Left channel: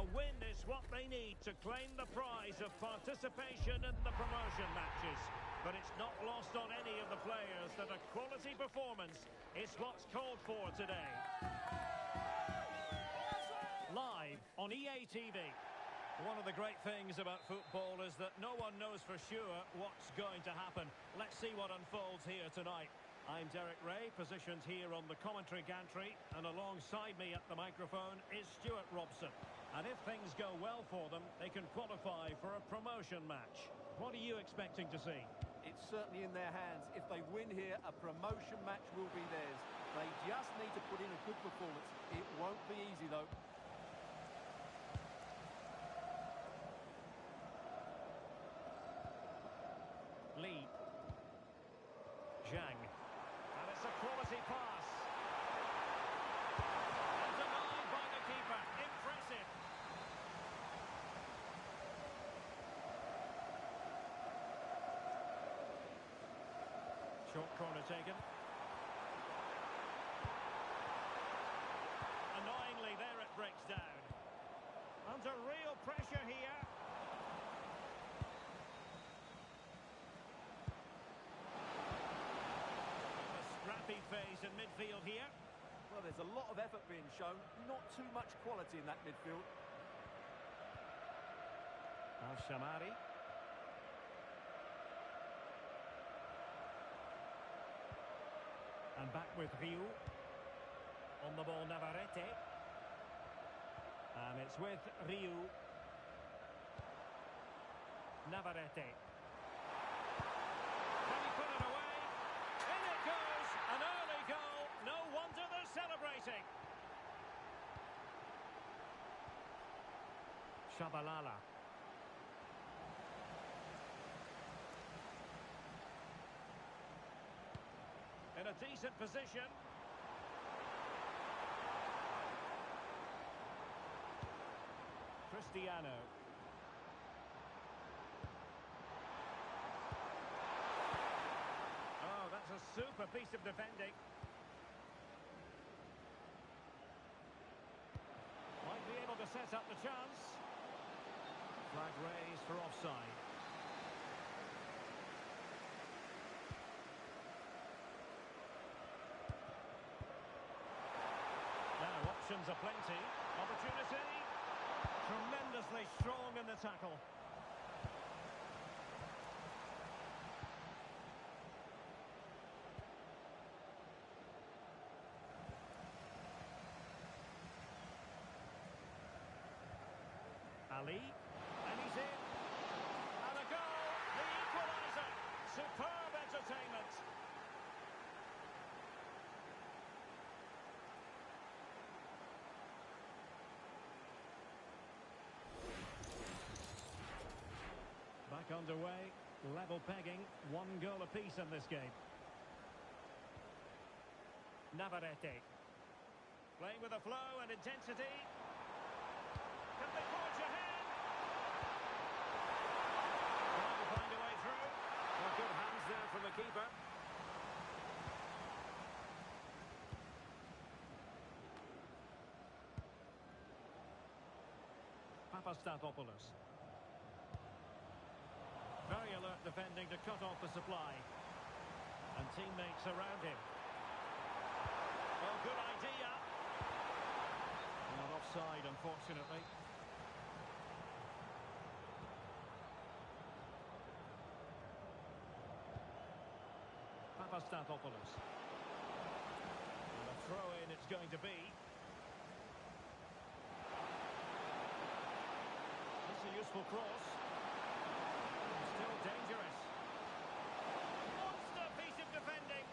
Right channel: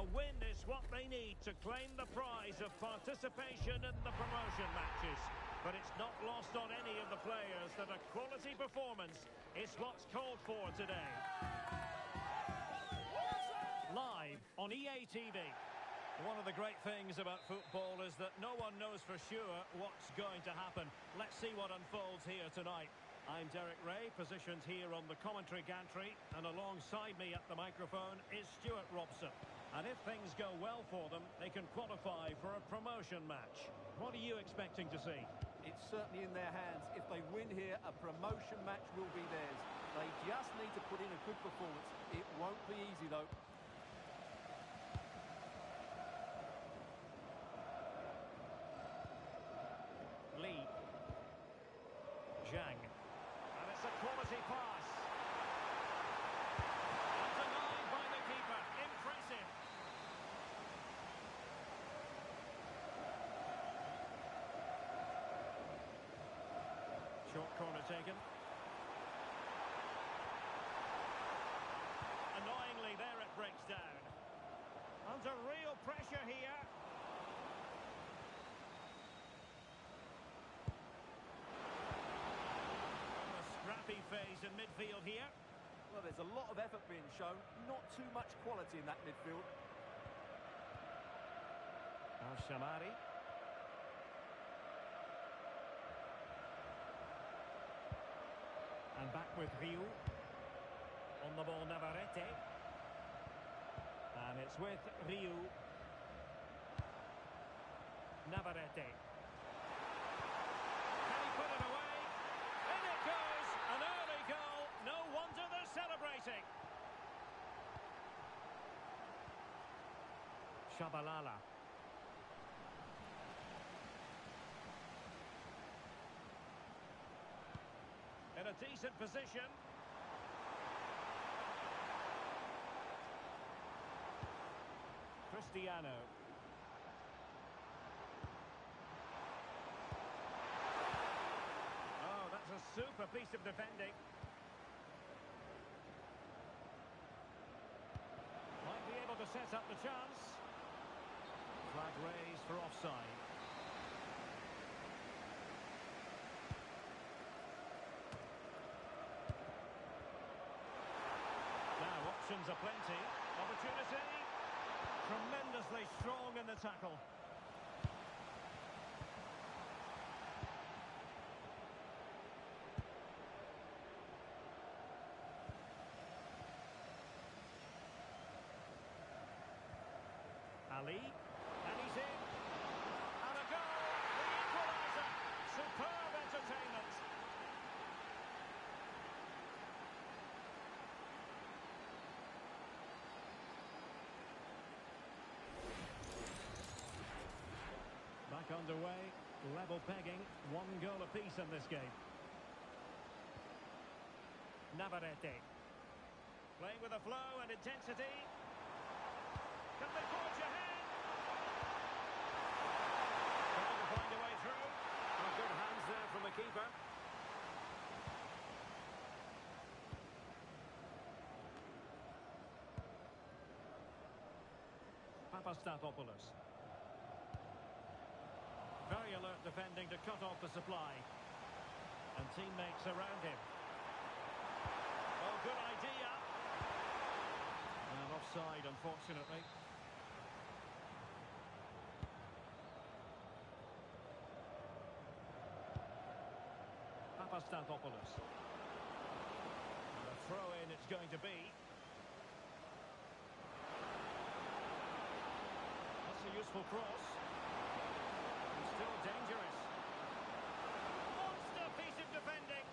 A win is what they need to claim the prize of participation in the promotion matches. But it's not lost on any of the players that a quality performance is what's called for today. Live on EA TV. One of the great things about football is that no one knows for sure what's going to happen. Let's see what unfolds here tonight. I'm Derek Ray, positioned here on the commentary gantry, and alongside me at the microphone is Stuart Robson. And if things go well for them, they can qualify for a promotion match. What are you expecting to see? It's certainly in their hands. If they win here, a promotion match will be theirs. They just need to put in a good performance. It won't be easy, though. Lee. Zhang. And it's a quality pass. And denied by the keeper. Impressive. Short corner taken. Annoyingly, there it breaks down. Under real pressure here. Scrappy phase in midfield here. Well, there's a lot of effort being shown, not too much quality in that midfield. Al-Shamari. And back with Ryu. On the ball, Navarrete. And it's with Ryu. Navarrete. Can he put it away? In it goes! An early goal. No wonder they're celebrating. Shabalala. In a decent position. Cristiano. Oh, that's a super piece of defending. Might be able to set up the chance. Flag raised for offside. Now, options are plenty. Opportunity. Tremendously strong in the tackle. Ali, and he's in. And a goal, the equaliser. Superb entertainment. Back underway, level pegging, 1 goal apiece in this game. Navarrete. Playing with a flow and intensity. Can they forge ahead? Trying to find a way through. Oh, good hands there from the keeper. Papastathopoulos. Very alert defending to cut off the supply. And teammates around him. Oh, good idea. And offside, unfortunately. Papastathopoulos. And a throw-in it's going to be. That's a useful cross. And still dangerous. Monster piece of defending.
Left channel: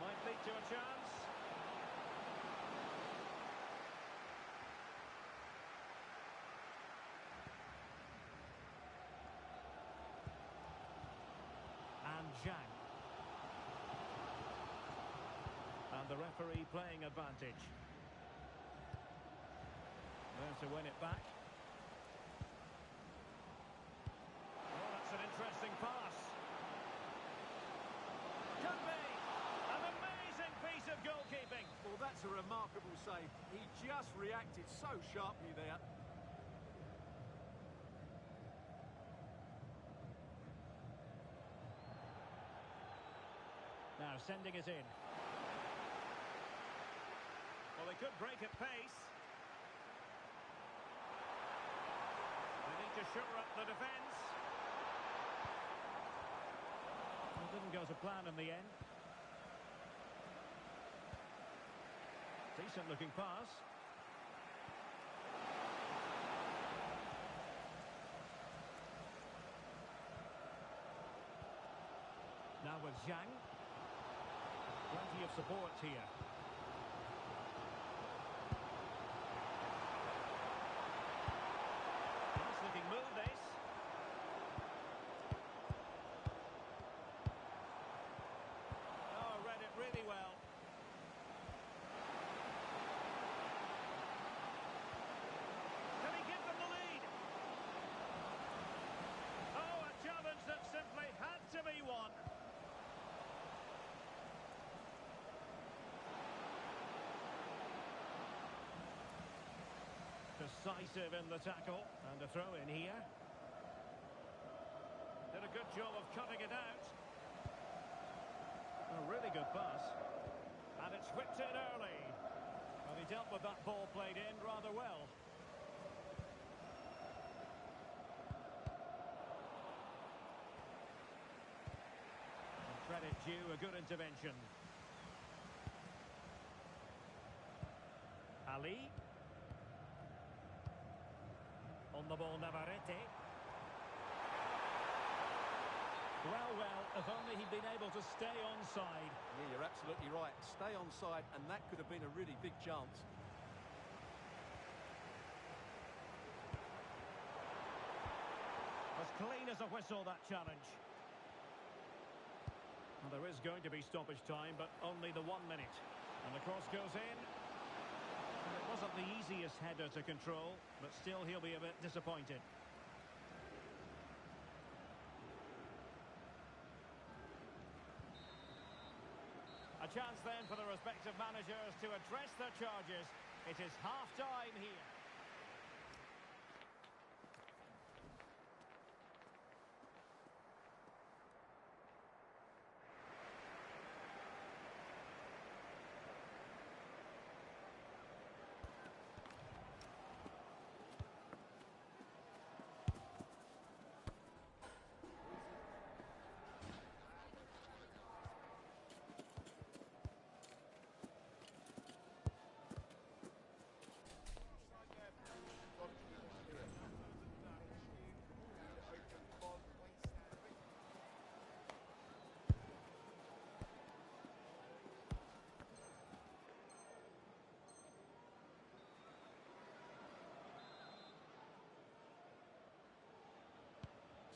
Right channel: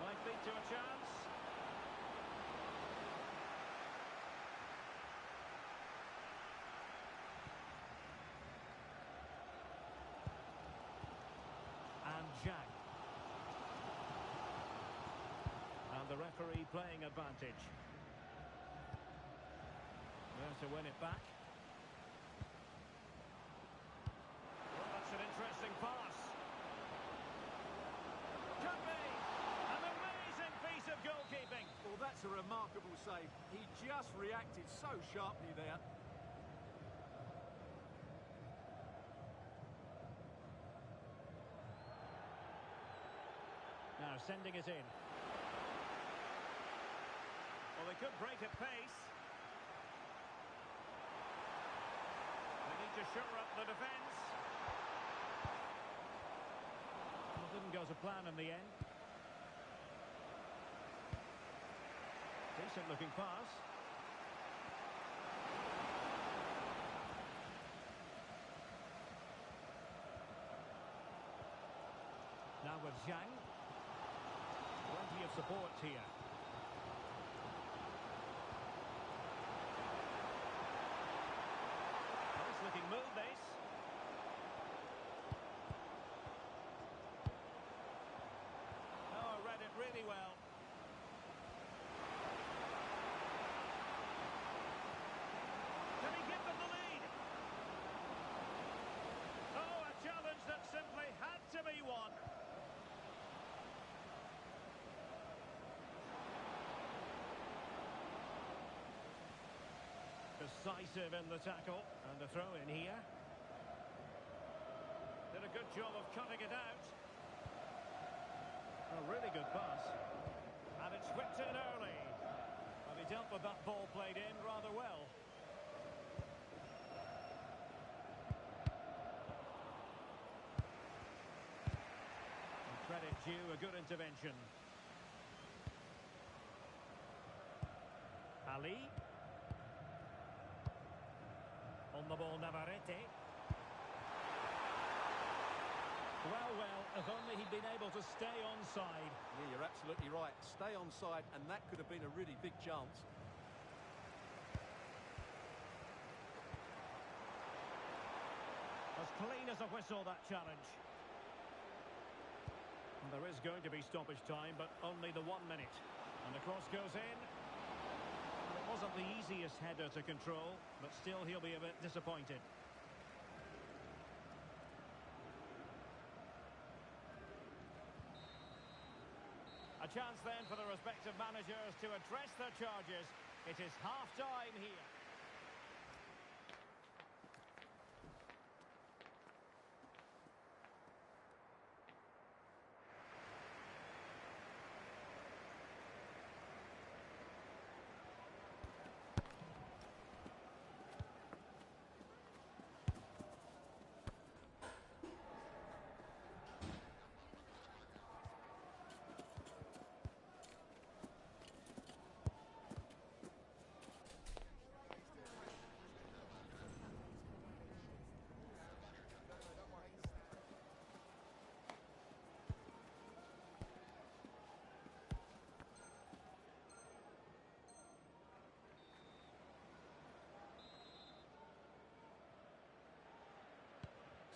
Might lead to a chance. And Zhang. And the referee playing advantage. There to win it back. Well, that's an interesting pass. Could be an amazing piece That's a remarkable save. He just reacted so sharply there. Now sending it in. Well, they could break at pace. They need to shore up the defence. Well, didn't go to plan in the end. Decent looking pass. Now with Zhang. Plenty of support here. Nice looking move this. Oh, read it really well. Can he give them the lead? Oh, a challenge that simply had to be won. Decisive in the tackle, and a throw in here. Did a good job of cutting it out. A really good pass. And it's whipped in early. Well, he dealt with that ball played in rather well. And credit due, a good intervention. Ali. On the ball, Navarrete. Well, if only he'd been able to stay onside. Yeah, you're absolutely right. Stay onside, and that could have been a really big chance. As clean as a whistle, that challenge. Well, there is going to be stoppage time, but only the 1 minute. And the cross goes in. Well, it wasn't the easiest header to control, but still he'll be a bit disappointed. A chance then for the respective managers to address their charges. It is half-time here.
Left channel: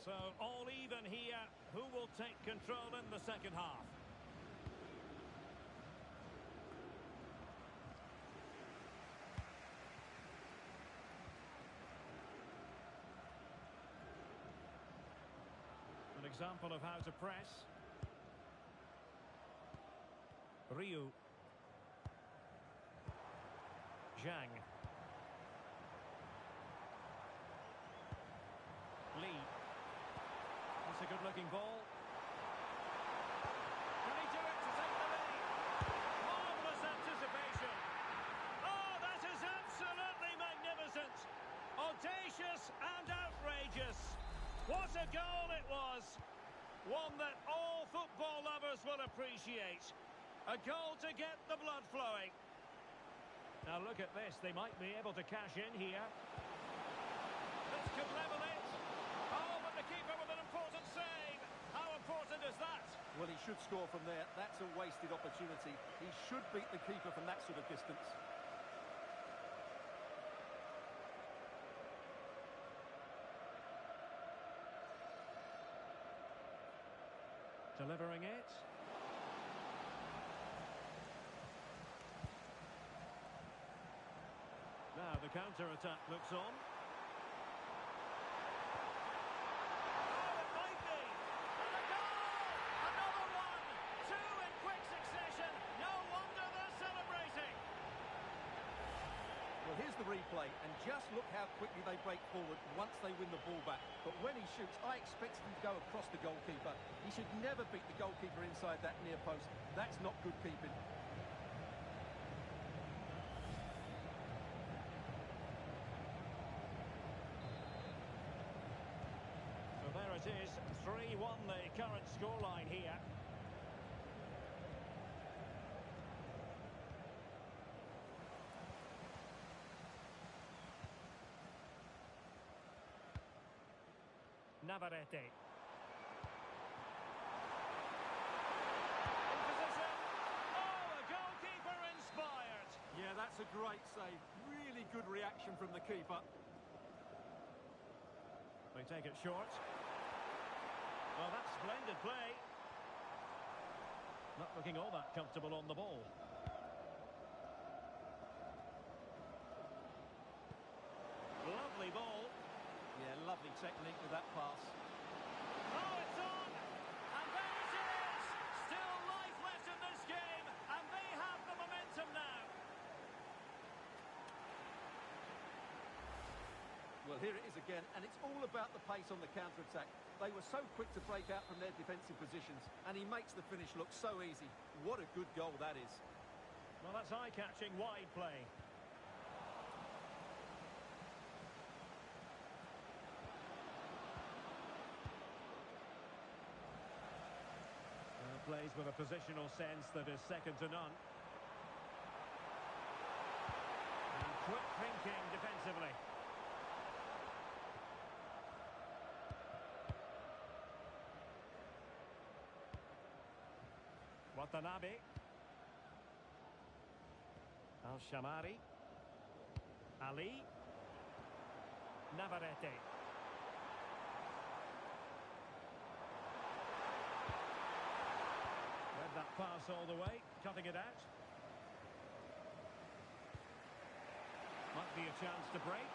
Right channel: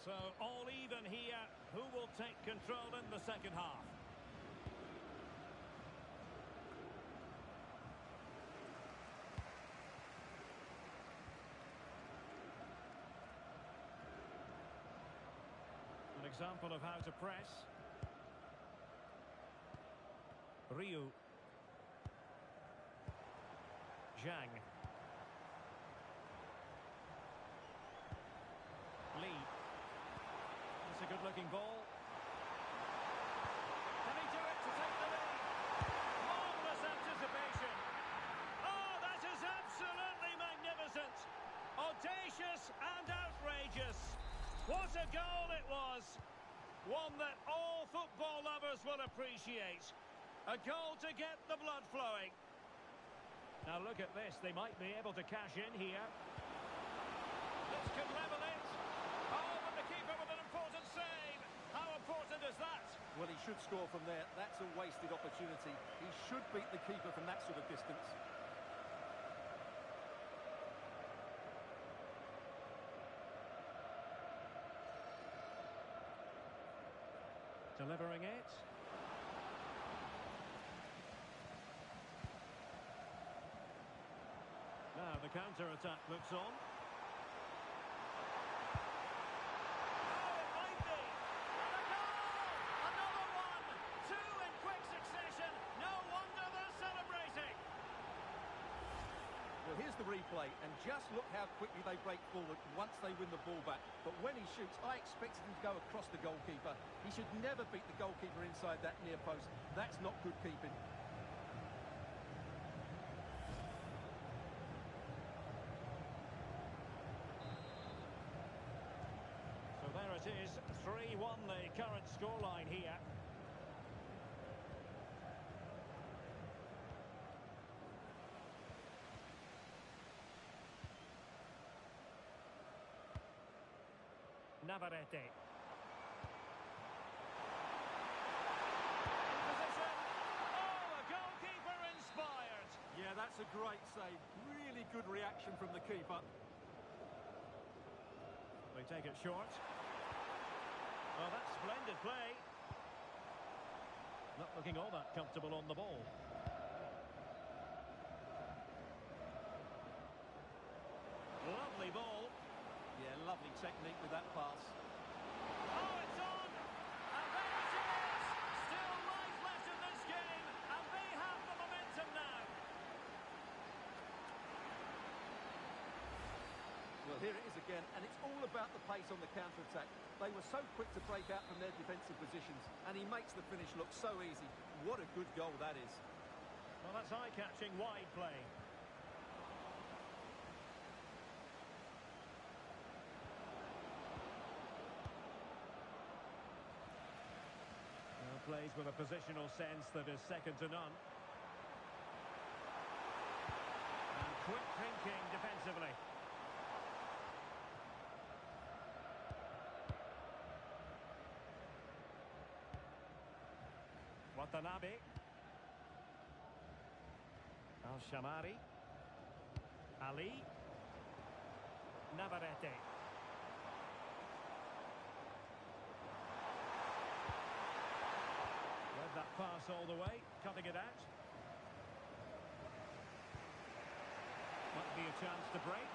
So, all even here. Who will take control in the second half? An example of how to press. Ryu. Zhang. Lee. It's a good-looking ball. Can he do it to take the lead? Marvellous anticipation. Oh, that is absolutely magnificent. Audacious and outrageous. What a goal it was. One that all football lovers will appreciate. A goal to get the blood flowing. Now look at this. They might be able to cash in here. This could level it. Oh, but the keeper with an important save. How important is that? Well, he should score from there. That's a wasted opportunity. He should beat the keeper from that sort of distance. Delivering it. Now the counter-attack looks on. Well, here's the replay, and just look how quickly they break forward once they win the ball back. But when he shoots, I expected him to go across the goalkeeper. He should never beat the goalkeeper inside that near post. That's not good keeping. So there it is, 3-1 the current scoreline here. Navarrete. In position. Oh, a goalkeeper inspired. Yeah, that's a great save. Really good reaction from the keeper. They take it short. Well, that's splendid play. Not looking all that comfortable on the ball. Lovely ball. Yeah, lovely technique with that pass. Oh, it's on! And there it is! Still life left in this game, and they have the momentum now. Well, here it is again, and it's all about the pace on the counter-attack. They were so quick to break out from their defensive positions, and he makes the finish look so easy. What a good goal that is. Well, that's eye-catching wide play. Plays with a positional sense that is second to none. And quick thinking defensively. Watanabe. Al-Shamari. Ali. Navarrete. Read that pass all the way, cutting it out. Might be a chance to break.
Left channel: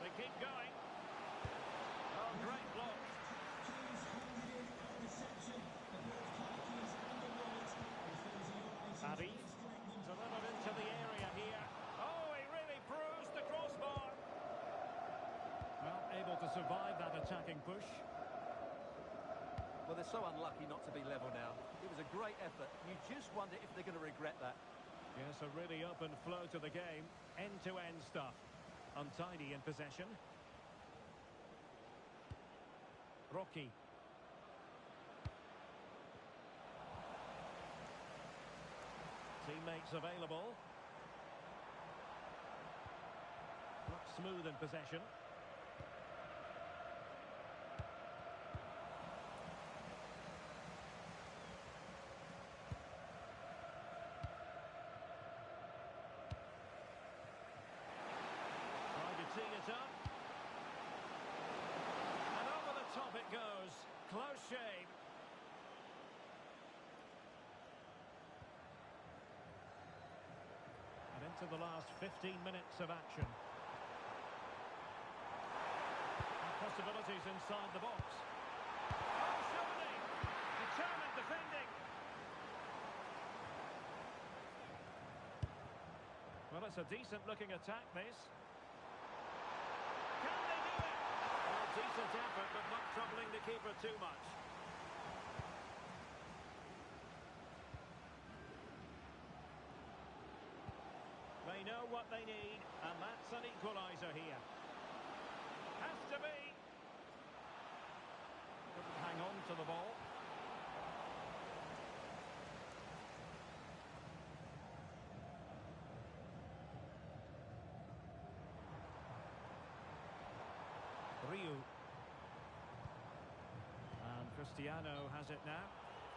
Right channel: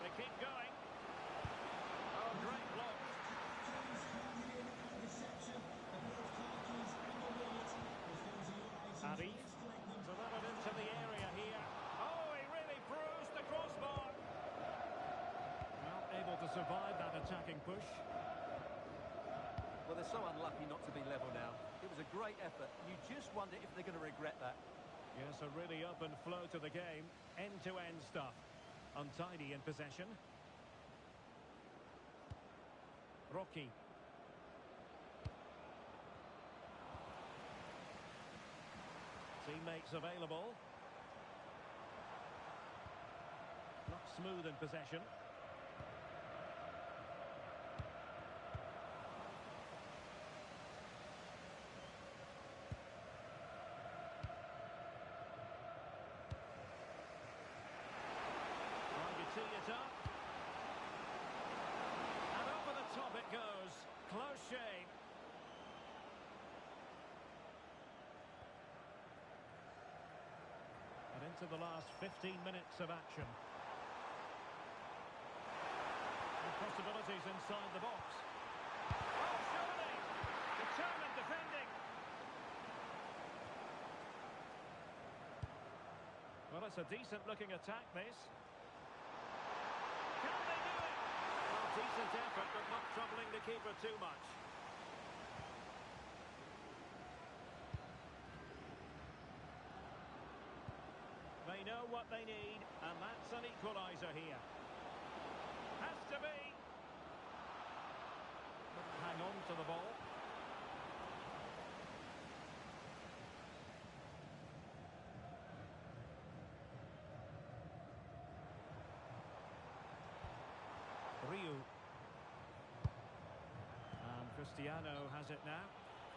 They keep going. Oh, great block. Arif delivered into the area here. Oh, he really bruised the crossbar. Well, able to survive that attacking push. Well, they're so unlucky not to be level now. It was a great effort. You just wonder if they're going to regret that. Yes, a really open flow to the game. End-to-end stuff. Untidy in possession. Rocky. Teammates available. Not smooth in possession. Tee it up. And over the top it goes. Close shave. And into the last 15 minutes of action. And possibilities inside the box. Oh, surely! Determined defending. Well, it's a decent-looking attack, this. Can they do it? Well, decent effort, but not troubling the keeper too much. They know what they need, and that's an equaliser here. Has to be. Couldn't hang on to the ball. Ryu. And Cristiano has it now.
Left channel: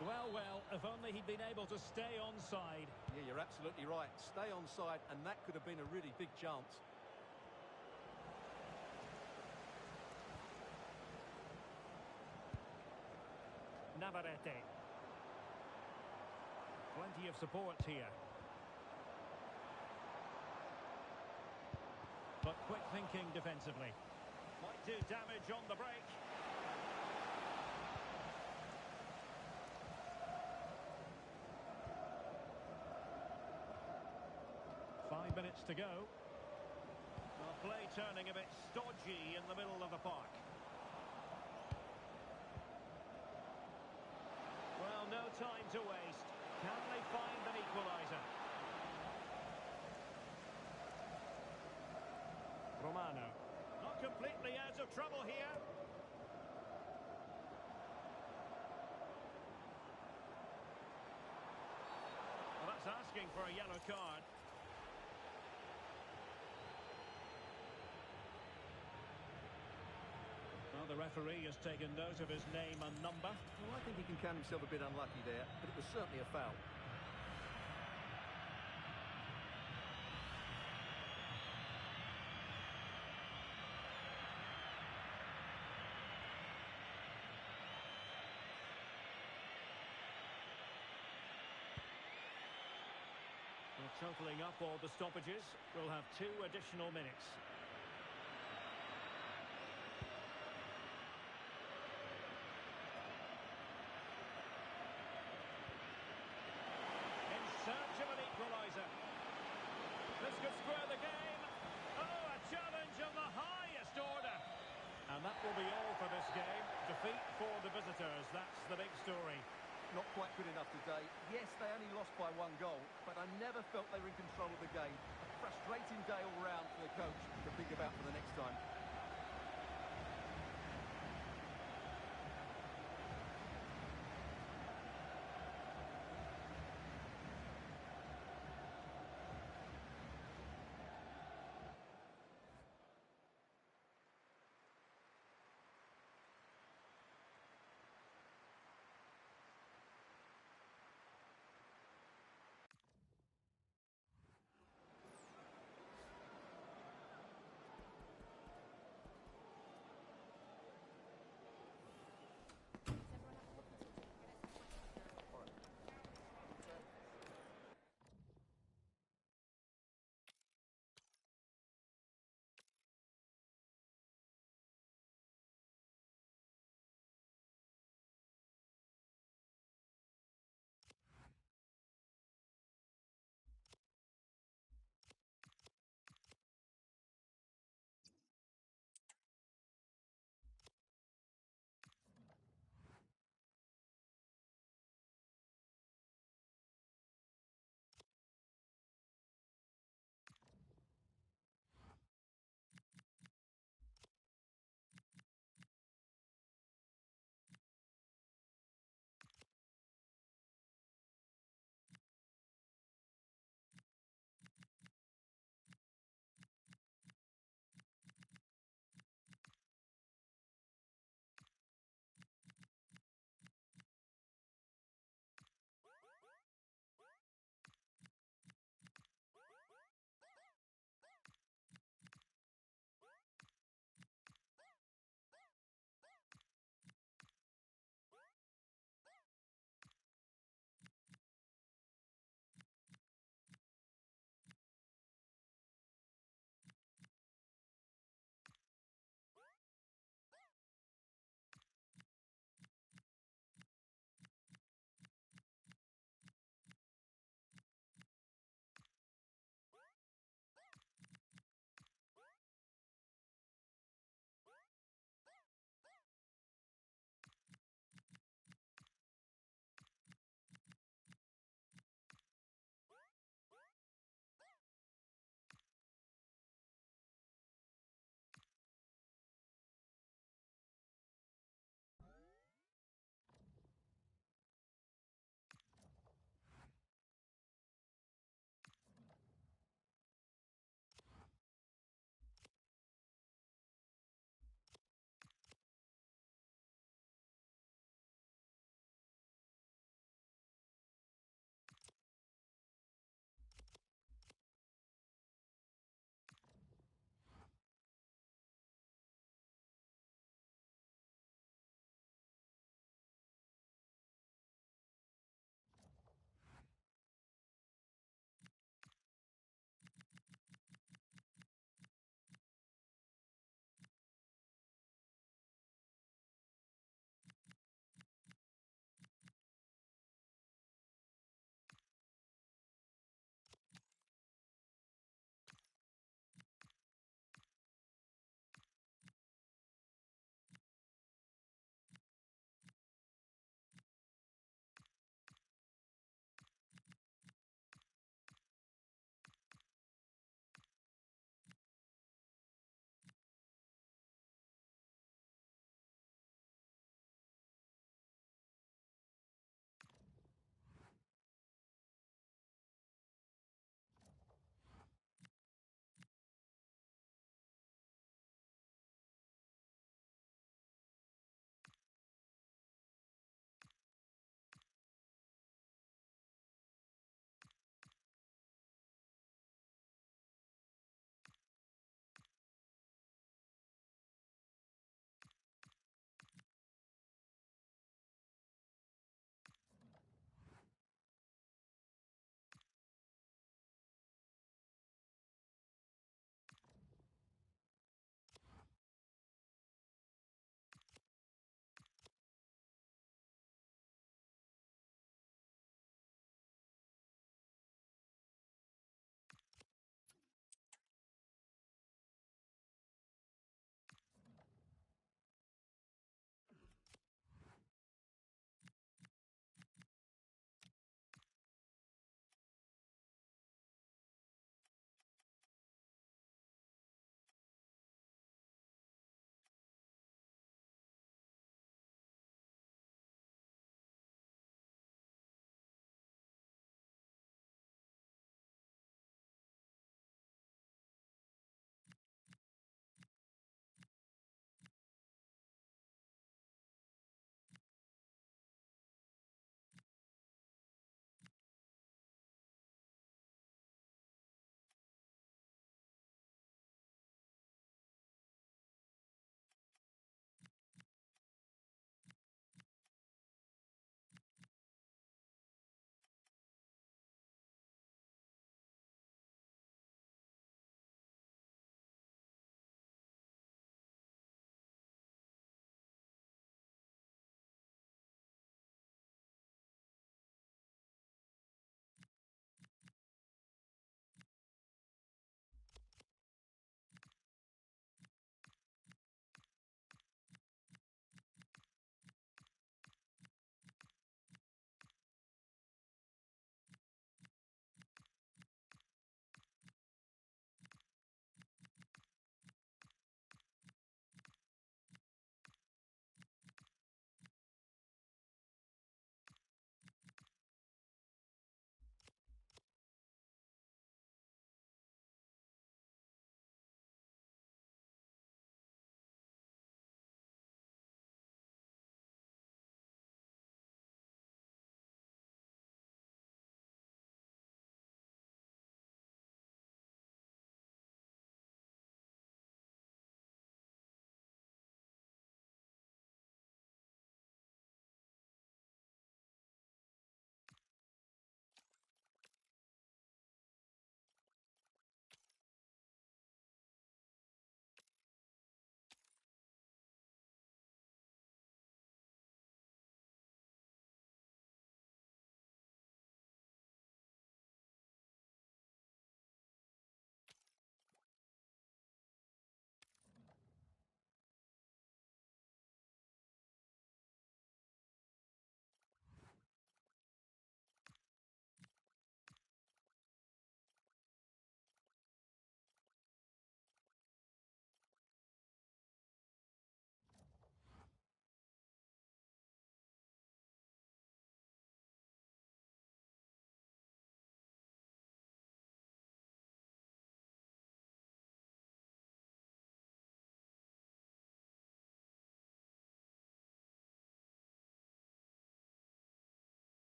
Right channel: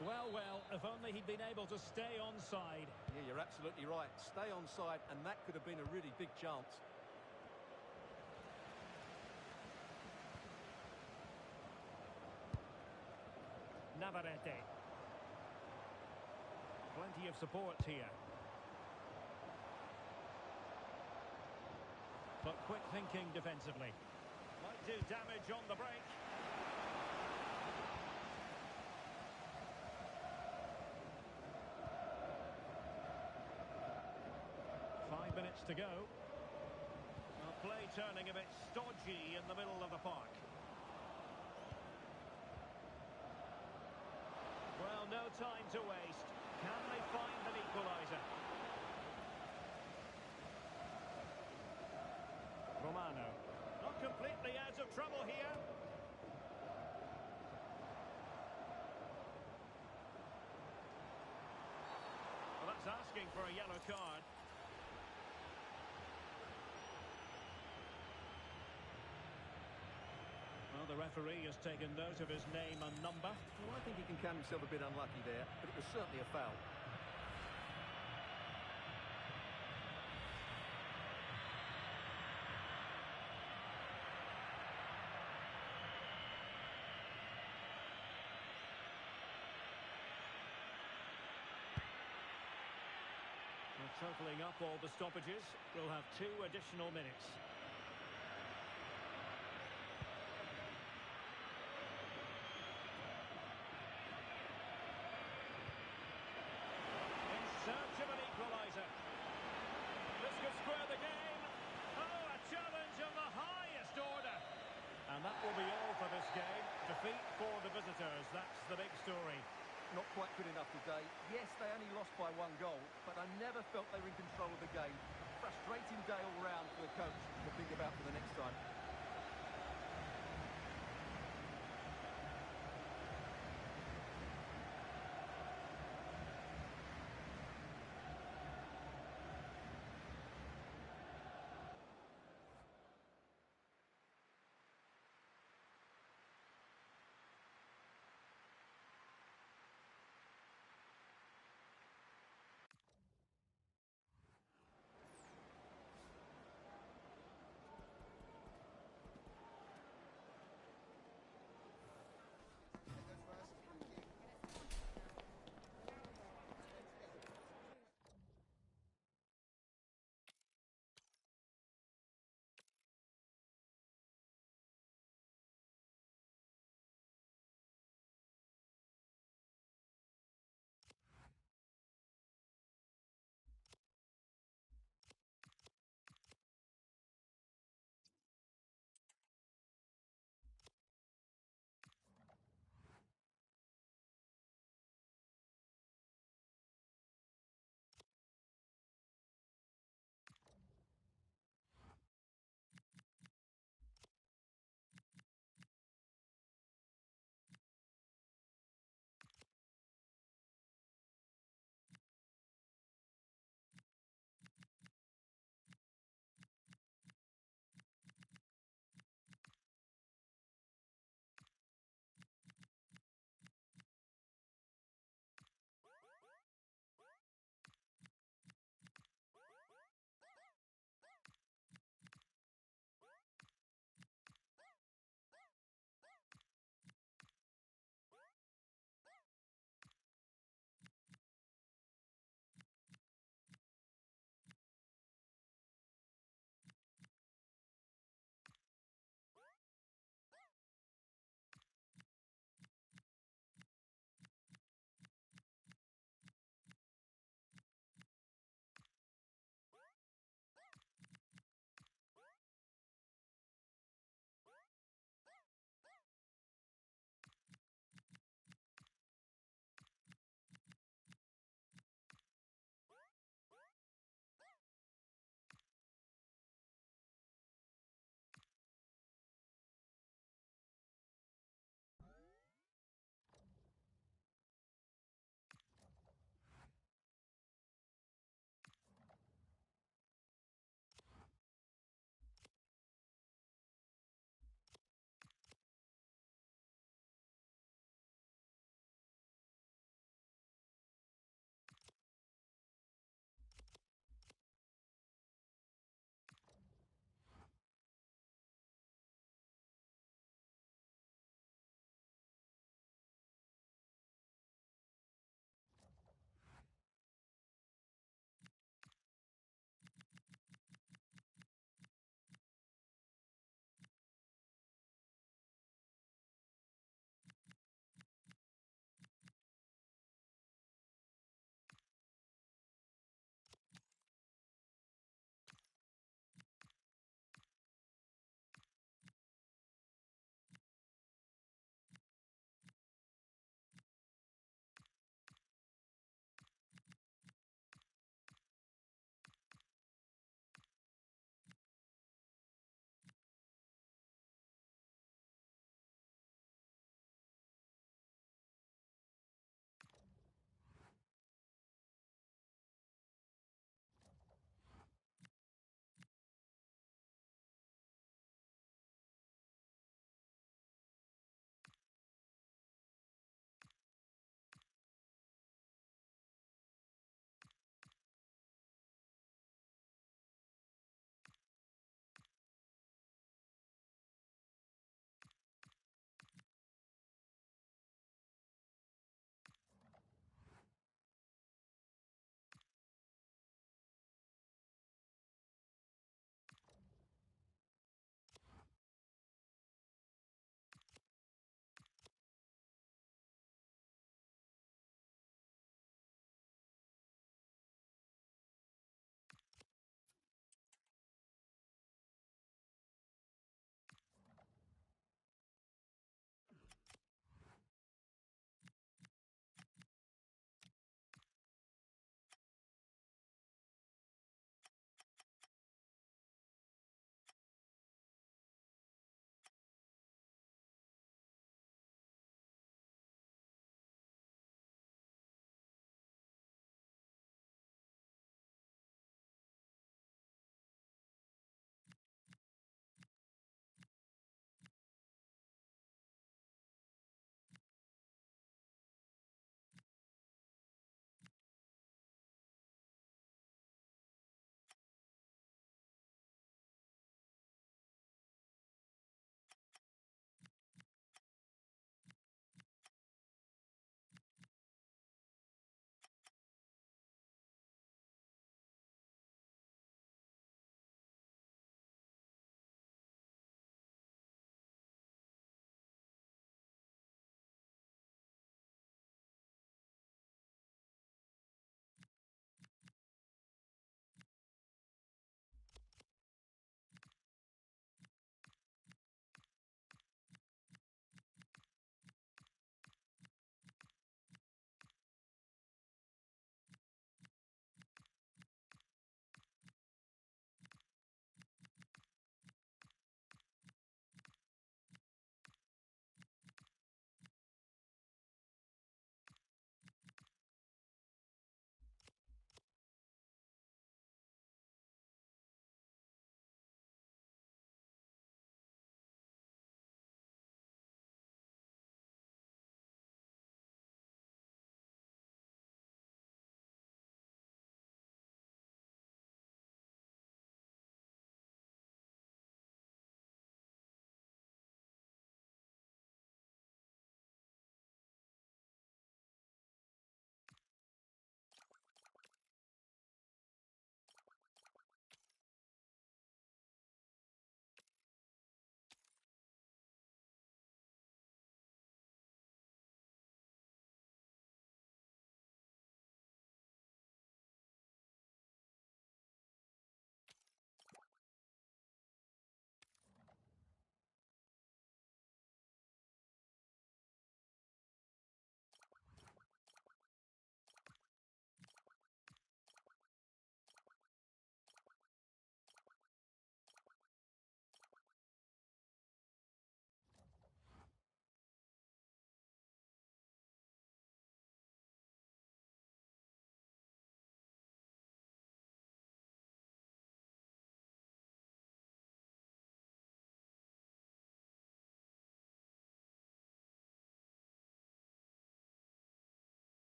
Well, if only he'd been able to stay onside. Yeah, you're absolutely right. Stay onside, and that could have been a really big chance. Navarrete. Plenty of support here. But quick thinking defensively. Might do damage on the break. minutes to go. Well, play turning a bit stodgy in the middle of the park. Well, no time to waste. Can they find an equaliser? Romano. Not completely out of trouble here. Well, that's asking for a yellow card. Well, the referee has taken note of his name and number. Well, I think he can count himself a bit unlucky there, but it was certainly a foul. Well, totalling up all the stoppages, we'll have 2 additional minutes. In search of an equaliser. This could square the game. Oh, a challenge of the highest order. And that will be all for this game. Defeat for the visitors. That's the big story. Not quite good enough today. Yes, they only lost by 1 goal, but I never felt they were in control of the game. A frustrating day all round for the coach to think about for the next time.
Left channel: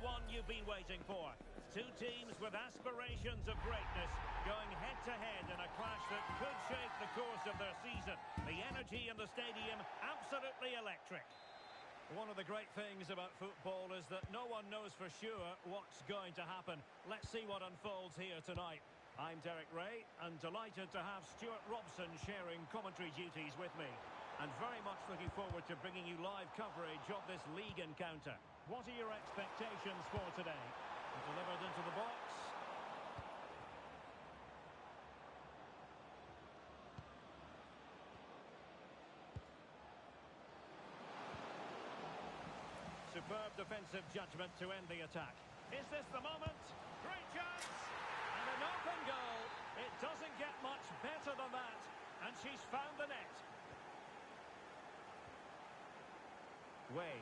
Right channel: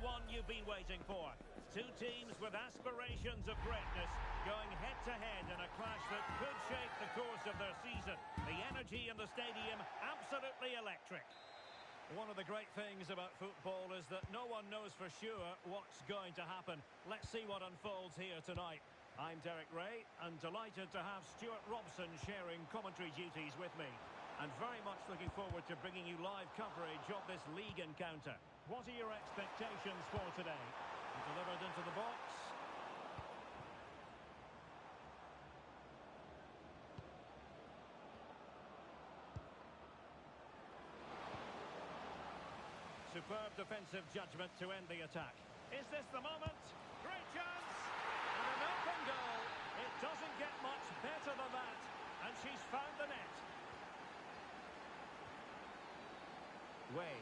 one you've been waiting for. Two teams with aspirations of greatness going head-to-head in a clash that could shape the course of their season. The energy in the stadium, absolutely electric. One of the great things about football is that no one knows for sure what's going to happen. Let's see what unfolds here tonight. I'm Derek Ray, and delighted to have Stuart Robson sharing commentary duties with me. And very much looking forward to bringing you live coverage of this league encounter. What are your expectations for today? Delivered into the box. Superb defensive judgment to end the attack. Is this the moment? Great chance! And an open goal. It doesn't get much better than that. And she's found the net. Way.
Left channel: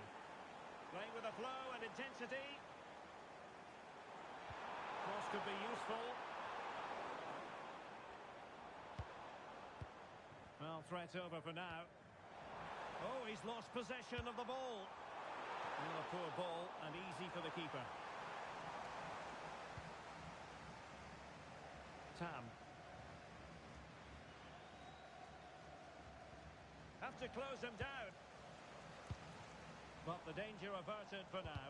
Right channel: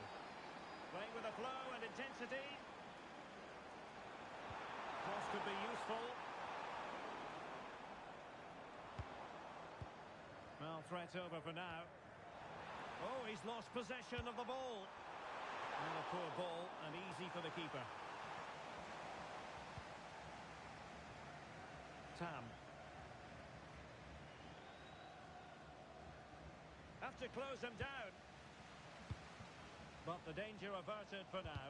Playing with a flow and intensity. Cross could be useful. Well, threat over for now. Oh, he's lost possession of the ball. Well, a poor ball and easy for the keeper. Tam. Have to close him down. But the danger averted for now.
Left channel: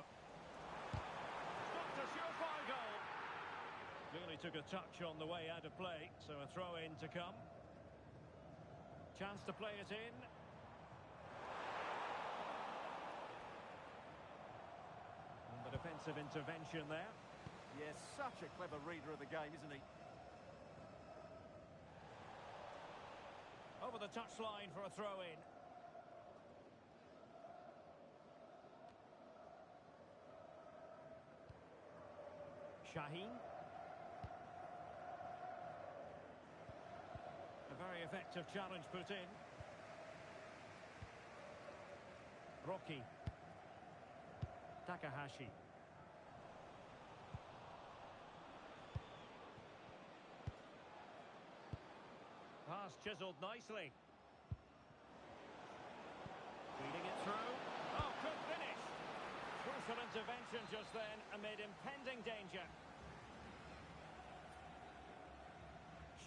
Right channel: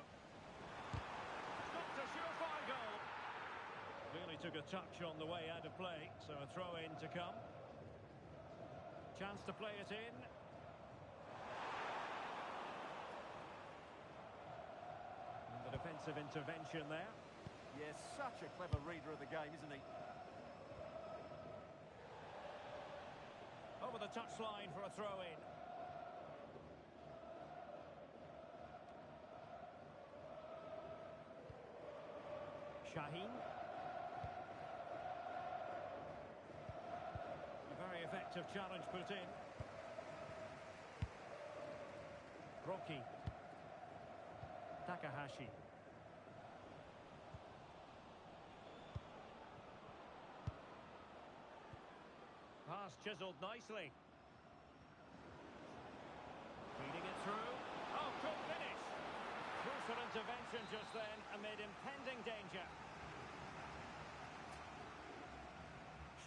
Stopped a surefire goal. Clearly took a touch on the way out of play, so a throw-in to come. Chance to play it in. And the defensive intervention there. Yes, such a clever reader of the game, isn't he? Over the touchline for a throw-in. Shaheen. A very effective challenge put in. Rocky. Takahashi. Pass chiseled nicely. Feeding it through. Oh, good finish. Crucial intervention just then amid impending danger.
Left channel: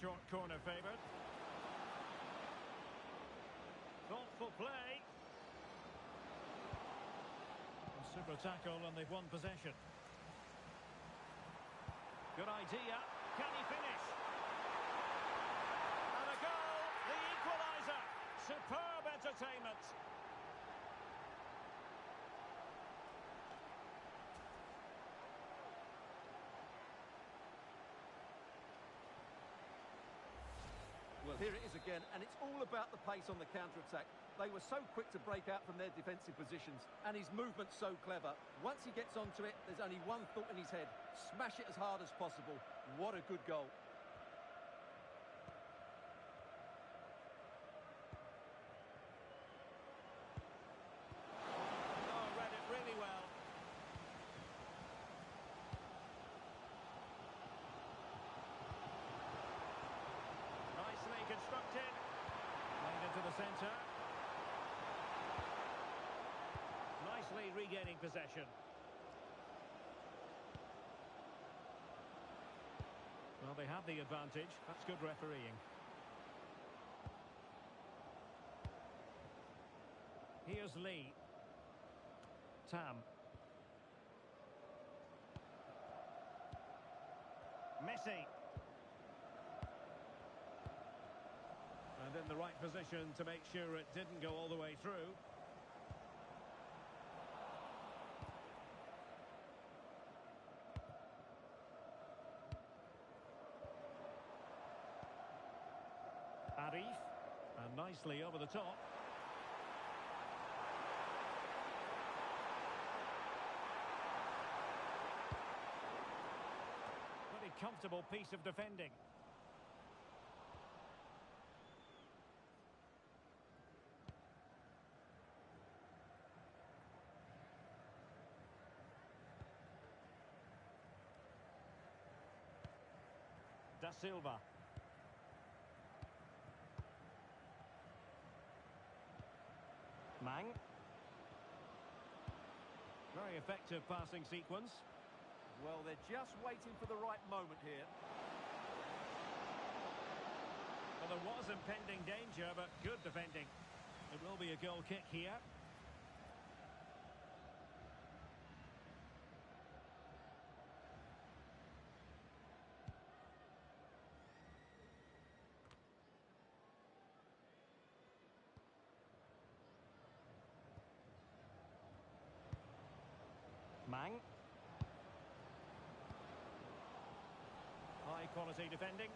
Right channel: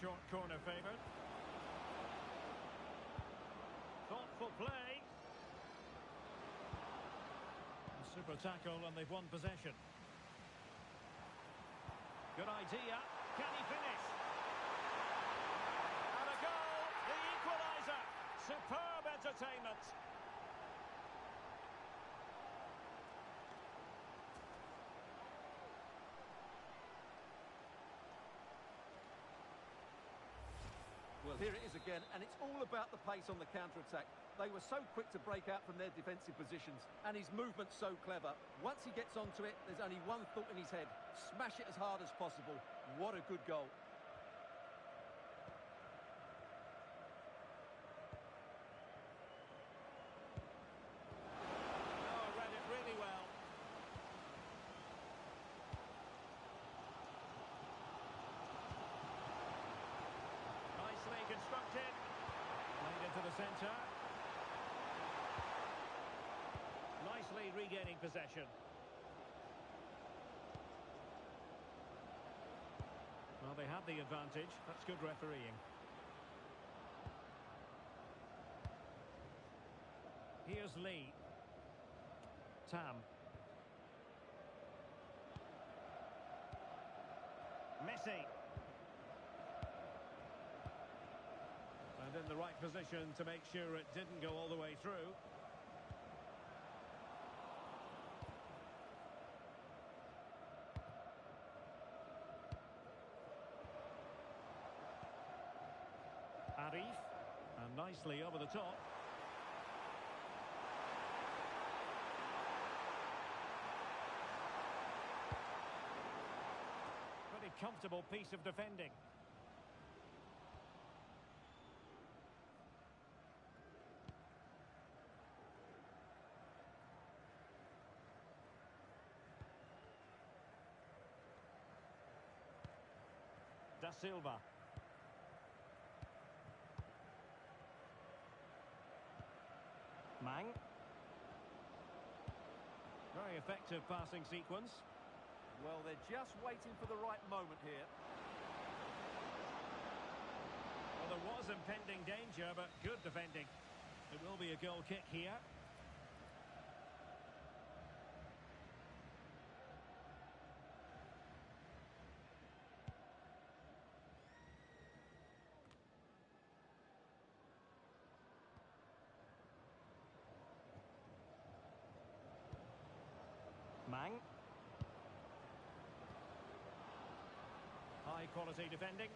Short corner favoured. Thoughtful play. A super tackle and they've won possession. Good idea. Can he finish? And a goal. The equaliser. Superb entertainment. Well, here it is again, and it's all about the pace on the counter-attack. They were so quick to break out from their defensive positions, and his movement's so clever. Once he gets onto it, there's only one thought in his head. Smash it as hard as possible. What a good goal. Oh, read it really well. Nicely constructed. Played into the centre. Nicely regaining possession. Well, they have the advantage. That's good refereeing. Here's Lee. Tam. Messi. And in the right position to make sure it didn't go all the way through. Arif. And nicely over the top. Pretty comfortable piece of defending. Da Silva. Mang. Very effective passing sequence. Well, they're just waiting for the right moment here. Well, there was impending danger, but good defending. It will be a goal kick here. Mang. High quality defending.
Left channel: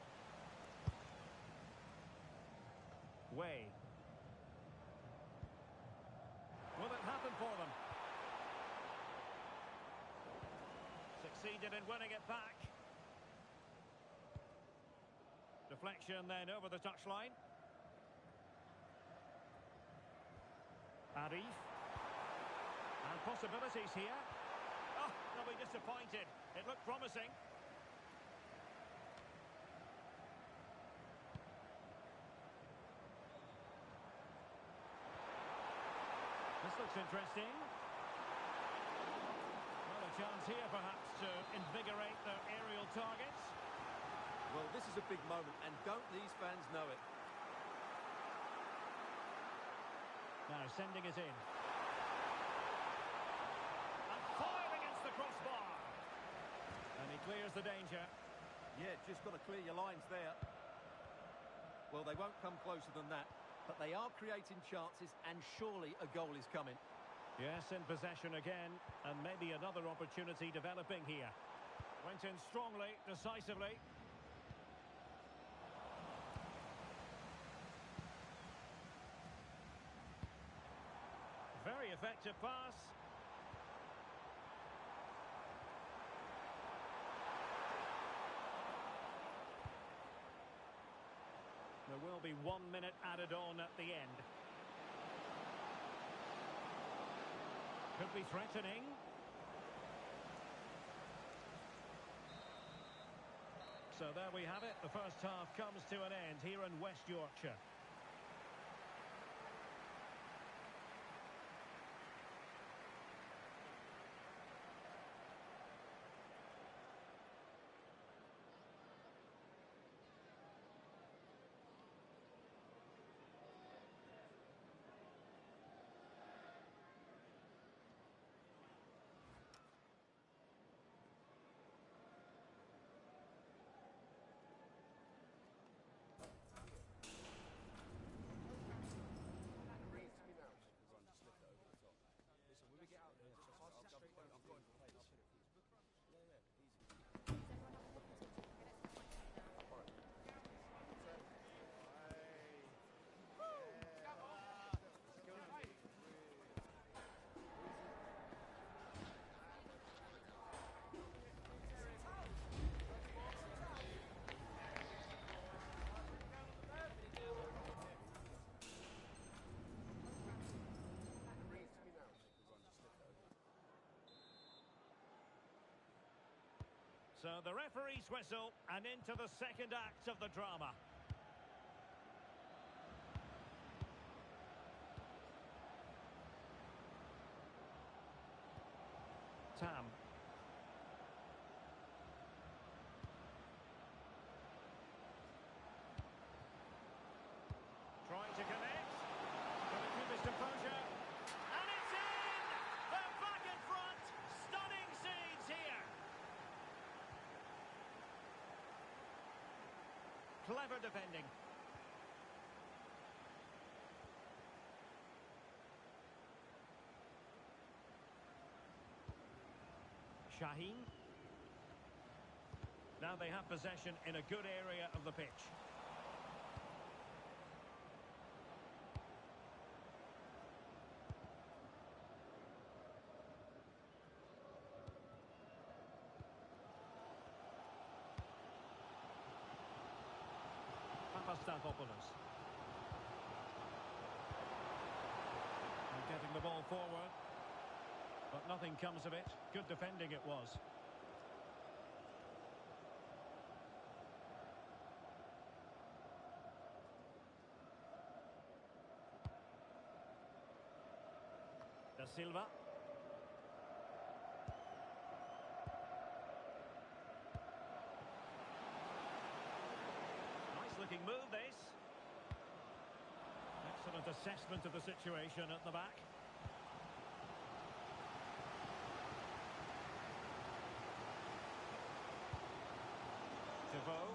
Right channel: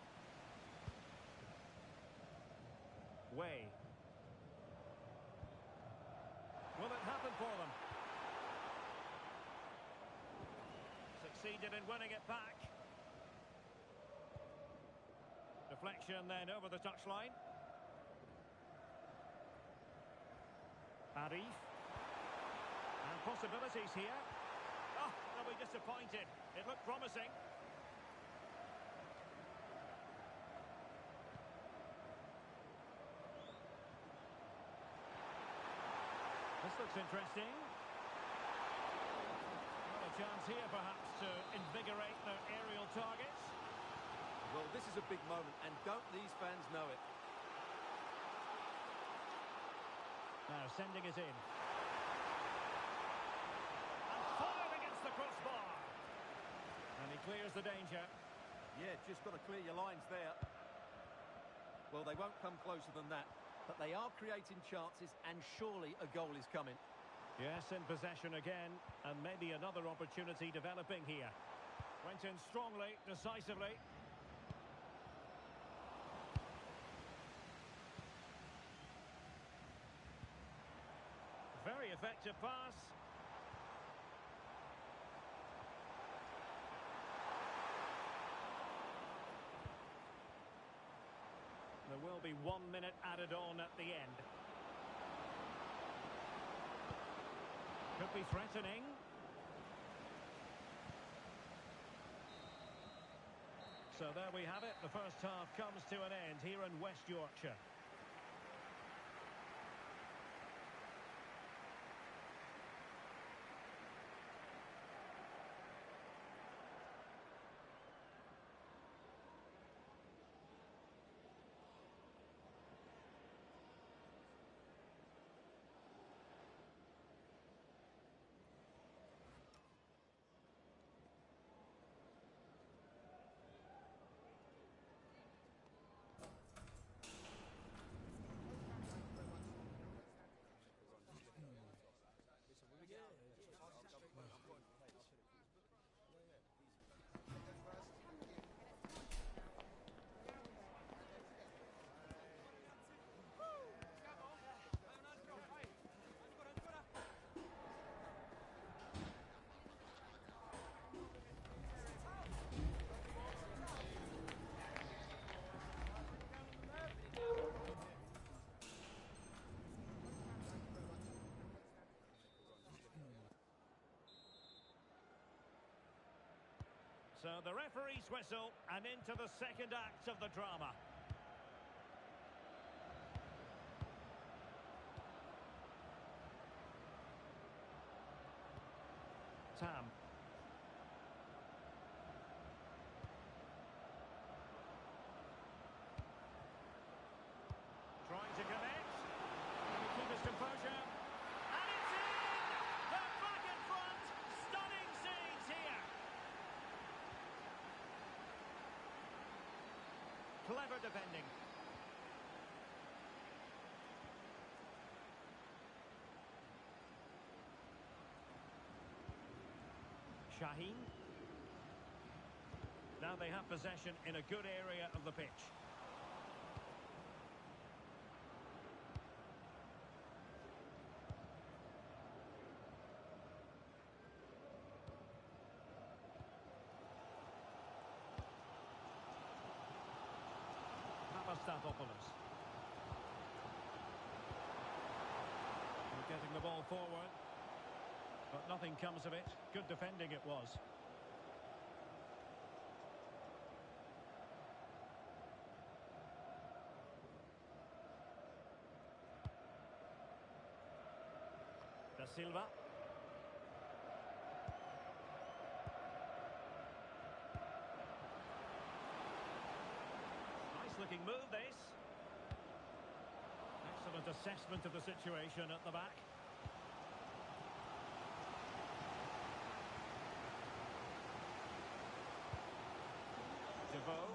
Way. Will it happen for them? Succeeded in winning it back. Deflection then over the touchline. Arif. And possibilities here. Oh, they'll be disappointed. It looked promising. This looks interesting. Well, a chance here perhaps to invigorate their aerial targets. Well, this is a big moment, and don't these fans know it? Now sending it in. And fired against the crossbar. And he clears the danger. Yeah, just got to clear your lines there. Well, they won't come closer than that. But they are creating chances, and surely a goal is coming. Yes, in possession again, and maybe another opportunity developing here. Went in strongly, decisively. Very effective pass. There will be 1 minute added on at the end. Could be threatening. So there we have it. The first half comes to an end here in West Yorkshire. So the referee's whistle, and into the second act of the drama. Tam. Trying to connect. Can he keep his composure? And it's in! They're back in front! Stunning scenes here! Clever defending. Shaheen. Now they have possession in a good area of the pitch. Papastathopoulos. And getting the ball forward. But nothing comes of it. Good defending it was. Da Silva. looking move, this. Excellent assessment of the situation at the back. Devoe.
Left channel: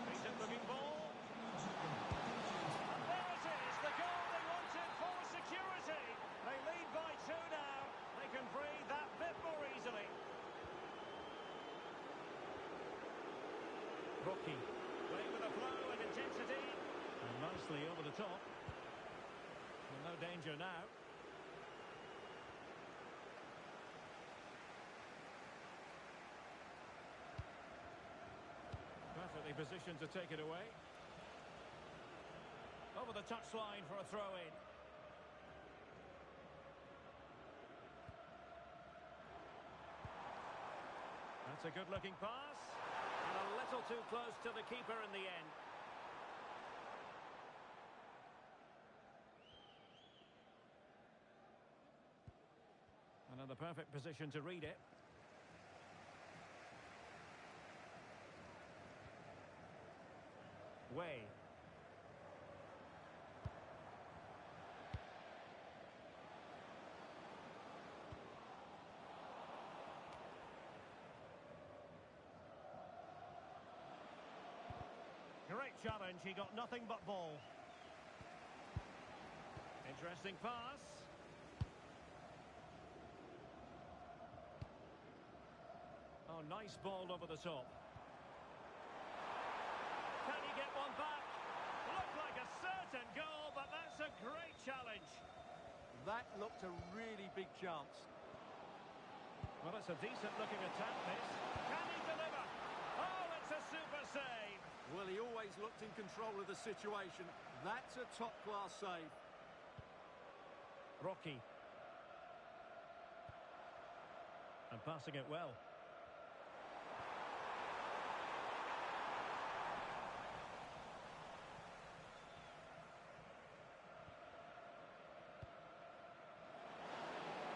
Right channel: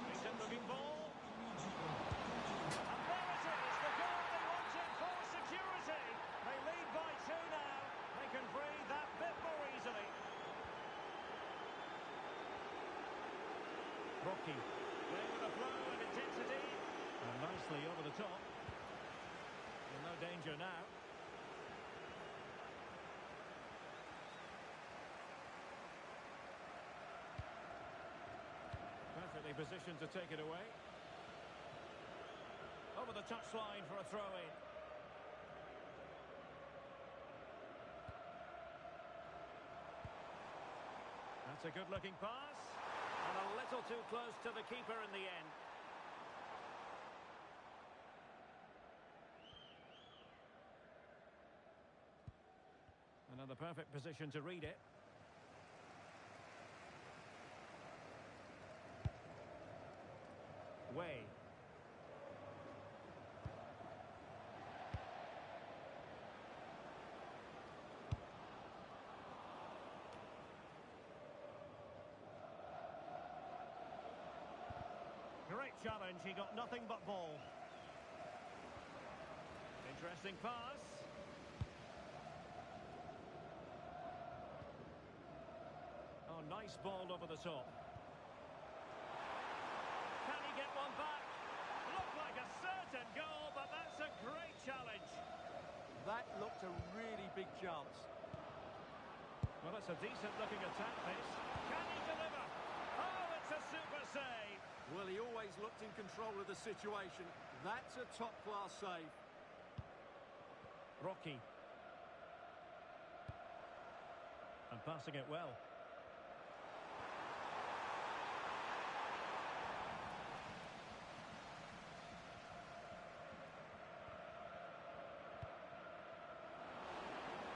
Decent looking ball. And there it is, the goal they wanted for security. They lead by 2 now. They can breathe that bit more easily. Rocky playing with a flow and intensity. And nicely over the top. And no danger now. Perfectly positioned to take it away. Over the touchline for a throw-in. That's a good-looking pass. And a little too close to the keeper in the end. Another perfect position to read it. Way. Great challenge, he got nothing but ball. Interesting pass. Oh, nice ball over the top. Can he get one back? Looked like a certain goal, but that's a great challenge. That looked a really big chance. Well, it's a decent-looking attack, this. Can he deliver? Oh, it's a super save. Well, he always looked in control of the situation. That's a top-class save. Rocky. And passing it well.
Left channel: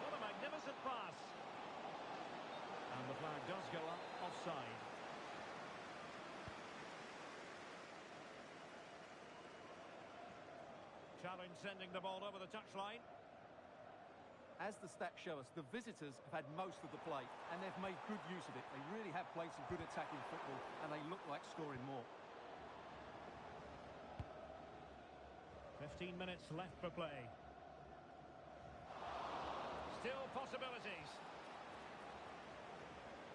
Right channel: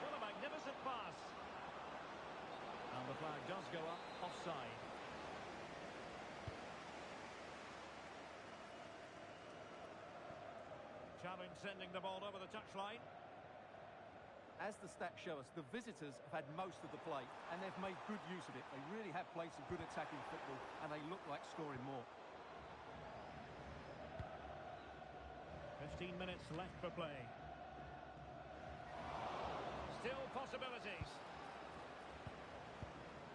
What a magnificent pass. And the flag does go up offside. Challenge sending the ball over the touchline. As the stats show us, the visitors have had most of the play, and they've made good use of it. They really have played some good attacking football, and they look like scoring more. 15 minutes left for play. Still possibilities.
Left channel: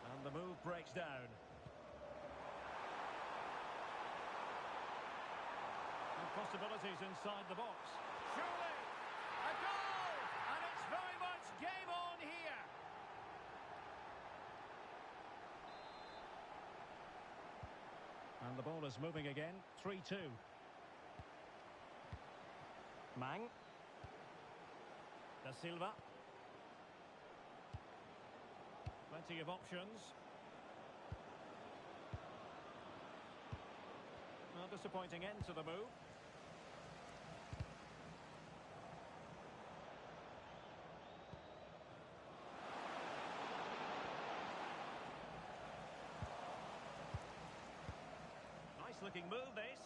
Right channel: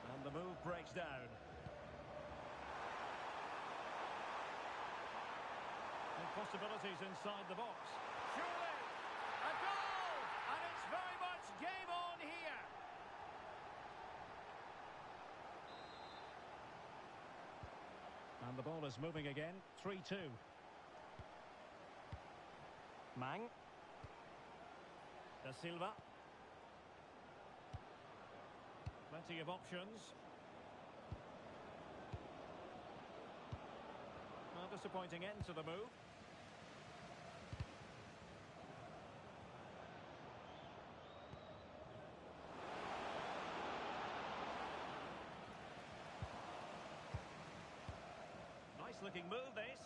And the move breaks down. And possibilities inside the box. Surely! A goal! And it's very much game on here. And the ball is moving again. 3-2. Mang. Da Silva. Plenty of options. Well, disappointing end to the move. Nice looking move, this.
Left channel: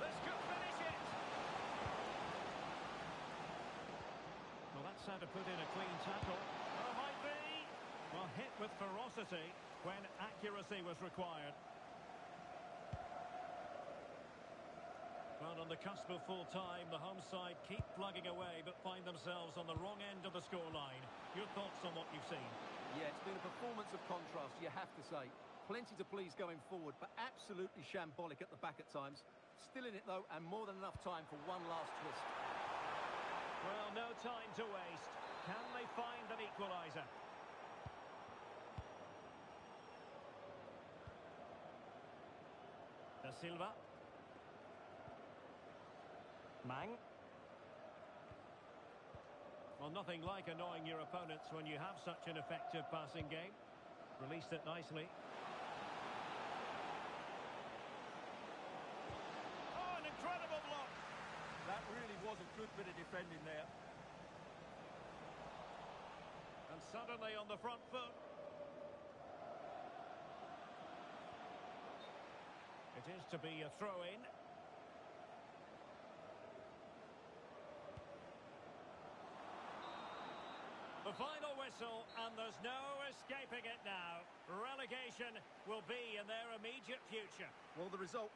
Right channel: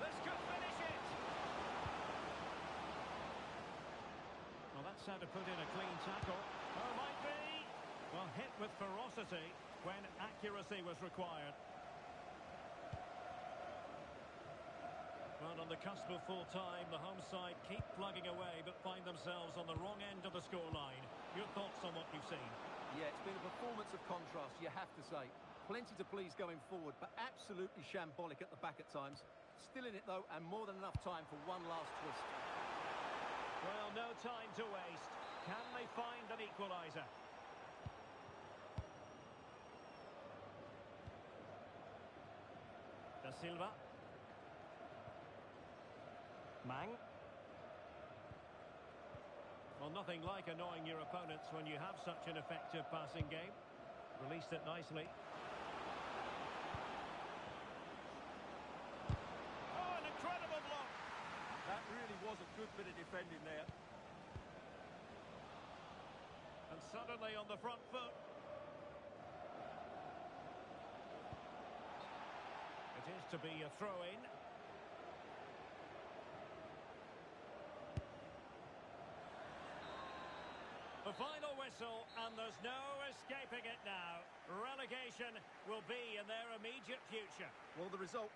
This could finish it. Well, that's how to put in a clean tackle. Oh, might be. Well, hit with ferocity when accuracy was required. Well, on the cusp of full time, the home side keep plugging away but find themselves on the wrong end of the scoreline. Your thoughts on what you've seen? Yeah, it's been a performance of contrast, you have to say. Plenty to please going forward, but absolutely shambolic at the back at times. Still in it, though, and more than enough time for one last twist. Well, no time to waste. Can they find an equaliser? Da Silva. Mang. Well, nothing like annoying your opponents when you have such an effective passing game. Released it nicely. Oh, an incredible block. That really was a good bit of defending there. And suddenly on the front foot. It is to be a throw-in. The final whistle, and there's no escaping it now. Relegation will be in their immediate future. Well, the result...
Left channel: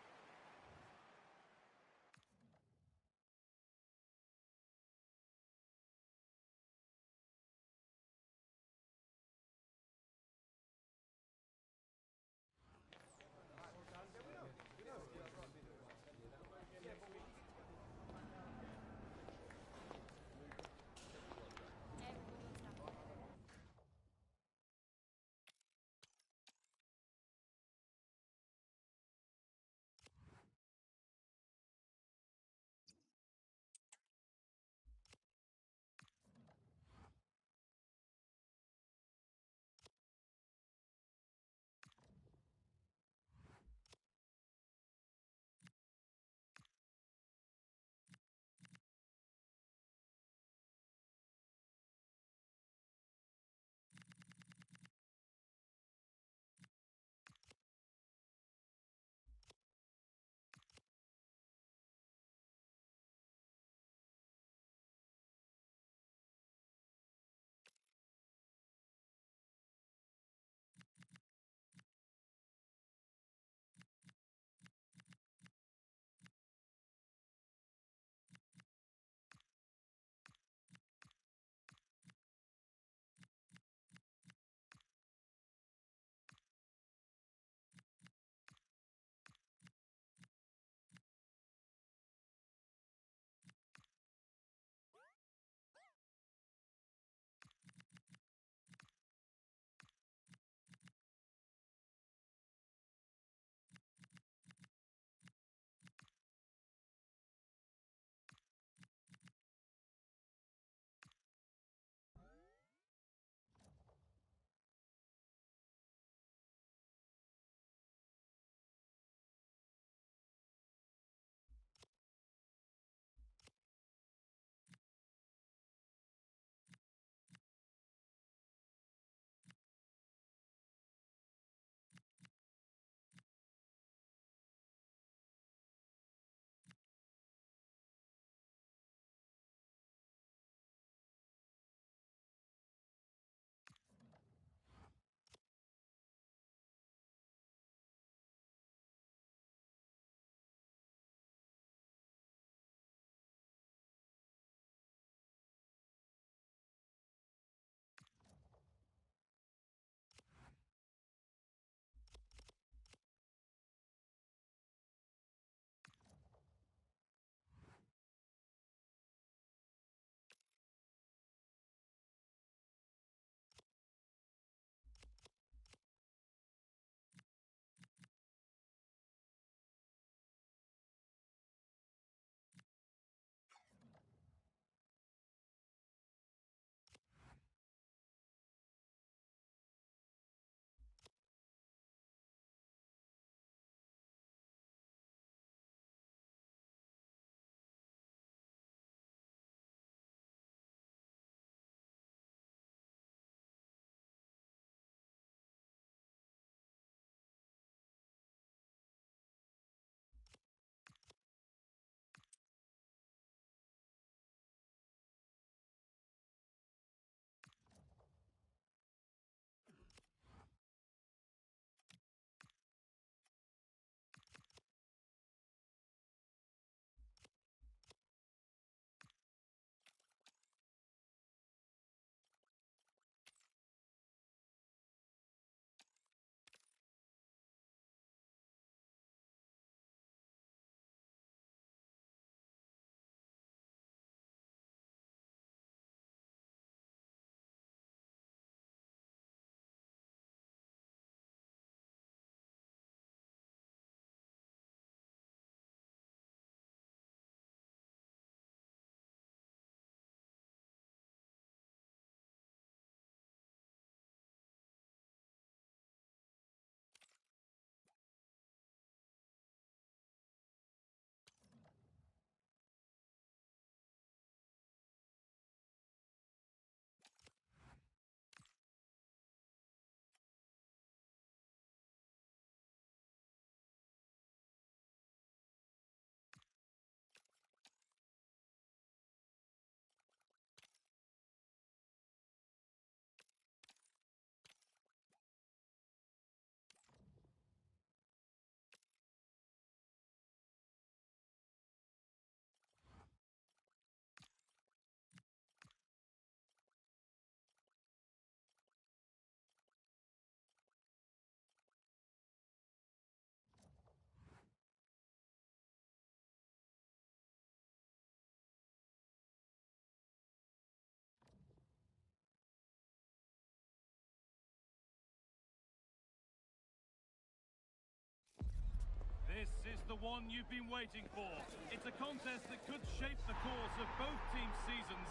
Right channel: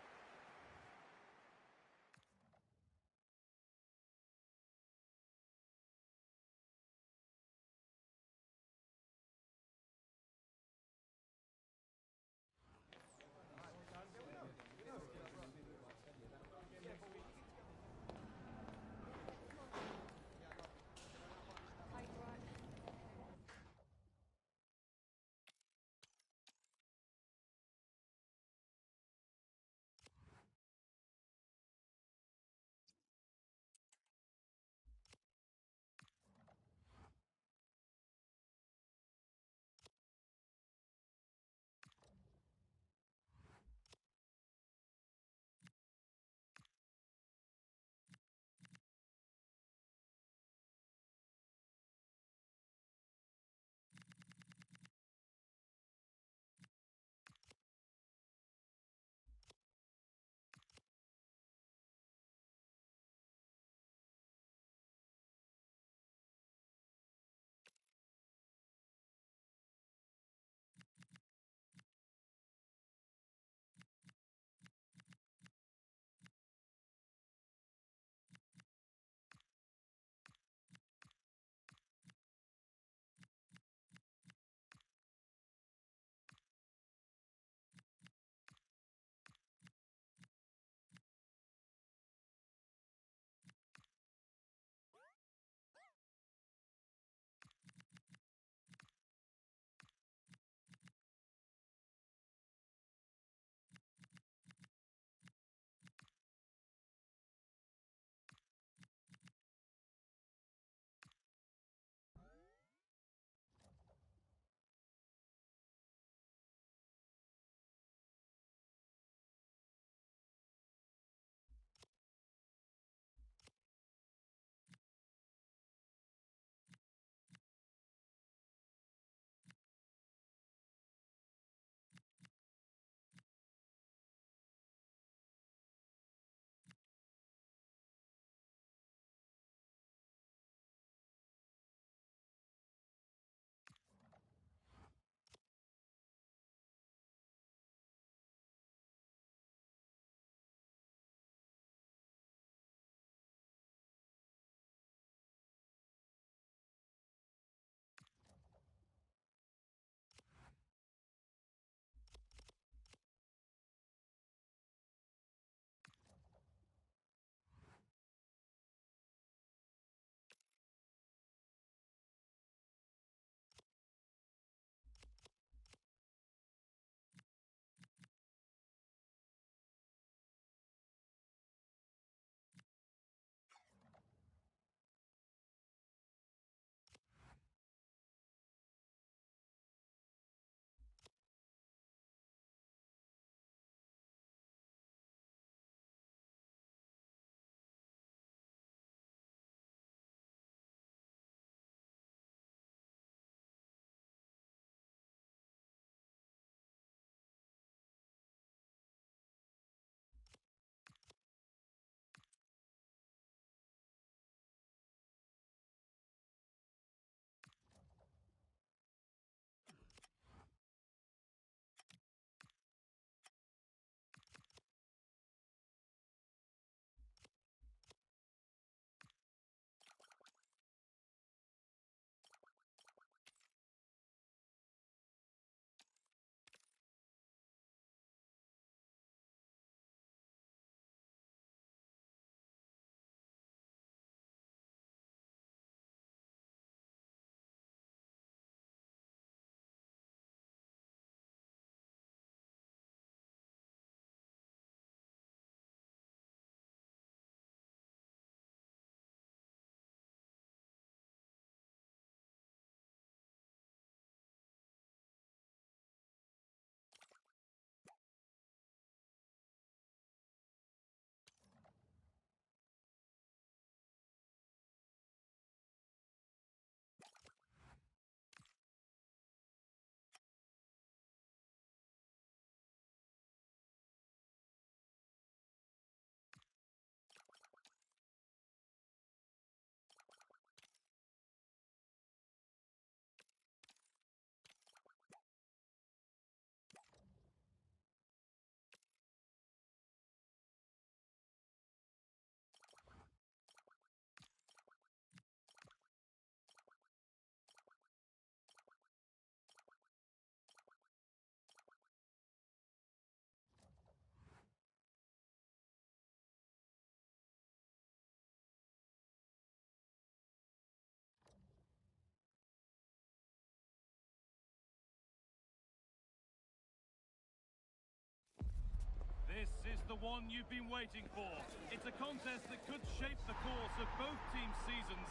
one you've been waiting for. It's a contest that could shape the course of both teams' seasons,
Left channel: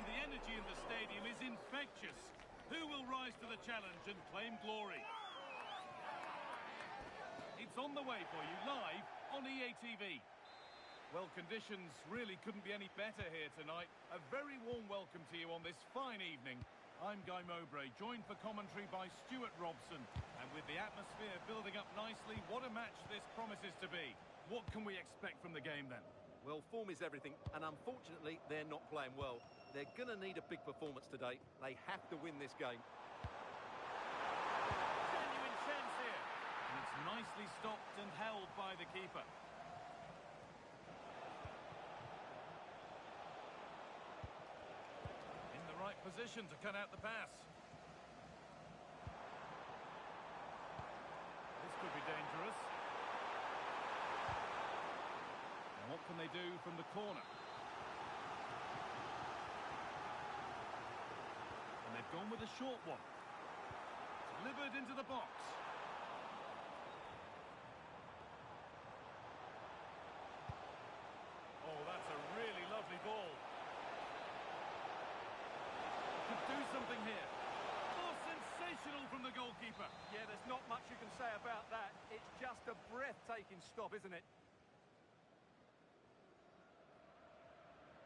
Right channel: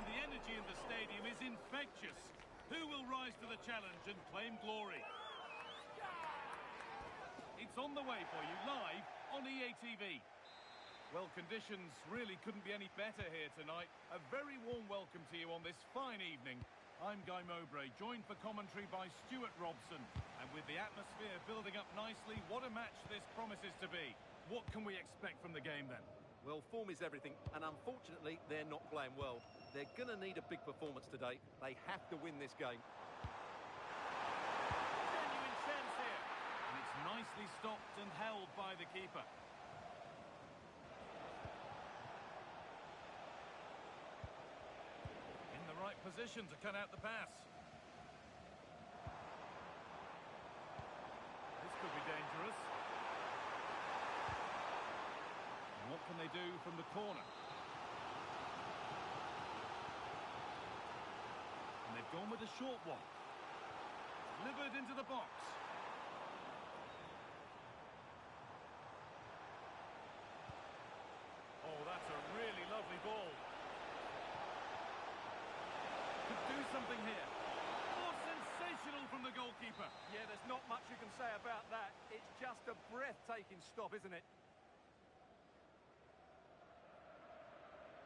and the energy in the stadium is infectious. Who will rise to the challenge and claim glory? It's on the way for you live on EATV. Well, conditions really couldn't be any better here tonight. A very warm welcome to you on this fine evening. I'm Guy Mowbray, joined for commentary by Stuart Robson. And with the atmosphere building up nicely, what a match this promises to be. What can we expect from the game then? Well, form is everything, and unfortunately, they're not playing well. They're going to need a big performance today. They have to win this game. Genuine chance here. And it's nicely stopped and held by the keeper. In the right position to cut out the pass. This could be dangerous. And what can they do from the corner? And they've gone with a short one. Delivered into the box. Oh, that's a really lovely ball. Could do something here. Oh, sensational from the goalkeeper. Yeah, there's not much you can say about that. It's just a breathtaking stop, isn't it?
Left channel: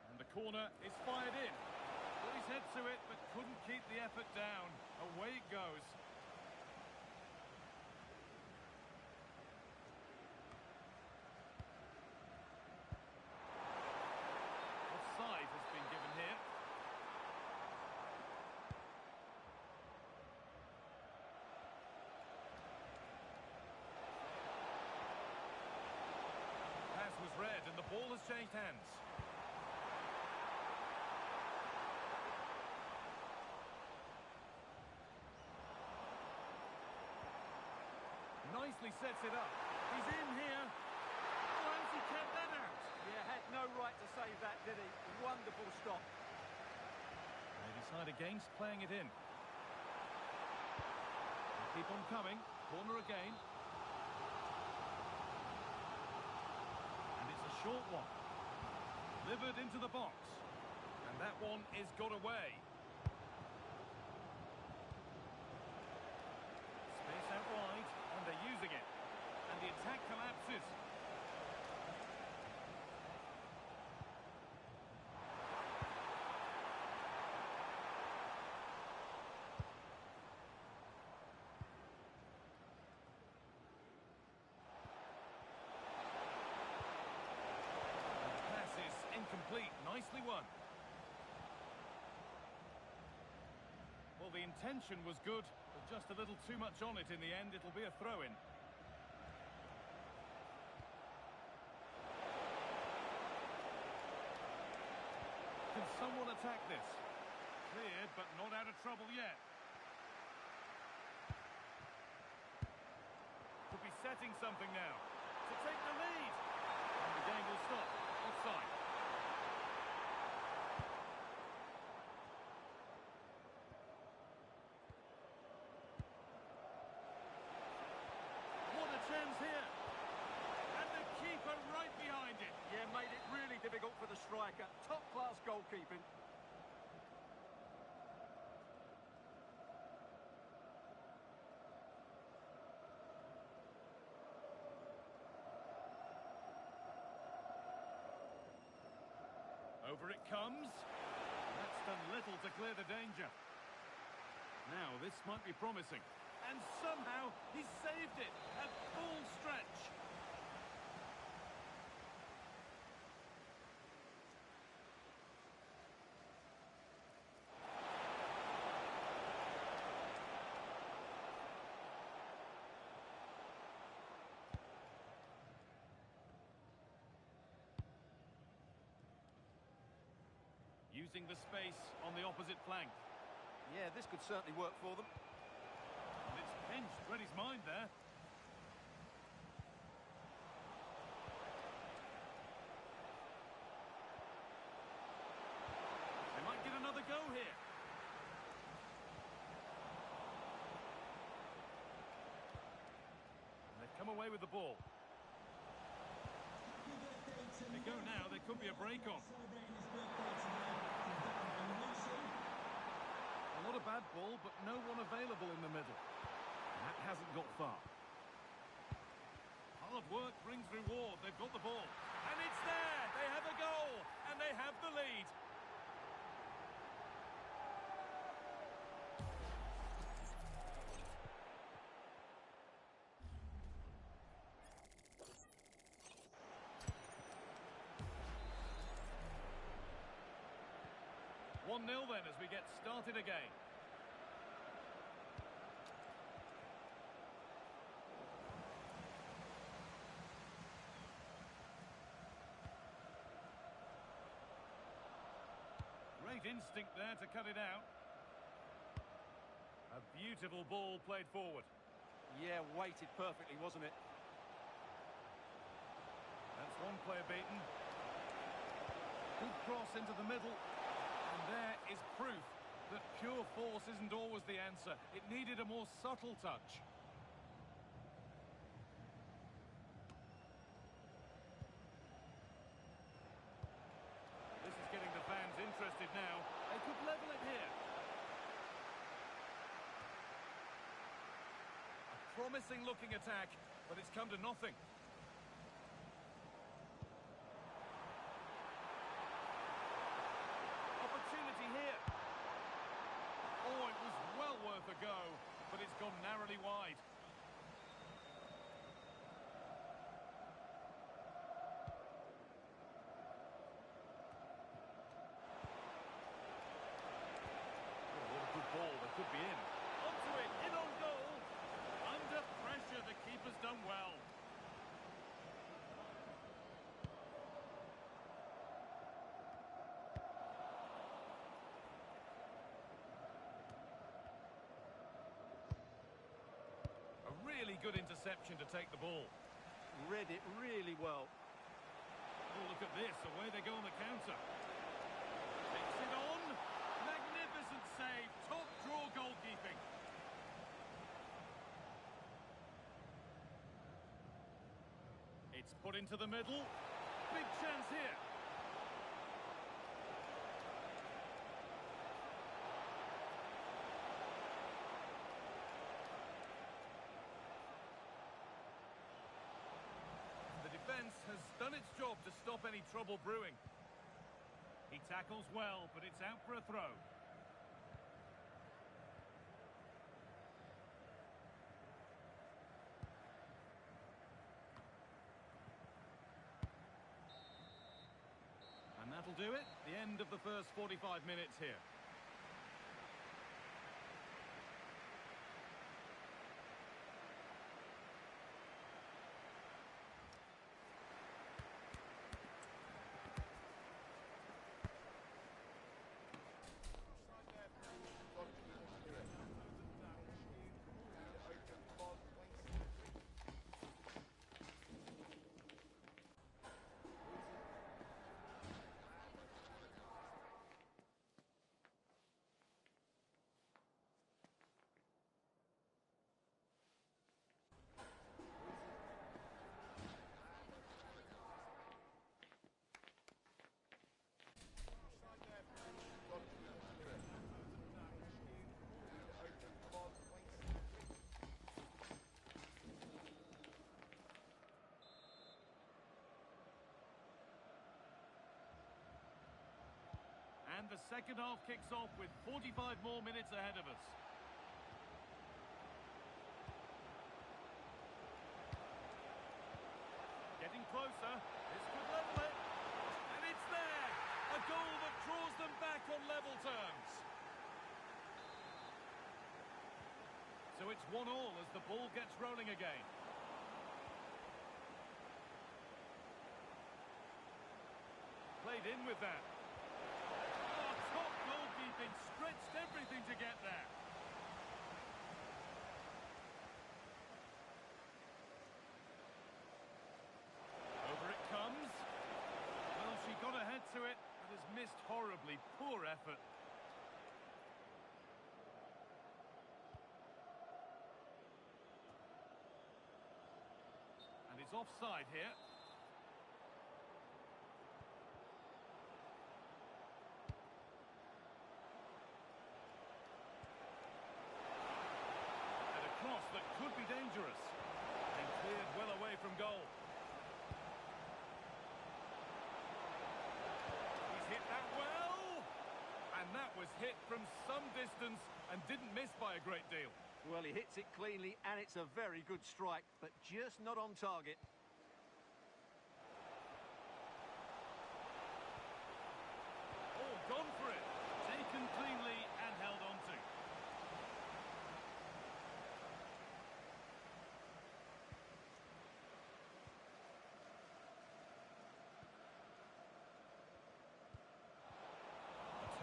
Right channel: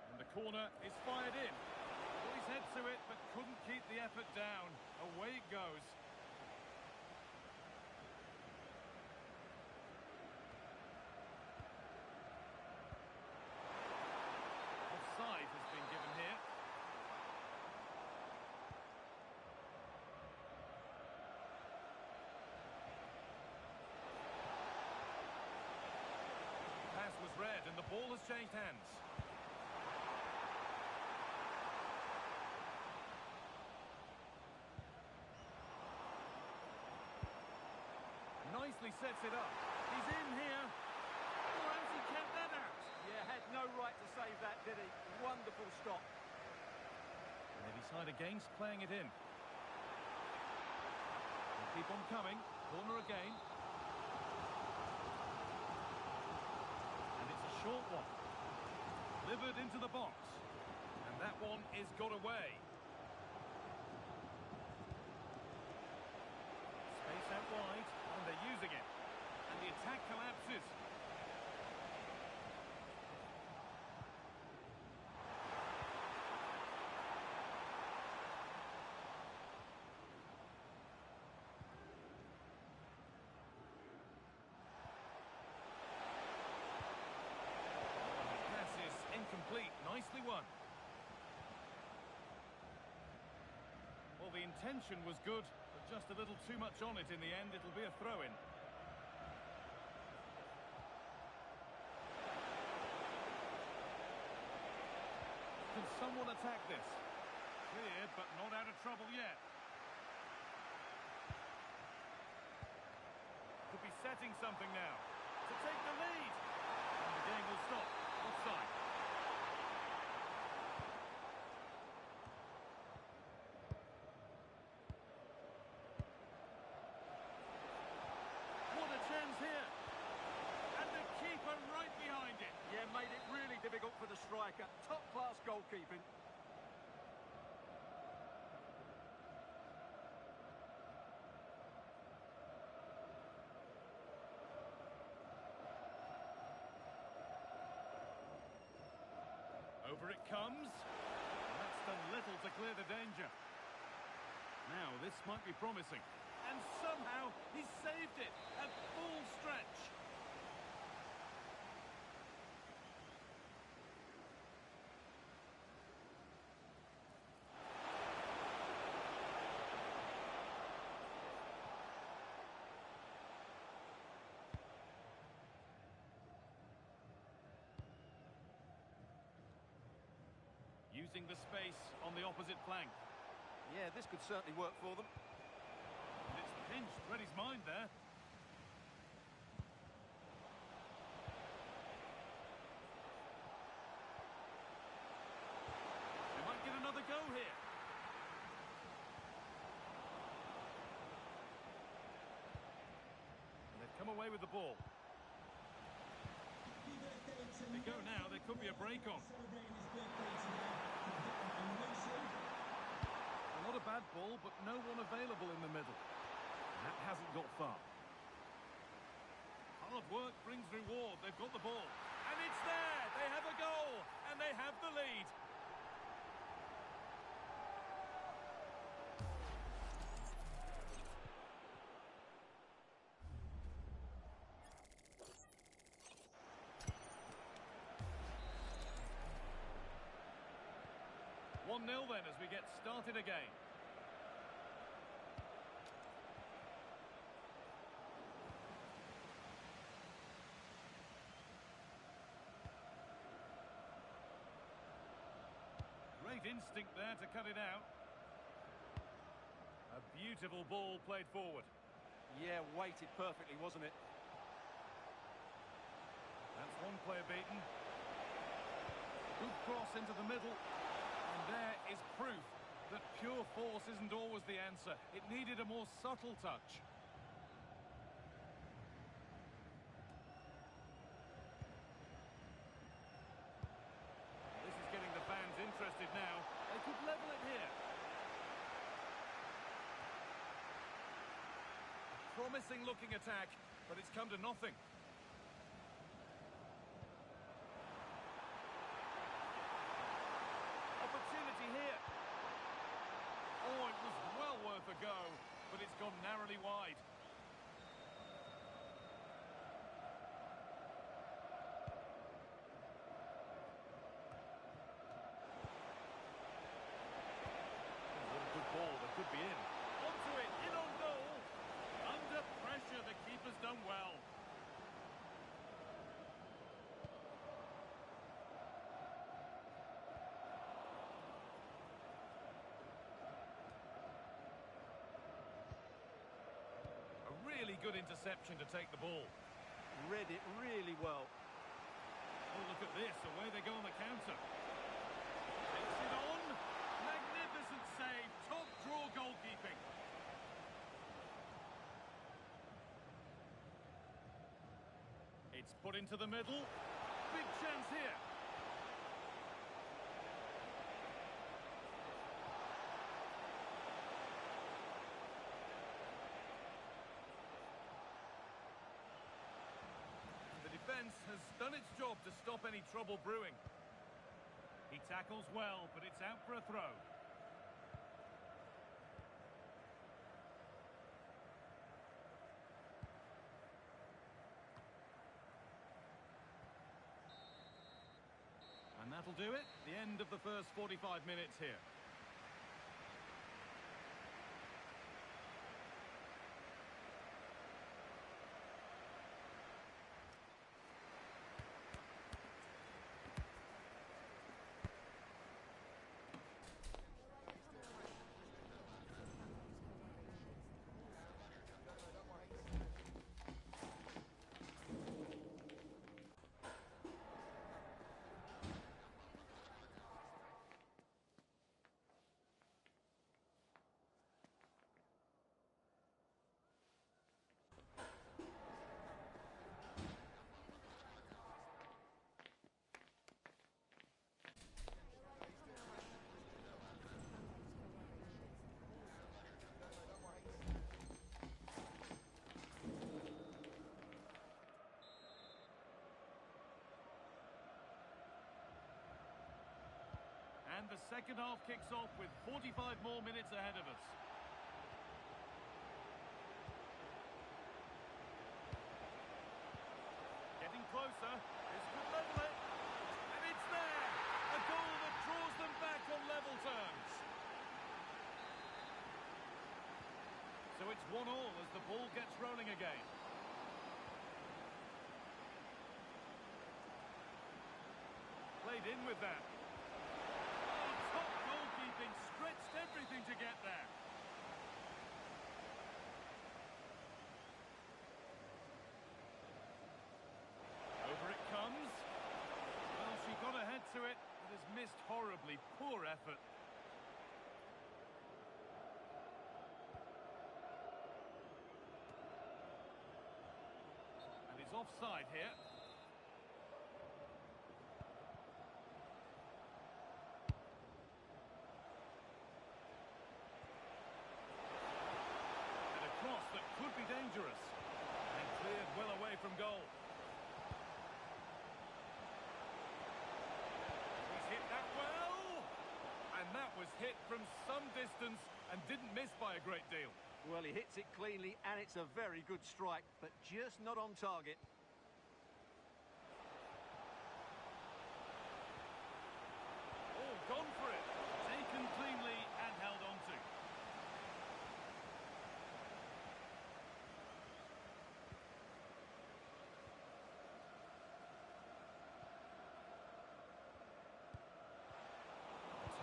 And the corner is fired in. Put his head to it, but couldn't keep the effort down. Away it goes. Offside has been given here. Pass was read and the ball has changed hands. Nicely sets it up. He's in here. Oh, how's he kept that out? Yeah, had no right to save that, did he? Wonderful stop. They decide against playing it in. They keep on coming. Corner again. And it's a short one. Delivered into the box. And that one is got away. Space out wide, and they're using it. And the attack collapses. And the pass is incomplete. Nicely won. Well, the intention was good, but just a little too much on it in the end. It'll be a throw-in. Can someone attack this? Cleared, but not out of trouble yet. Could be setting something now. To take the lead. And the game will stop. Offside. What a chance here. And the keeper right behind it. Yeah, made it really difficult for the striker. Top-class goalkeeping. Over it comes. That's done little to clear the danger. Now, this might be promising. And somehow, he saved it at full stretch. Using the space on the opposite flank. Yeah, this could certainly work for them. And it's pinched, read his mind there. They might get another go here. And they've come away with the ball. They go now, there could be a break on. A lot of bad ball, but no one available in the middle. That hasn't got far. Hard work brings reward. They've got the ball. And it's there! They have a goal! And they have the lead. One 0 then as we get started again. Great instinct there to cut it out. A beautiful ball played forward. Yeah, weighted perfectly, wasn't it? That's one player beaten. Good cross into the middle. And there is proof that pure force isn't always the answer. It needed a more subtle touch. This is getting the fans interested now. They could level it here. A promising looking attack, but it's come to nothing. Opportunity here. Oh, it was well worth a go, but it's gone narrowly wide. Oh, what a good ball. That could be in. Onto it, in on goal. Under pressure, the keeper's done well. A really good interception to take the ball. Read it really well. Oh, look at this. Away they go on the counter. Takes it on. Magnificent save. Top draw goalkeeping. It's put into the middle. Big chance here. The defence has done its job to stop any trouble brewing. He tackles well, but it's out for a throw. And that'll do it. The end of the first 45 minutes here. And the second half kicks off with 45 more minutes ahead of us. Getting closer. This could level it. And it's there. A goal that draws them back on level terms. So it's 1-1 as the ball gets rolling again. Played in with that. Top goalkeeping, stretched everything to get there. Over it comes. Well, she got ahead to it, but has missed horribly. Poor effort. And it's offside here. could be dangerous. And cleared well away from goal. He's hit that well! And that was hit from some distance and didn't miss by a great deal. Well, he hits it cleanly, and it's a very good strike, but just not on target. Oh, gone for it. Taken cleanly and held on to.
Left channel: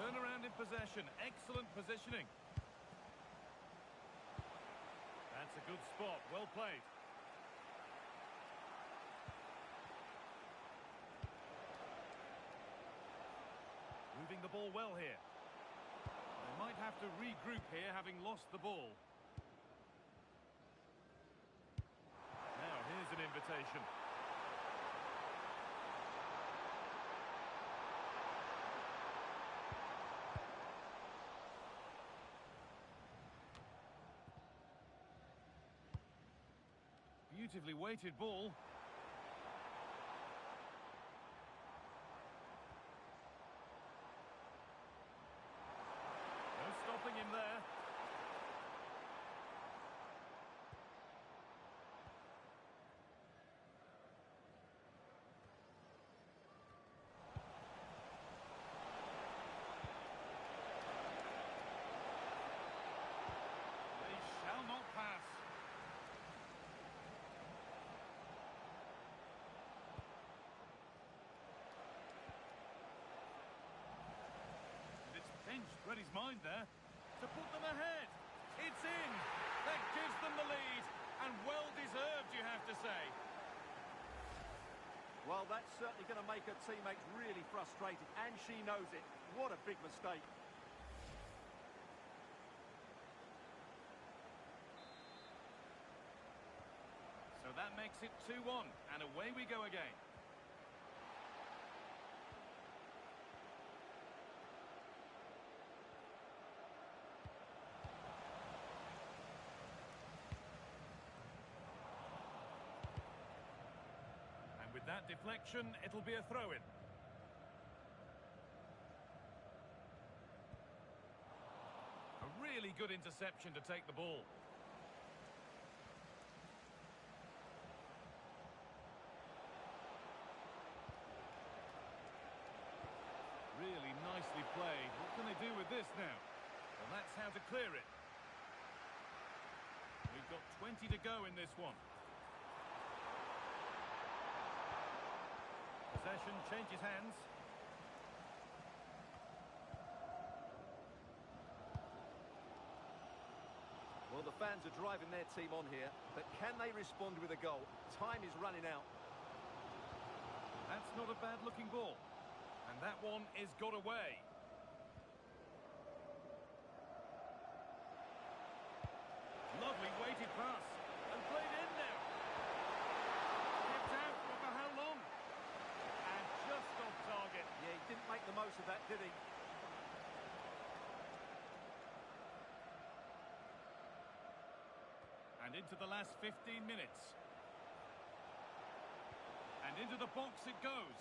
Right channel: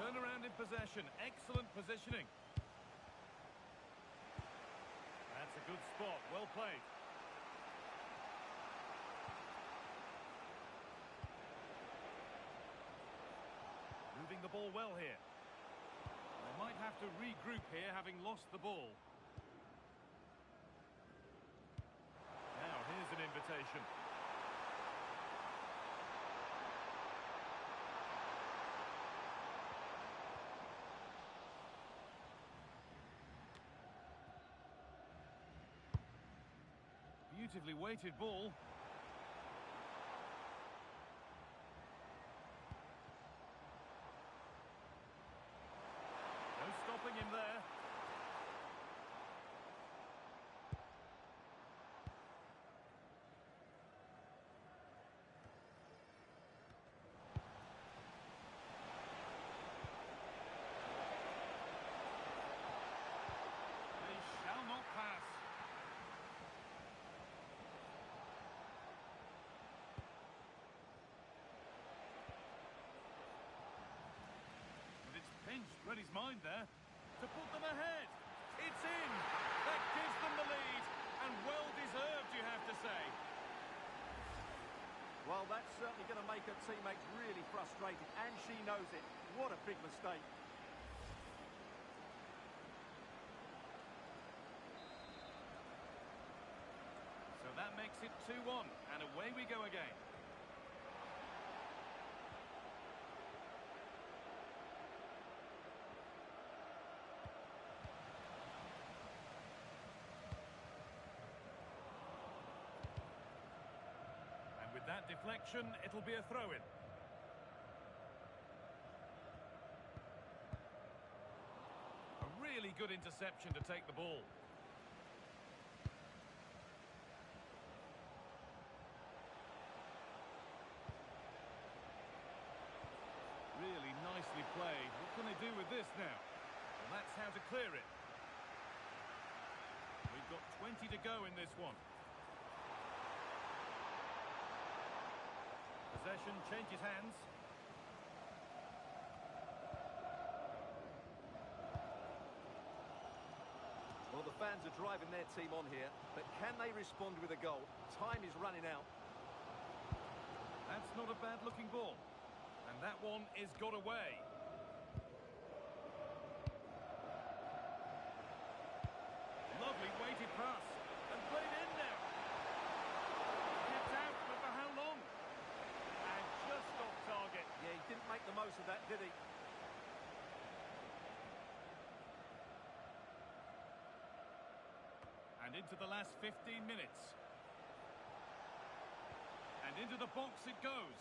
Turnaround in possession. Excellent positioning. That's a good spot. Well played. Moving the ball well here. They might have to regroup here, having lost the ball. Now, here's an invitation. Beautifully weighted ball. No stopping him there. They shall not pass. Pinched, read his mind there to put them ahead. It's in. That gives them the lead, and well deserved, you have to say. Well, that's certainly going to make her teammates really frustrated, and she knows it. What a big mistake. So that makes it 2-1, and away we go again. With that deflection, it'll be a throw-in. A really good interception to take the ball. Really nicely played. What can they do with this now? Well, that's how to clear it. We've got 20 to go in this one. Possession changes hands. Well, the fans are driving their team on here, but can they respond with a goal? Time is running out. That's not a bad-looking ball. And that one is got away. Lovely weighted pass. And played in now. Kept out, but for how long? And just off target. Yeah, he didn't make the most of that, did he? And into the last 15 minutes. And into the box it goes.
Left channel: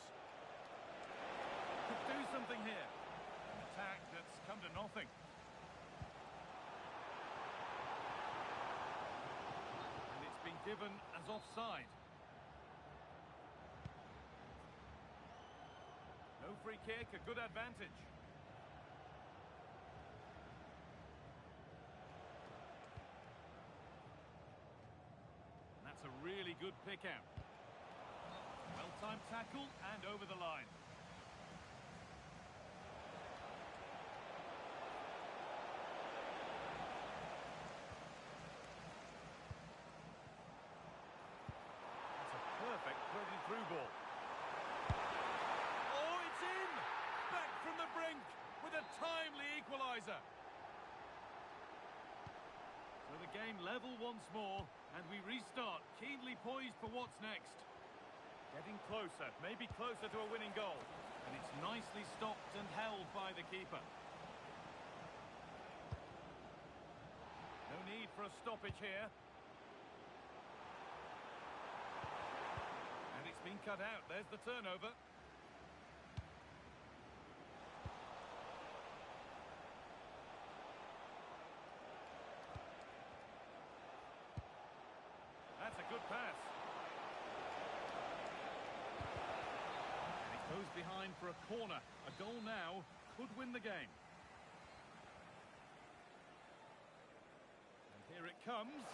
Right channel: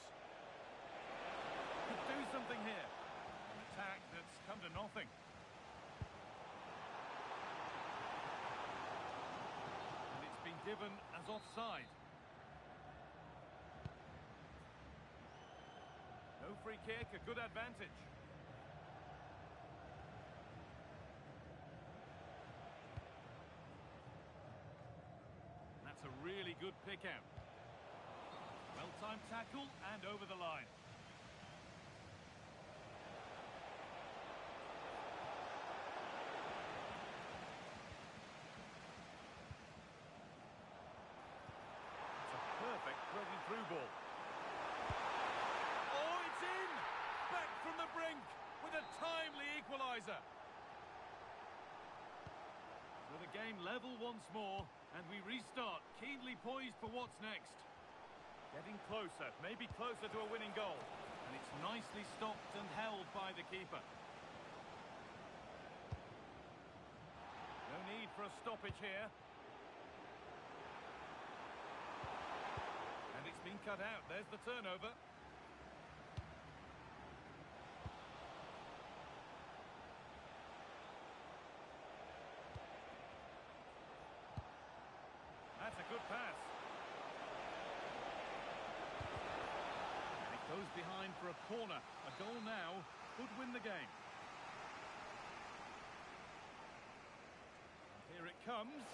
Could do something here. An attack that's come to nothing. And it's been given as offside. No free kick, a good advantage. That's a really good pick out. Well-timed tackle and over the line. That's a perfect threaded through ball. Oh, it's in! Back from the brink with a timely equaliser. So the game level once more, and we restart, keenly poised for what's next. Getting closer, maybe closer to a winning goal. And it's nicely stopped and held by the keeper. No need for a stoppage here. That's been cut out. There's the turnover. That's a good pass. And it goes behind for a corner. A goal now could win the game. And here it comes.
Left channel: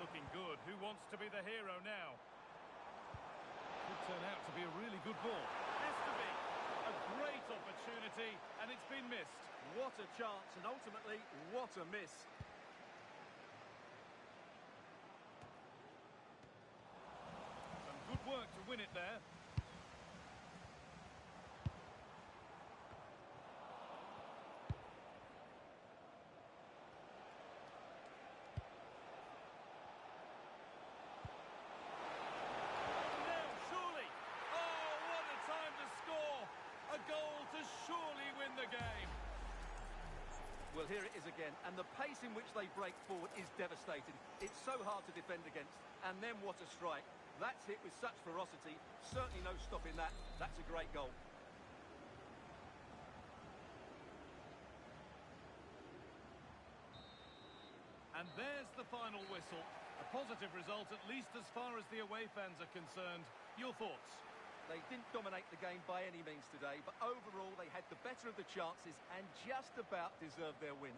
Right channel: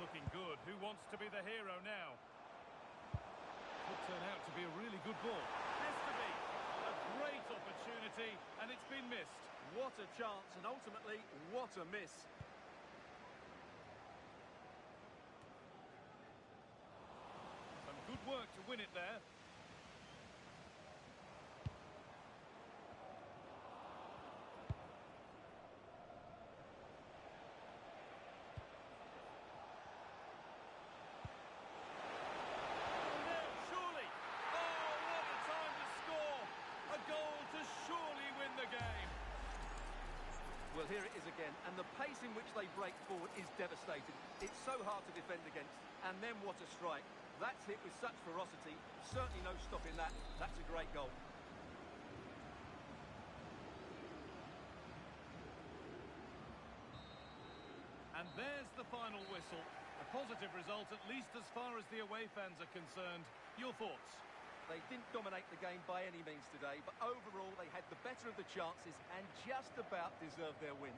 Looking good. Who wants to be the hero now? Could turn out to be a really good ball. Has to be. A great opportunity, and it's been missed. What a chance, and ultimately, what a miss. Some good work to win it there. Well, here it is again, and the pace in which they break forward is devastating. It's so hard to defend against, and then what a strike. That's hit with such ferocity, certainly no stopping that. That's a great goal. And there's the final whistle. A positive result, at least as far as the away fans are concerned. Your thoughts? They didn't dominate the game by any means today, but overall they had the better of the chances and just about deserved their win.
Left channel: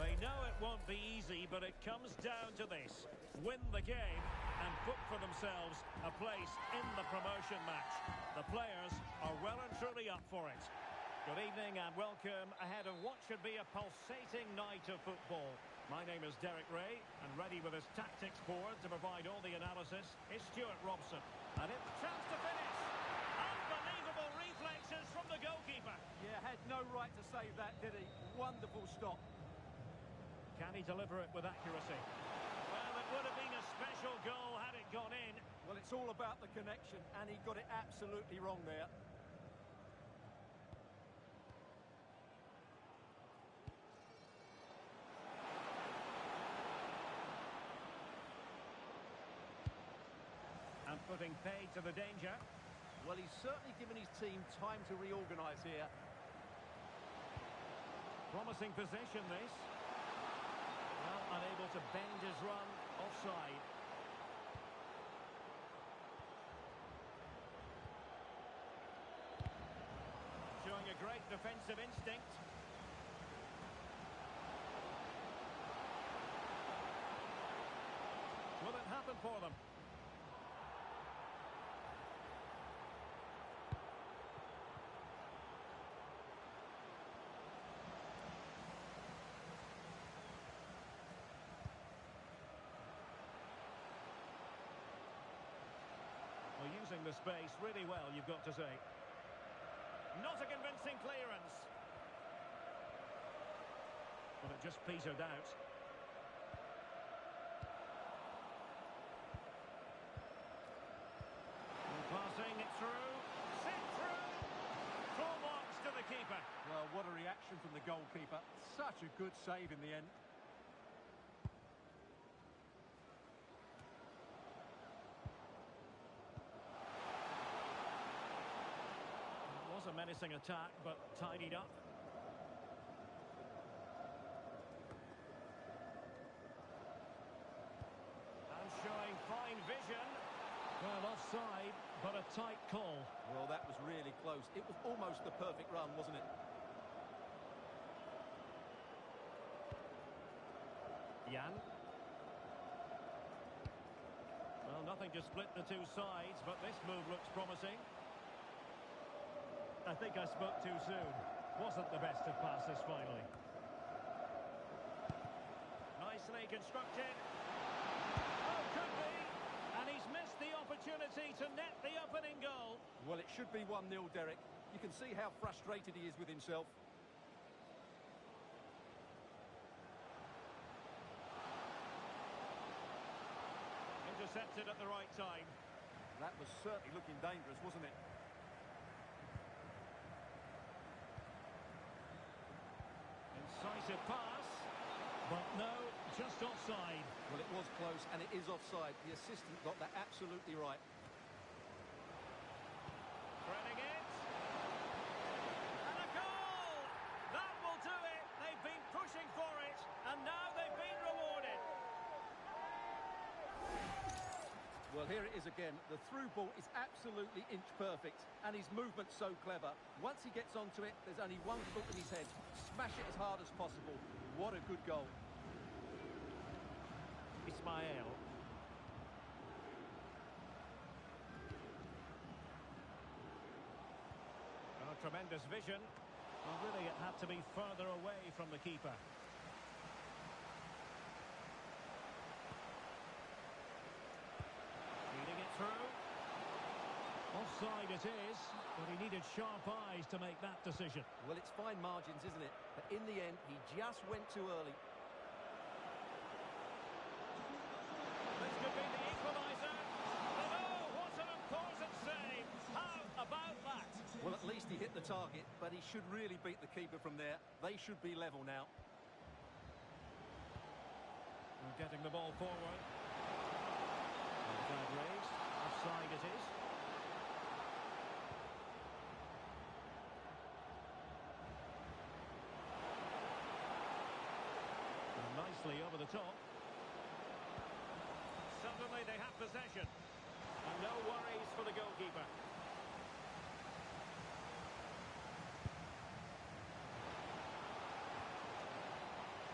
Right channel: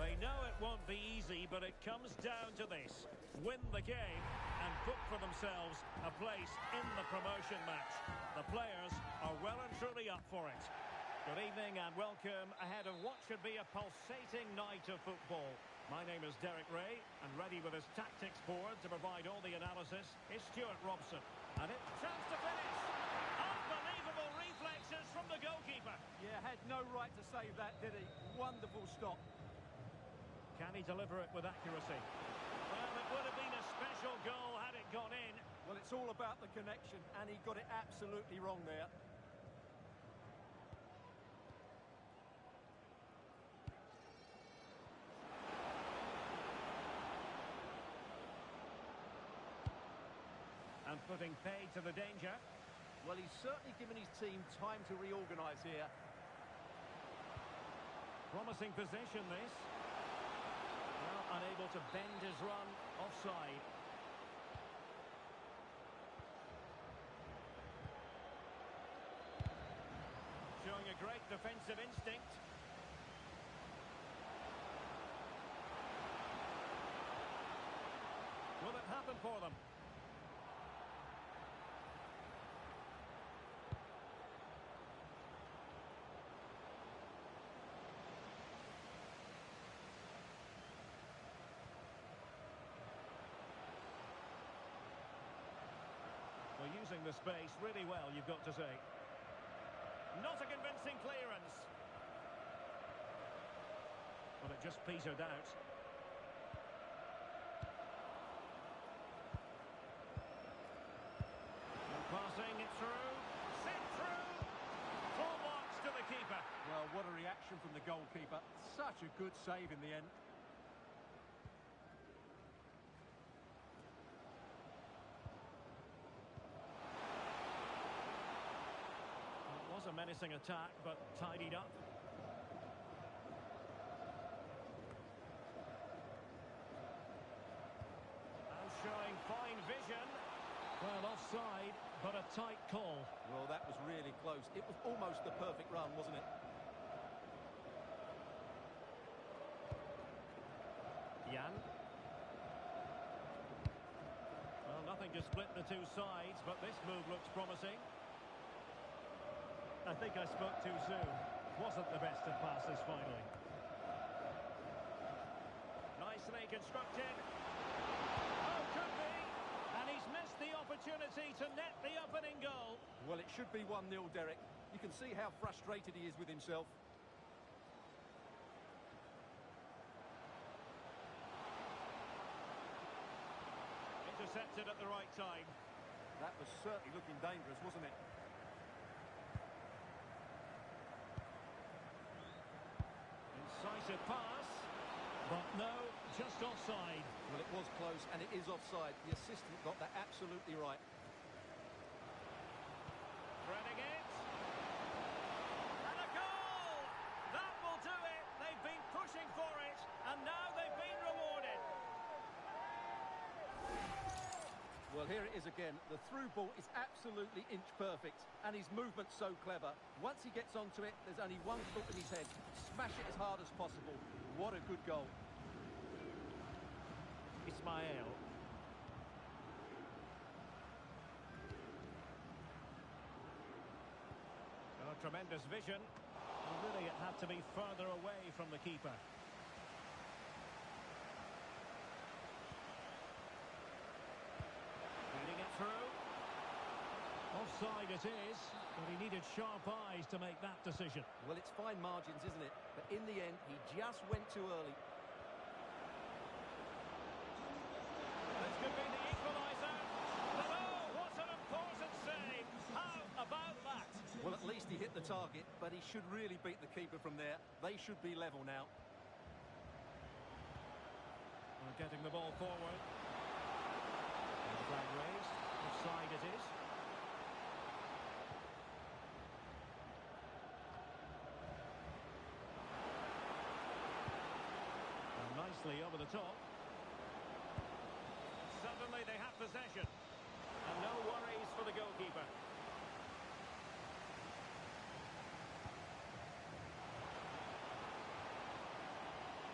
They know it won't be easy, but it comes down to this. Win the game and book for themselves a place in the promotion match. The players are well and truly up for it. Good evening and welcome ahead of what should be a pulsating night of football. My name is Derek Ray, and ready with his tactics board to provide all the analysis is Stuart Robson. And it's a chance to finish. Unbelievable reflex. reflexes from the goalkeeper. Yeah, had no right to save that, did he? Wonderful stop. Can he deliver it with accuracy? Well, it would have been a special goal had it gone in. Well, it's all about the connection, and he got it absolutely wrong there. And putting paid to the danger. Well, he's certainly given his team time to reorganise here. Promising position, this. Well, unable to bend his run, offside. Showing a great defensive instinct. Will it happen for them? Well, using the space really well, you've got to say. Not a convincing clearance. Well, it just petered out. And passing it through. Sent through. Full marks to the keeper. Well, what a reaction from the goalkeeper. Such a good save in the end. Was a menacing attack, but tidied up. And showing fine vision. Well, offside, but a tight call. Well, that was really close. It was almost the perfect run, wasn't it? Jan. Well, nothing to split the two sides, but this move looks promising. I think I spoke too soon. Wasn't the best of passes, finally. Nicely constructed. Oh, could be. And he's missed the opportunity to net the opening goal. Well, it should be 1-0, Derek. You can see how frustrated he is with himself. Intercepted at the right time. That was certainly looking dangerous, wasn't it? Incisive pass, but no, just offside. Well, it was close, and it is offside. The assistant got that absolutely right. Threading it. And a goal! That will do it. They've been pushing for it, and now they've been rewarded. Well, here it is again. The through ball is absolutely inch perfect, and his movement's so clever. Once he gets onto it, there's only one thought in his head. Smash it as hard as possible. What a good goal. Ismail. Oh, tremendous vision. Well, really, it had to be further away from the keeper. Feeding it through. Offside it is, but he needed sharp eyes to make that decision. Well, it's fine margins, isn't it? But in the end, he just went too early. This could be the equaliser. But oh, what an important save. How about that? Well, at least he hit the target, but he should really beat the keeper from there. They should be level now. We're getting the ball forward. And the flag raised. Offside it is. And nicely over the top. Suddenly they have possession. And no worries for the goalkeeper.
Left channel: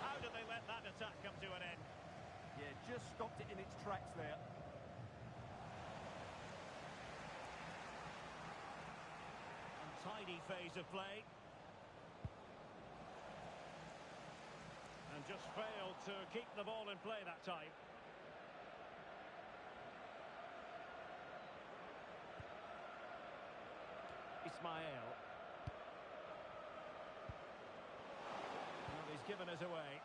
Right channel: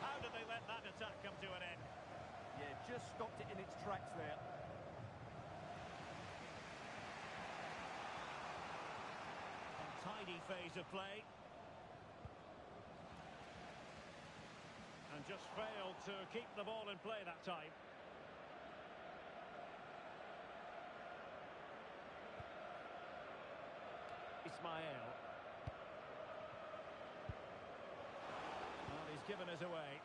How did they let that attack come to an end? Yeah, just stopped it in its tracks there. Untidy phase of play. And just failed to keep the ball in play that time. Ismail. Well, he's given us away.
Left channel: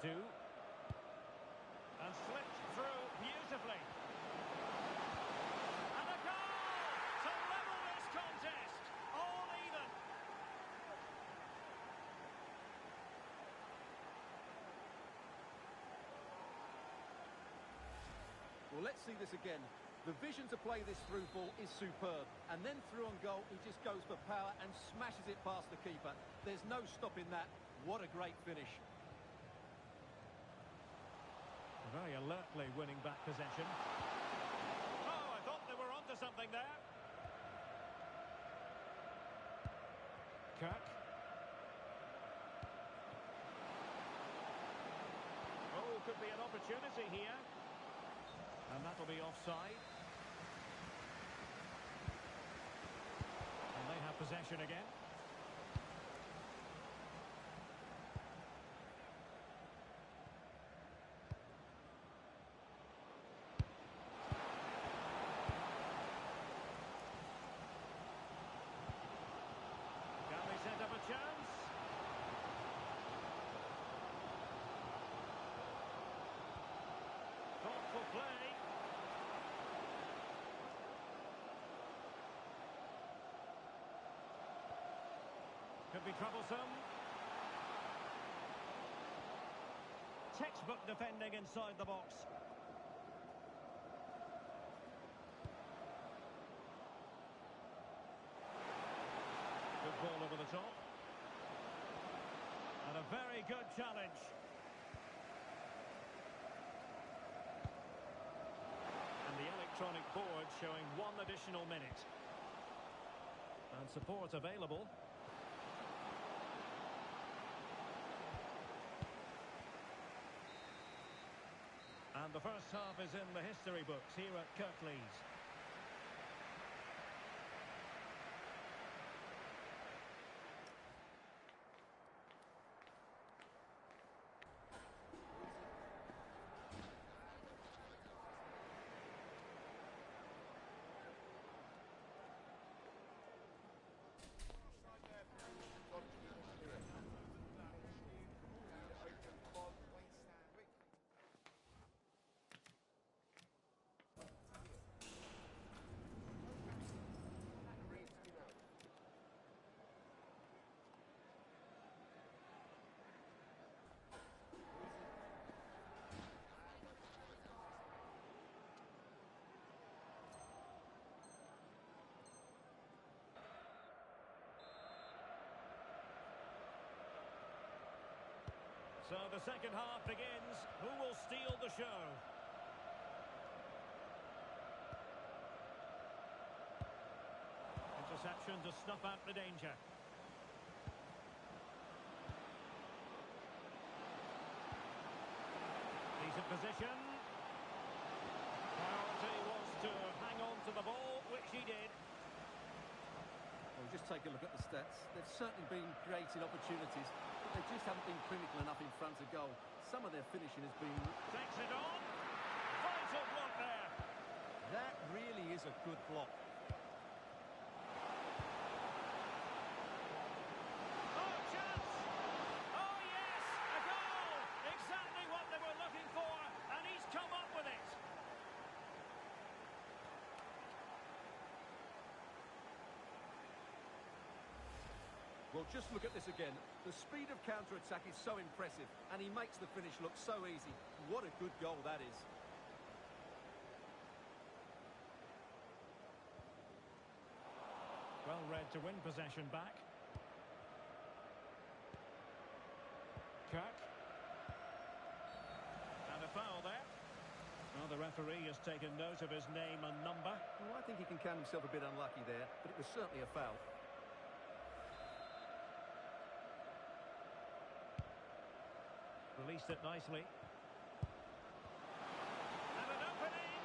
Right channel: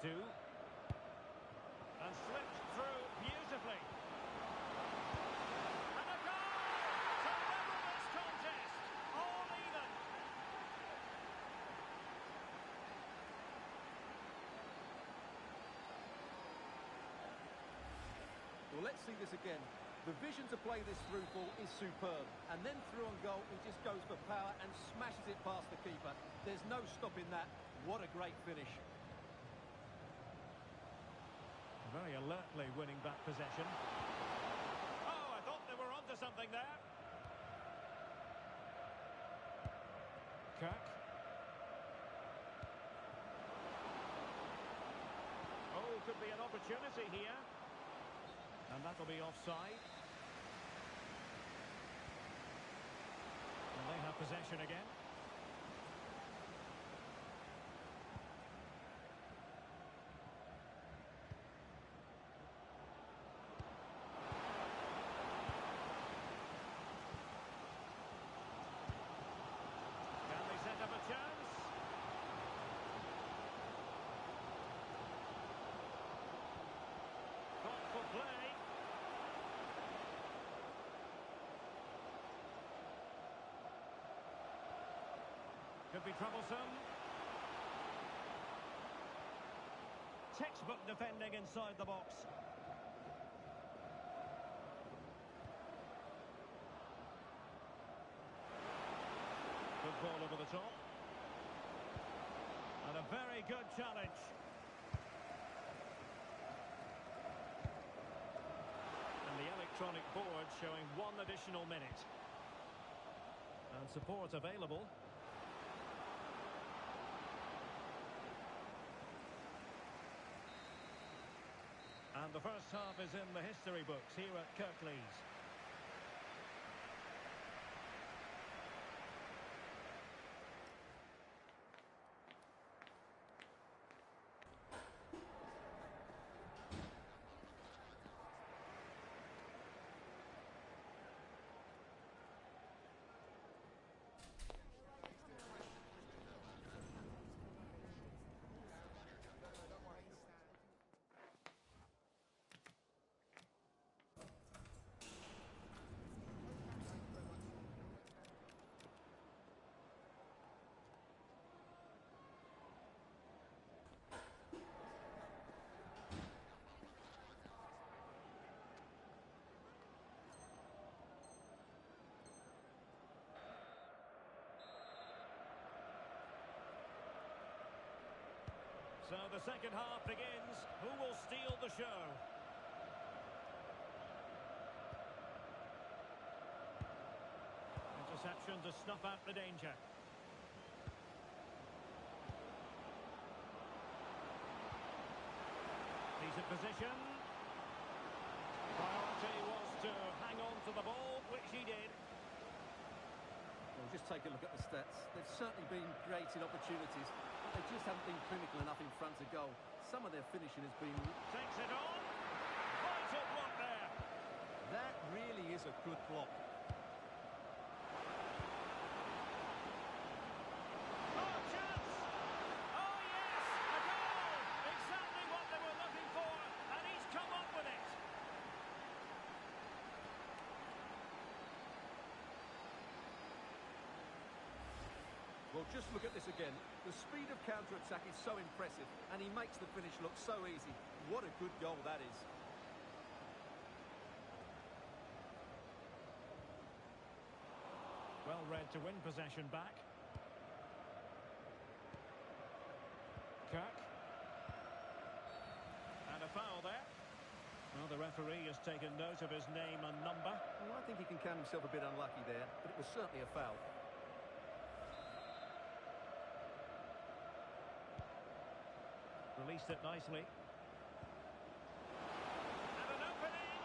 Two. And slipped through beautifully. And a goal to level this contest. All even. Well, let's see this again. The vision to play this through ball is superb. And then through on goal, he just goes for power and smashes it past the keeper. There's no stopping that. What a great finish. Very alertly winning back possession. Oh, I thought they were onto something there. Kirk. Oh, could be an opportunity here. And that'll be offside. And they have possession again. Can they set up a chance? Thoughtful play. Could be troublesome. Textbook defending inside the box. Good ball over the top. And a very good challenge. And the electronic board showing 1 additional minute. And support available. And the first half is in the history books here at Kirklees. So the second half begins. Who will steal the show? Interception to snuff out the danger. Decent position. Priority was to hang on to the ball, which he did. Well, just take a look at the stats. They've certainly been creating opportunities, but they just haven't been clinical enough in front of goal. Some of their finishing has been... Takes it on. Vital block there. That really is a good block. Oh, chance! Oh, yes! A goal! Exactly what they were looking for, and he's come up with it. Well, just look at this again. The speed of counter-attack is so impressive, and he makes the finish look so easy. What a good goal that is. Well read to win possession back. Kirk. And a foul there. Well, the referee has taken note of his name and number. Well, I think he can count himself a bit unlucky there, but it was certainly a foul. Released it nicely. And an opening!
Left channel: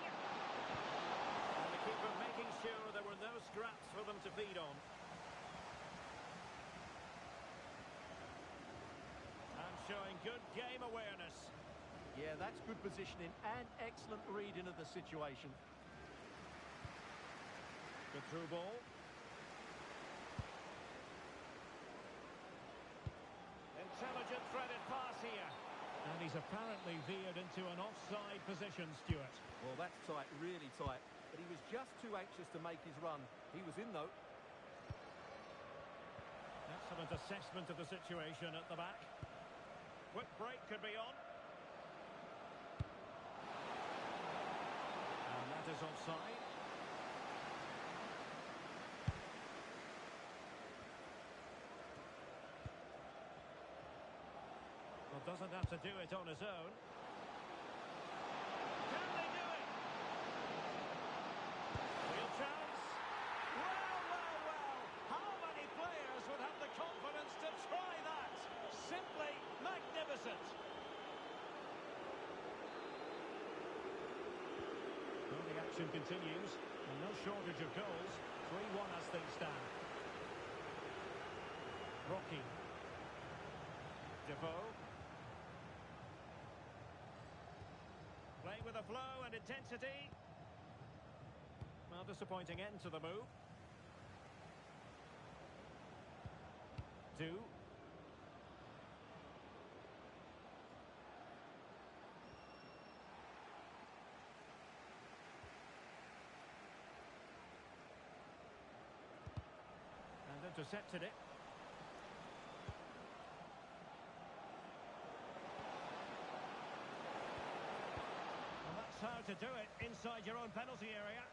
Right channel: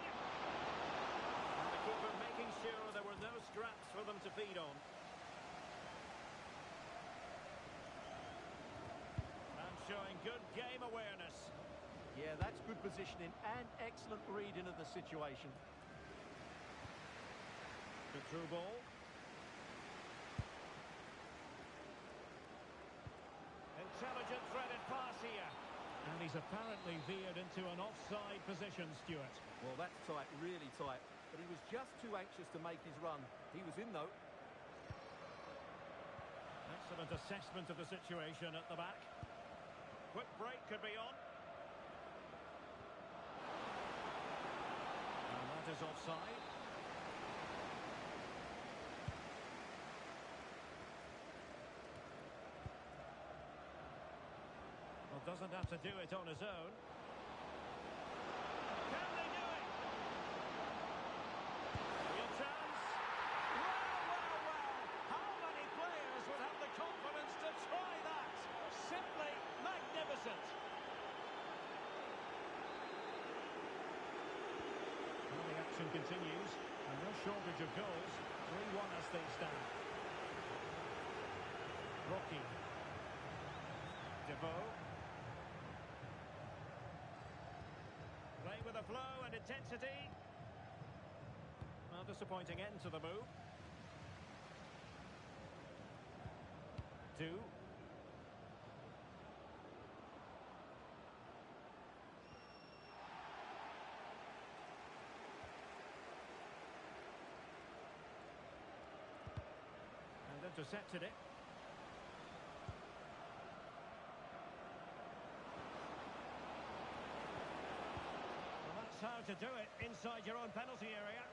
And the keeper making sure there were no scraps for them to feed on. And showing good game awareness. Yeah, that's good positioning and excellent reading of the situation. Good through ball. Intelligent threaded pass here. And he's apparently veered into an offside position, Stuart. Well, that's tight, really tight. But he was just too anxious to make his run. He was in, though. Excellent assessment of the situation at the back. Quick break could be on. And that is offside. Well, doesn't have to do it on his own. Can they do it? Real chance. Well, well, well. How many players would have the confidence to try that? Simply magnificent. Well, the action continues, and no shortage of goals. 3-1 as things stand. Rocky. Defoe. Play with a flow and intensity. Well, disappointing end to the move. 2. And intercepted it. How to do it inside your own penalty area.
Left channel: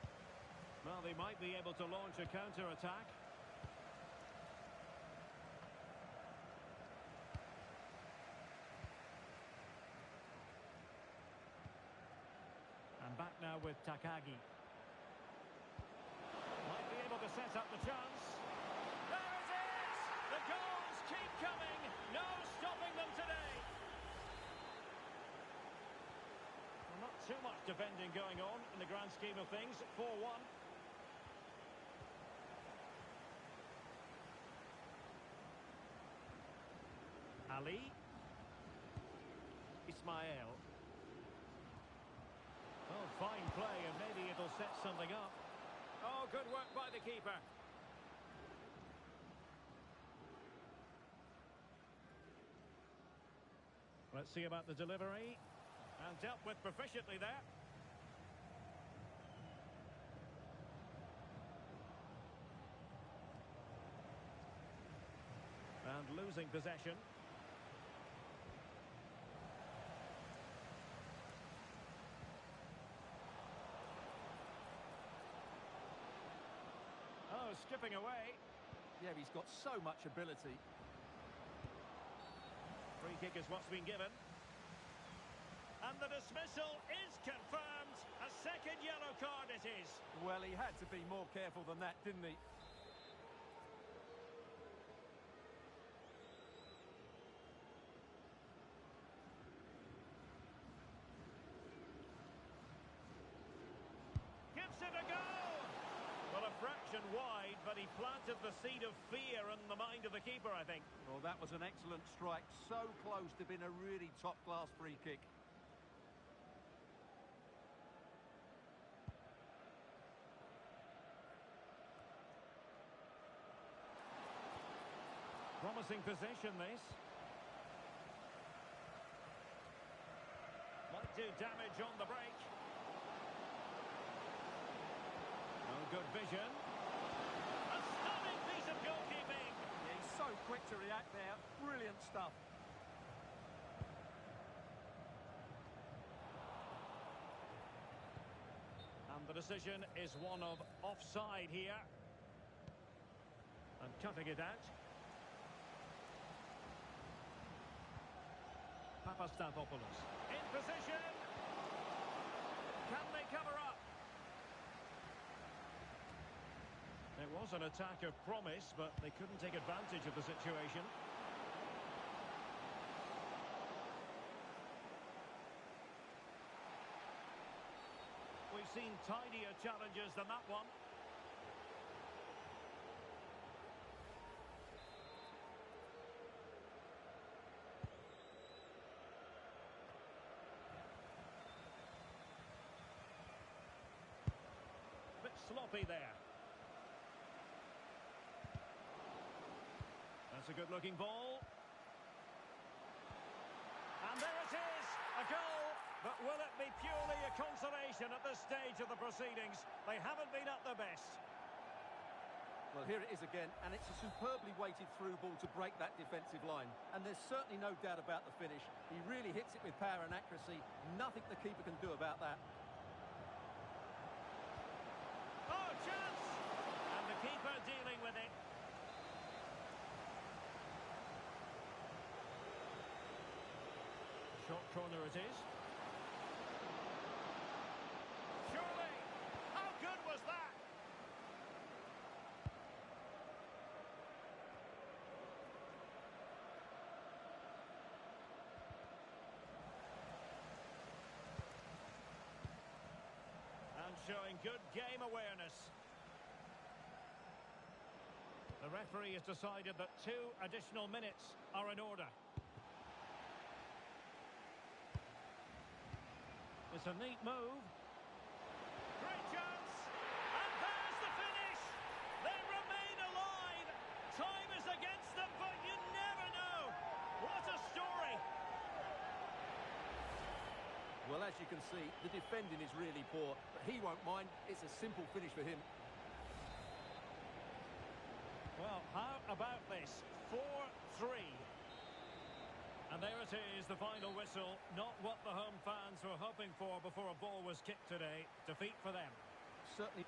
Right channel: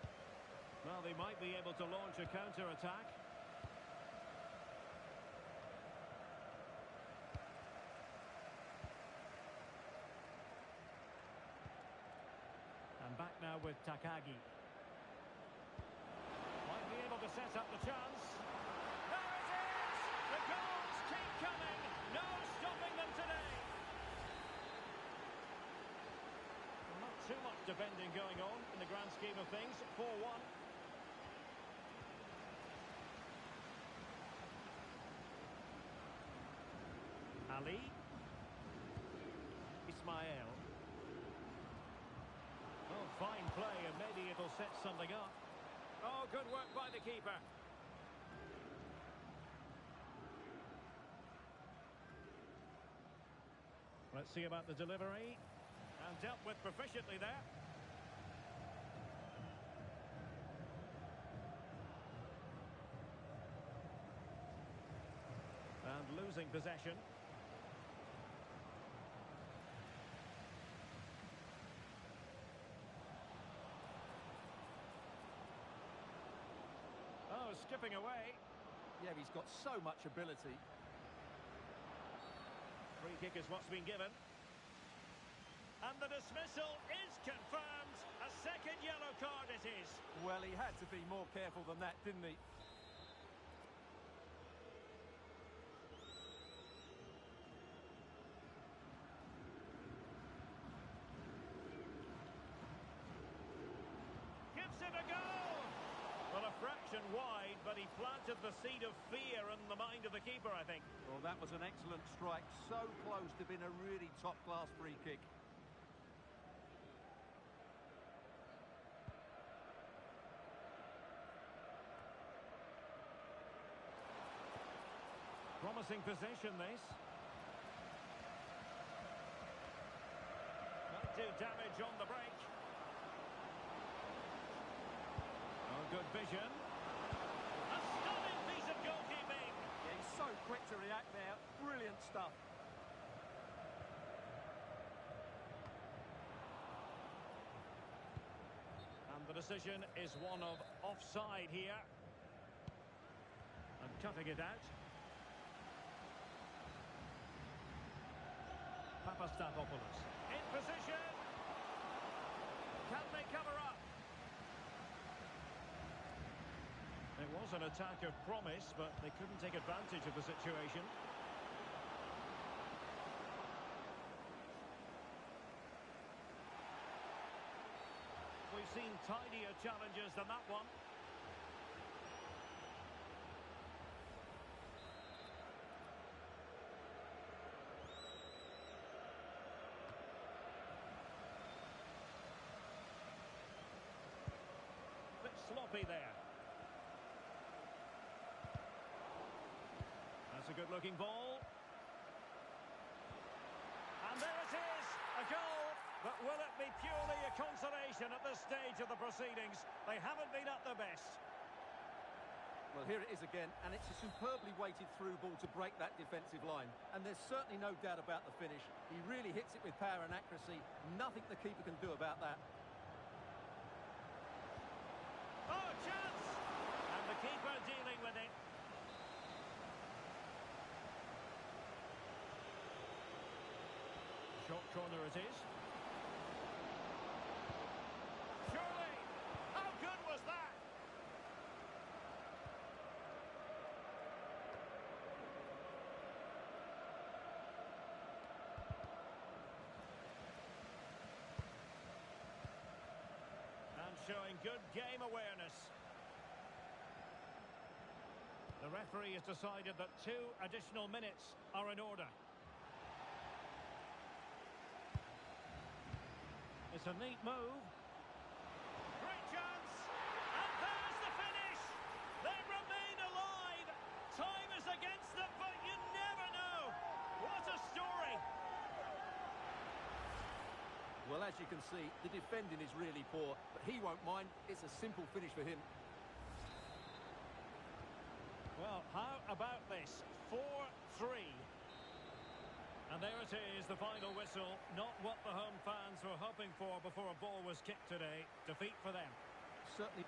Well, they might be able to launch a counter-attack. And back now with Takagi. Might be able to set up the chance. There it is! The goals keep coming. No stopping them today. Not too much defending going on in the grand scheme of things. 4-1. Ali. Ismail. Oh, fine play, and maybe it'll set something up. Oh, good work by the keeper. Let's see about the delivery. And dealt with proficiently there. And losing possession. Oh, skipping away. Yeah, he's got so much ability. Free kick is what's been given. And the dismissal is confirmed. A second yellow card it is. Well, he had to be more careful than that, didn't he? Gives it a go. Well, a fraction wide, but he planted the seed of fear in the mind of the keeper, I think. Well, that was an excellent strike. So close to being a really top-class free kick. Promising possession, this. Might do damage on the break. Oh, good vision. A stunning piece of goalkeeping. Yeah, he's so quick to react there. Brilliant stuff. And the decision is one of offside here. And cutting it out. Papastafopoulos in position. Can they cover up? It was an attack of promise, but they couldn't take advantage of the situation. We've seen tidier challenges than that one. sloppy there. That's a good-looking ball. And there it is, a goal. But will it be purely a consolation at this stage of the proceedings? They haven't been at their best. Well, here it is again, and it's a superbly weighted through ball to break that defensive line. And there's certainly no doubt about the finish. He really hits it with power and accuracy. Nothing the keeper can do about that. Oh, chance! And the keeper dealing with it. Short corner it is. Surely! How good was that? And showing good game awareness. The referee has decided that 2 additional minutes are in order. It's a neat move. Great chance. And there's the finish. They remain alive. Time is against them, but you never know. What a story. Well, as you can see, the defending is really poor, but he won't mind. It's a simple finish for him. Well, how about this? 4-3. And there it is, the final whistle. Not what the home fans were hoping for before a ball was kicked today. Defeat for them. Certainly.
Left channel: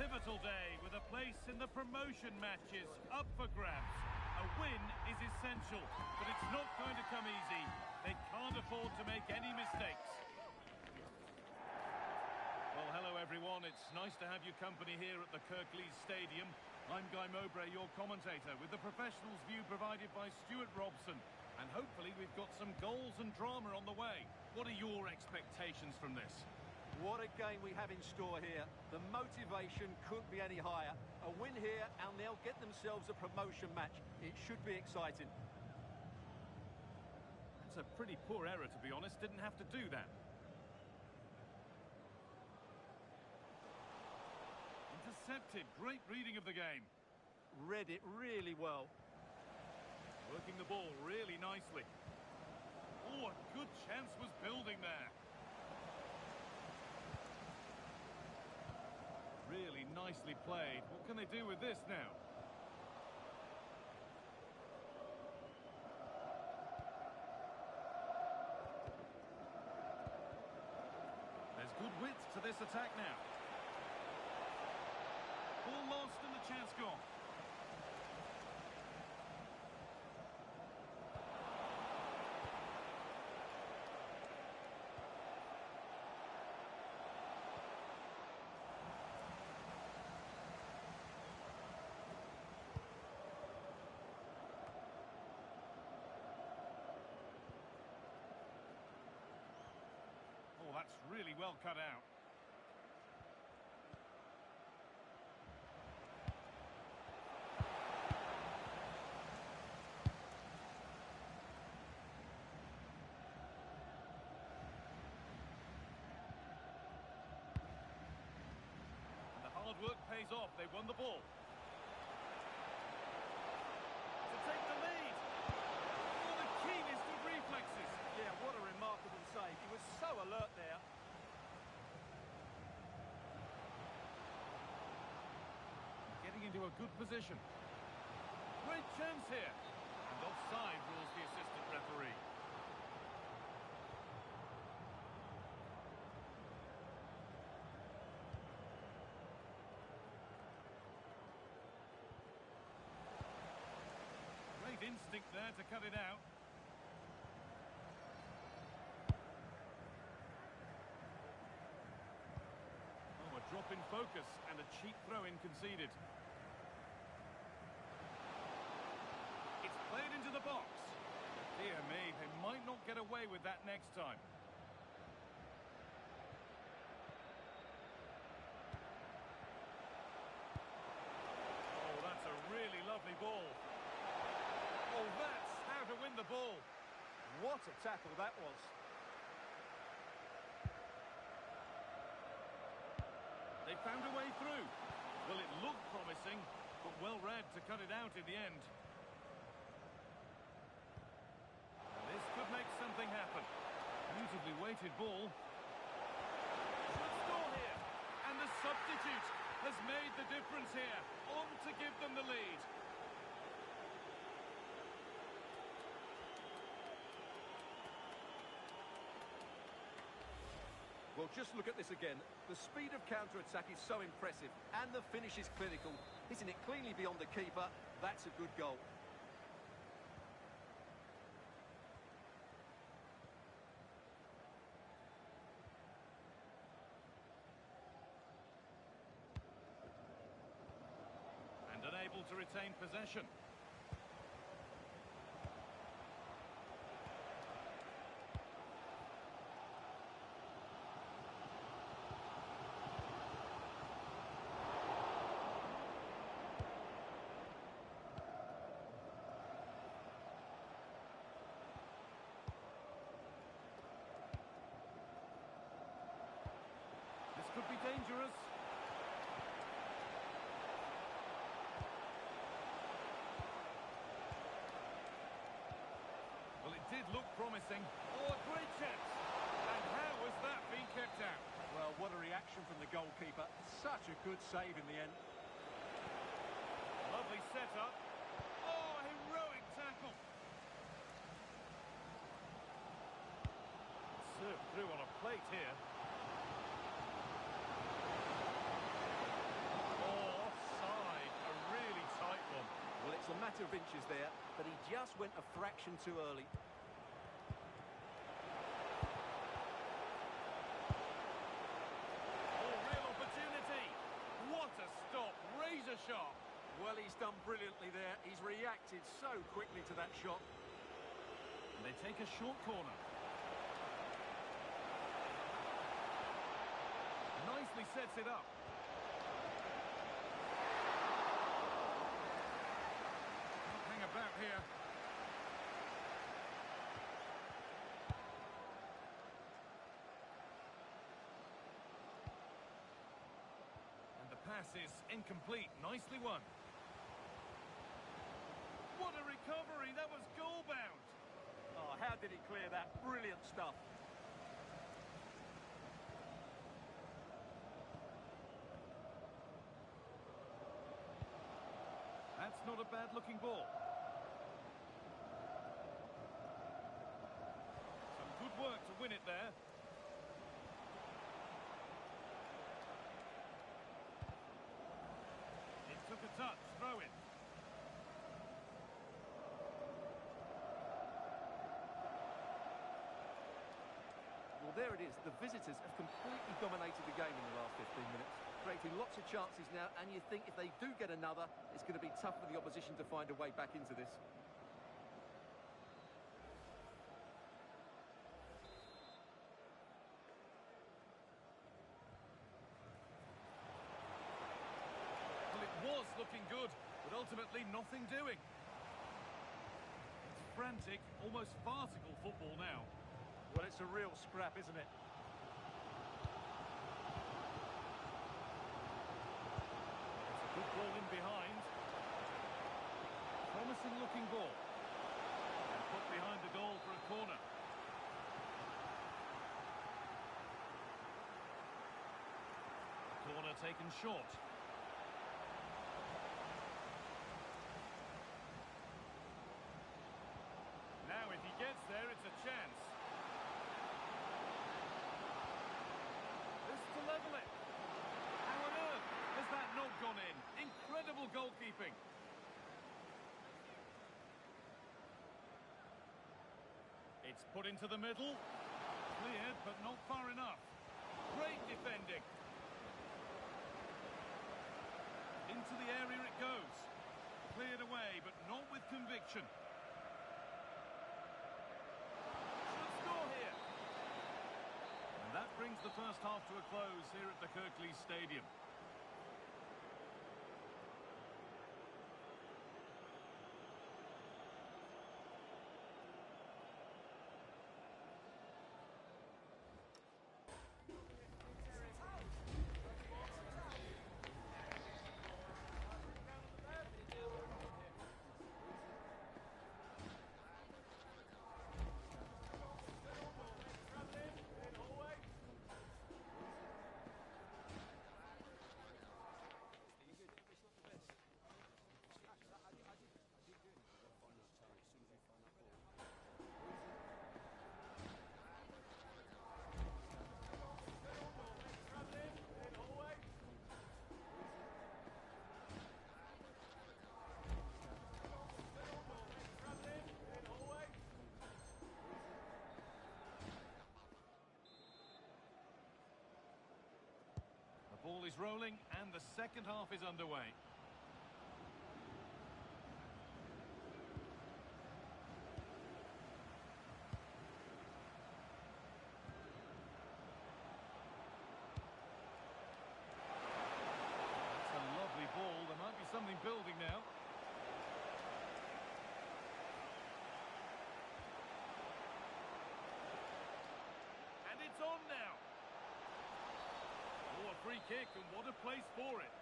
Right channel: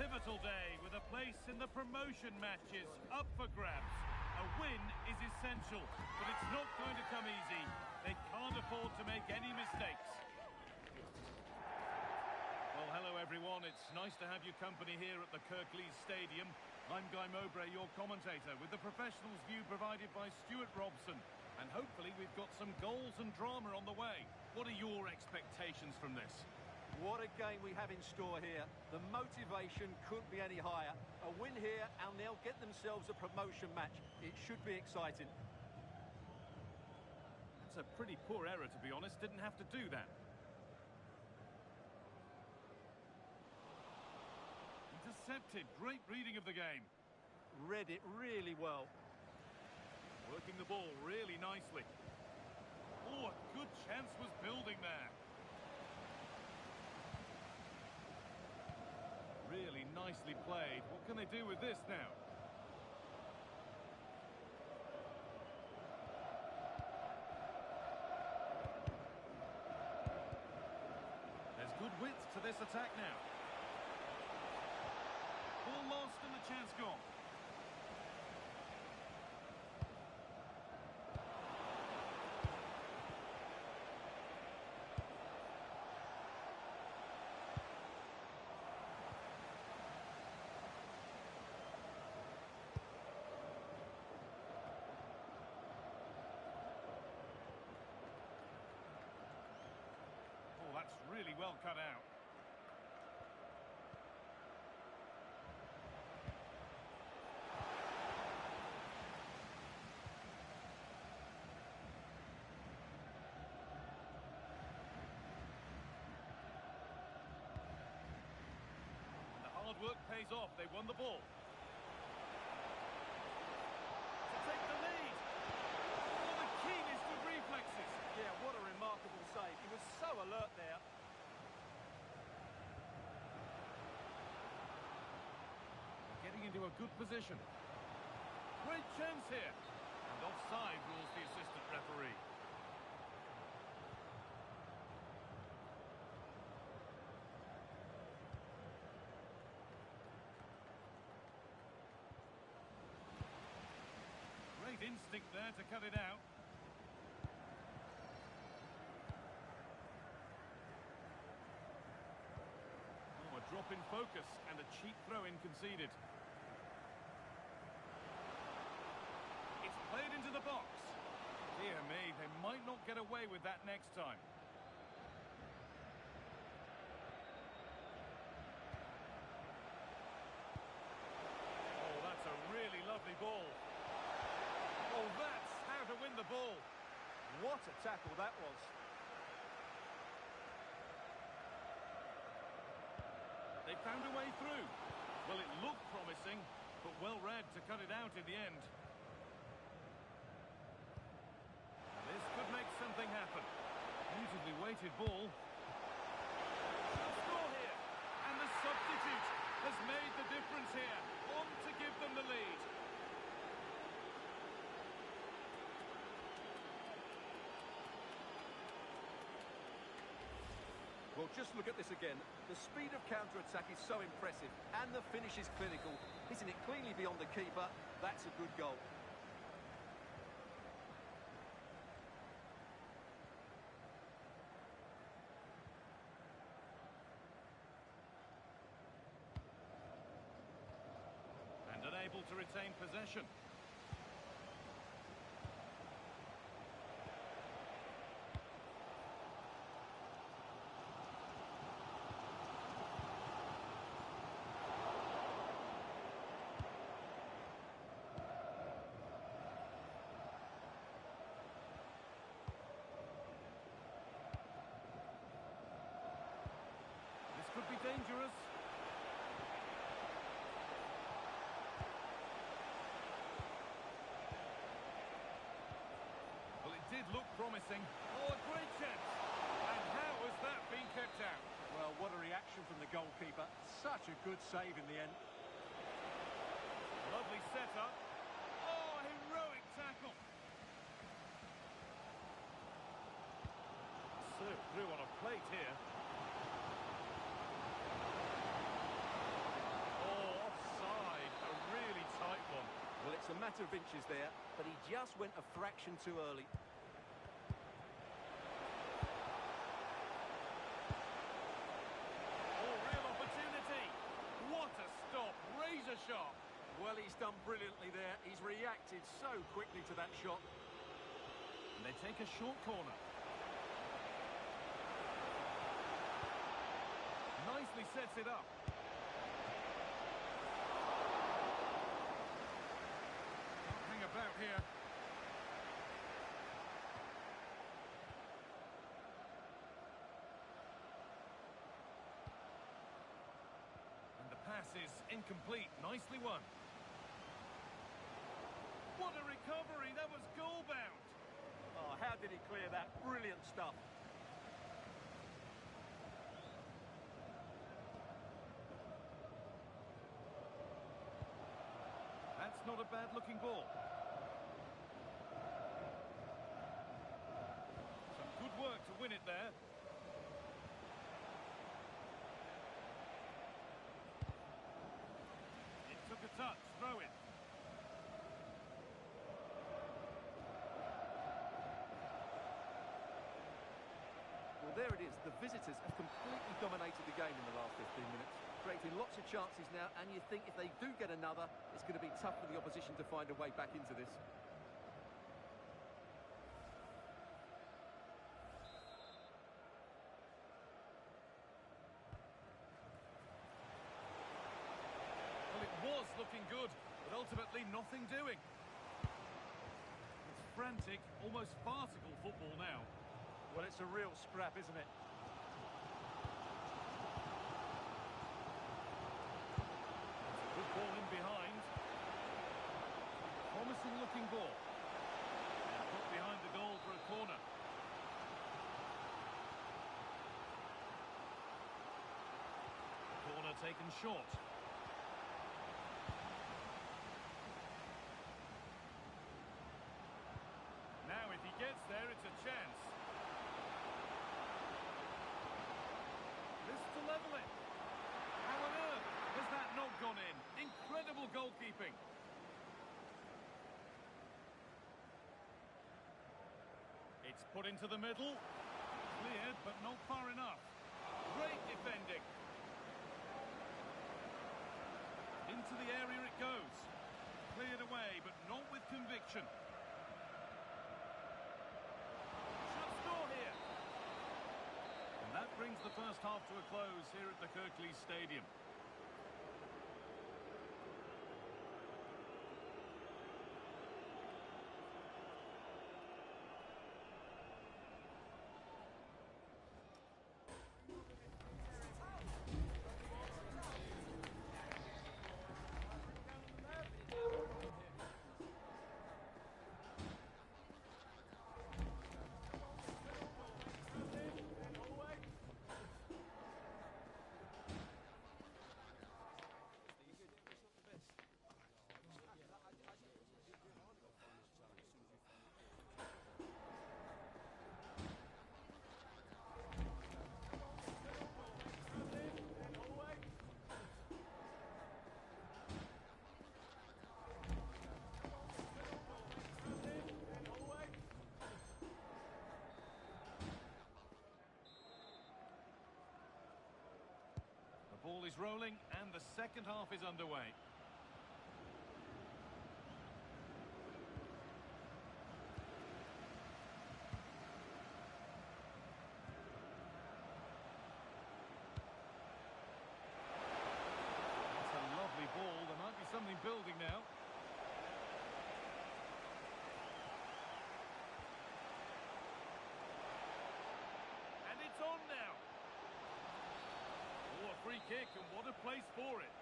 pivotal day with a place in the promotion matches up for grabs. A win is essential, but it's not going to come easy. They can't afford to make any mistakes. Well, hello everyone. It's nice to have your company here at the Kirklees Stadium. I'm Guy Mowbray, your commentator, with the professionals' view provided by Stuart Robson. And hopefully we've got some goals and drama on the way. What are your expectations from this? What a game we have in store here. The motivation couldn't be any higher. A win here and they'll get themselves a promotion match. It should be exciting. That's a pretty poor error, to be honest. Didn't have to do that. Intercepted. Great reading of the game. Read it really well. Working the ball really nicely. Oh, a good chance was building there. Really nicely played. What can they do with this now? There's good width to this attack now. Ball lost and the chance gone. Oh, that's really well cut out. And the hard work pays off. They won the ball. To take the lead. Oh, the keenest of reflexes. Yeah, what a remarkable save. He was so alert there. Getting into a good position. Great chance here. And offside rules the assistant referee. Great instinct there to cut it out. Oh, a drop in focus and a cheap throw-in conceded. It's played into the box. Dear me, they might not get away with that next time. Oh, that's a really lovely ball. Oh, that's how to win the ball. What a tackle that was. They found a way through. Well, it looked promising, but well read to cut it out in the end. And this could make something happen. Beautifully weighted ball. Should score here. And the substitute has made the difference here. On to give them the lead. Well, just look at this again. The speed of counter-attack is so impressive, and the finish is clinical. Hitting it cleanly beyond the keeper, that's a good goal. And unable to retain possession. This could be dangerous. Well, it did look promising. Oh, a great chance. And how has that been kept out? Well, what a reaction from the goalkeeper. Such a good save in the end. Lovely setup. Oh, heroic tackle. Served through on a plate here. a matter of inches there, but he just went a fraction too early. Oh, real opportunity. What a stop. Razor sharp. Well, he's done brilliantly there. He's reacted so quickly to that shot. And they take a short corner. Nicely sets it up. Can't hang about here. And the pass is incomplete. Nicely won. What a recovery! That was goal-bound. Oh, how did he clear that? Brilliant stuff. That's not a bad-looking ball. Some good work to win it there. It took a touch. Throw in. Well, there it is. The visitors have completely dominated the game in the last 15 minutes, creating lots of chances now, and you think if they do get another, it's going to be tough for the opposition to find a way back into this. Well, it was looking good, but ultimately nothing doing. It's frantic, almost farcical football now. Well, it's a real scrap, isn't it? It's a good ball in behind. Promising looking ball. And put behind the goal for a corner. Corner taken short. Now if he gets there, it's a chance. This to level it. How on earth has that not gone in? Incredible goalkeeping. It's put into the middle. Cleared, but not far enough. Great defending. Into the area it goes. Cleared away, but not with conviction. Should score here. And that brings the first half to a close here at the Kirklees Stadium. The ball is rolling and the second half is underway. That's a lovely ball. There might be something building now. And it's on now. Oh, a free kick, and what a place for it.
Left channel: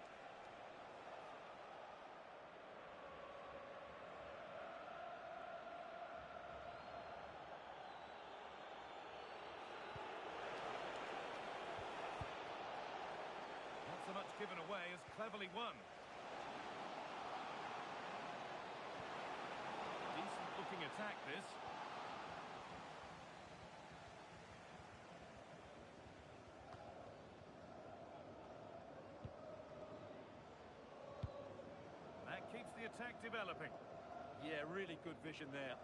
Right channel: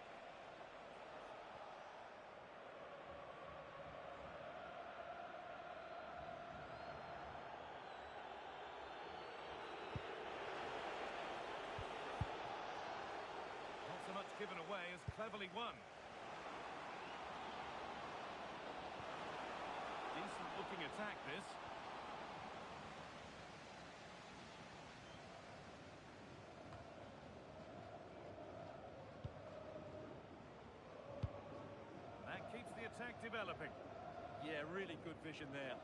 Not so much given away as cleverly won. Decent looking attack, this. That keeps the attack developing. Yeah, really good vision there.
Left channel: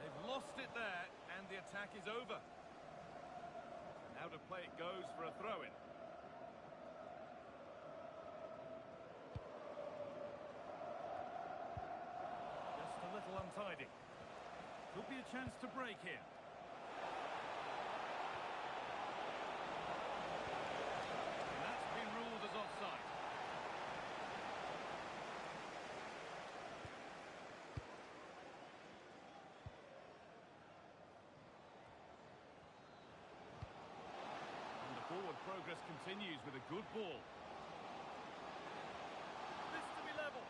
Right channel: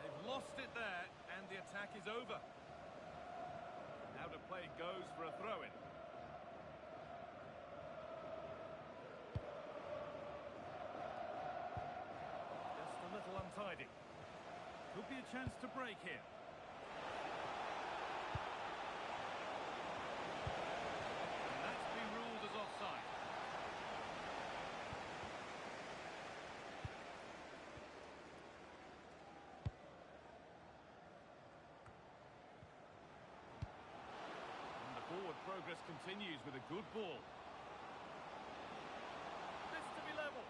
They've lost it there, and the attack is over. Now to play it goes for a throw-in. Just a little untidy. Could be a chance to break here. And that's been ruled as offside. Forward progress continues with a good ball. This to be level.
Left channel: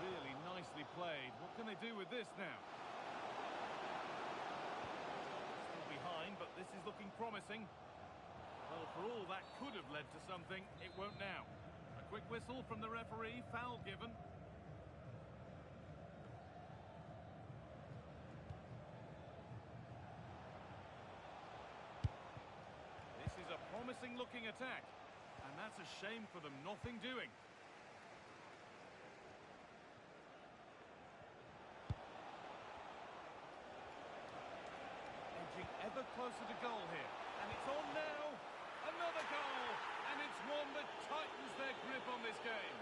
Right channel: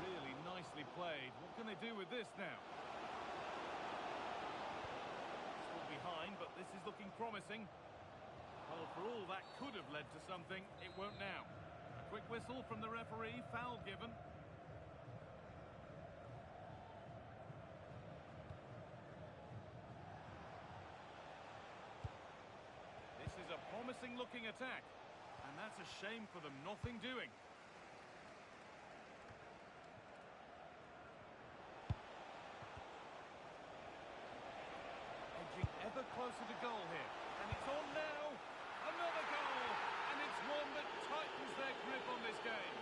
Really nicely played. What can they do with this now? Behind, but this is looking promising. Well, for all that could have led to something, it won't now. A quick whistle from the referee, foul given. This is a promising looking attack, and that's a shame for them, nothing doing. Ever closer to goal here, and it's on now. Another goal, and it's one that tightens their grip on this game.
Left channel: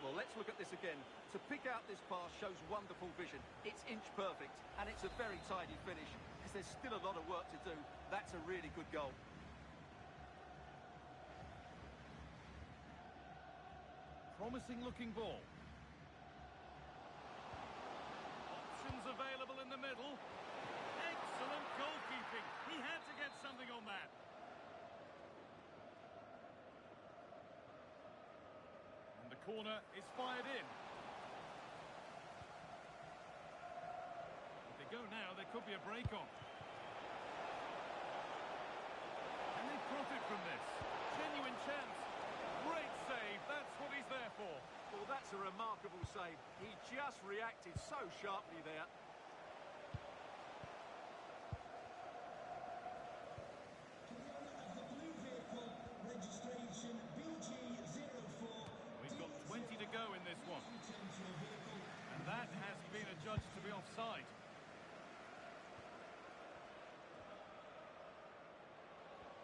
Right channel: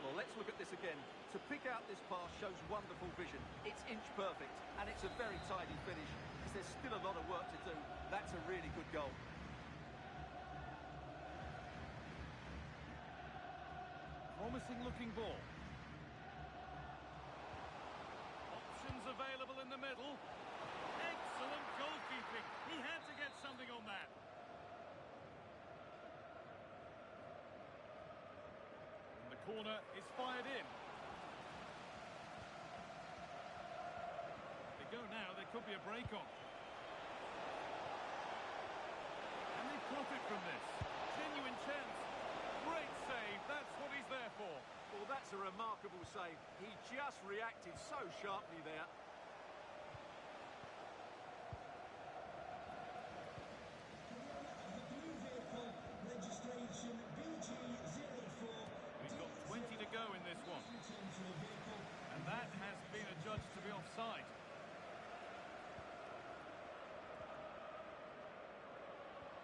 Well, let's look at this again. To pick out this pass shows wonderful vision. It's inch perfect, and it's a very tidy finish, because there's still a lot of work to do. That's a really good goal. Promising looking ball. Options available in the middle. Excellent goalkeeping. He had to get something on that. And the corner is fired in. If they go now, there could be a break on. Can they profit from this? Genuine chance. Great save, that's what he's there for. Well, that's a remarkable save. He just reacted so sharply there. To the owner of the blue vehicle, registration BG04. We've got 20 to go in this one. And that has been adjudged to be offside.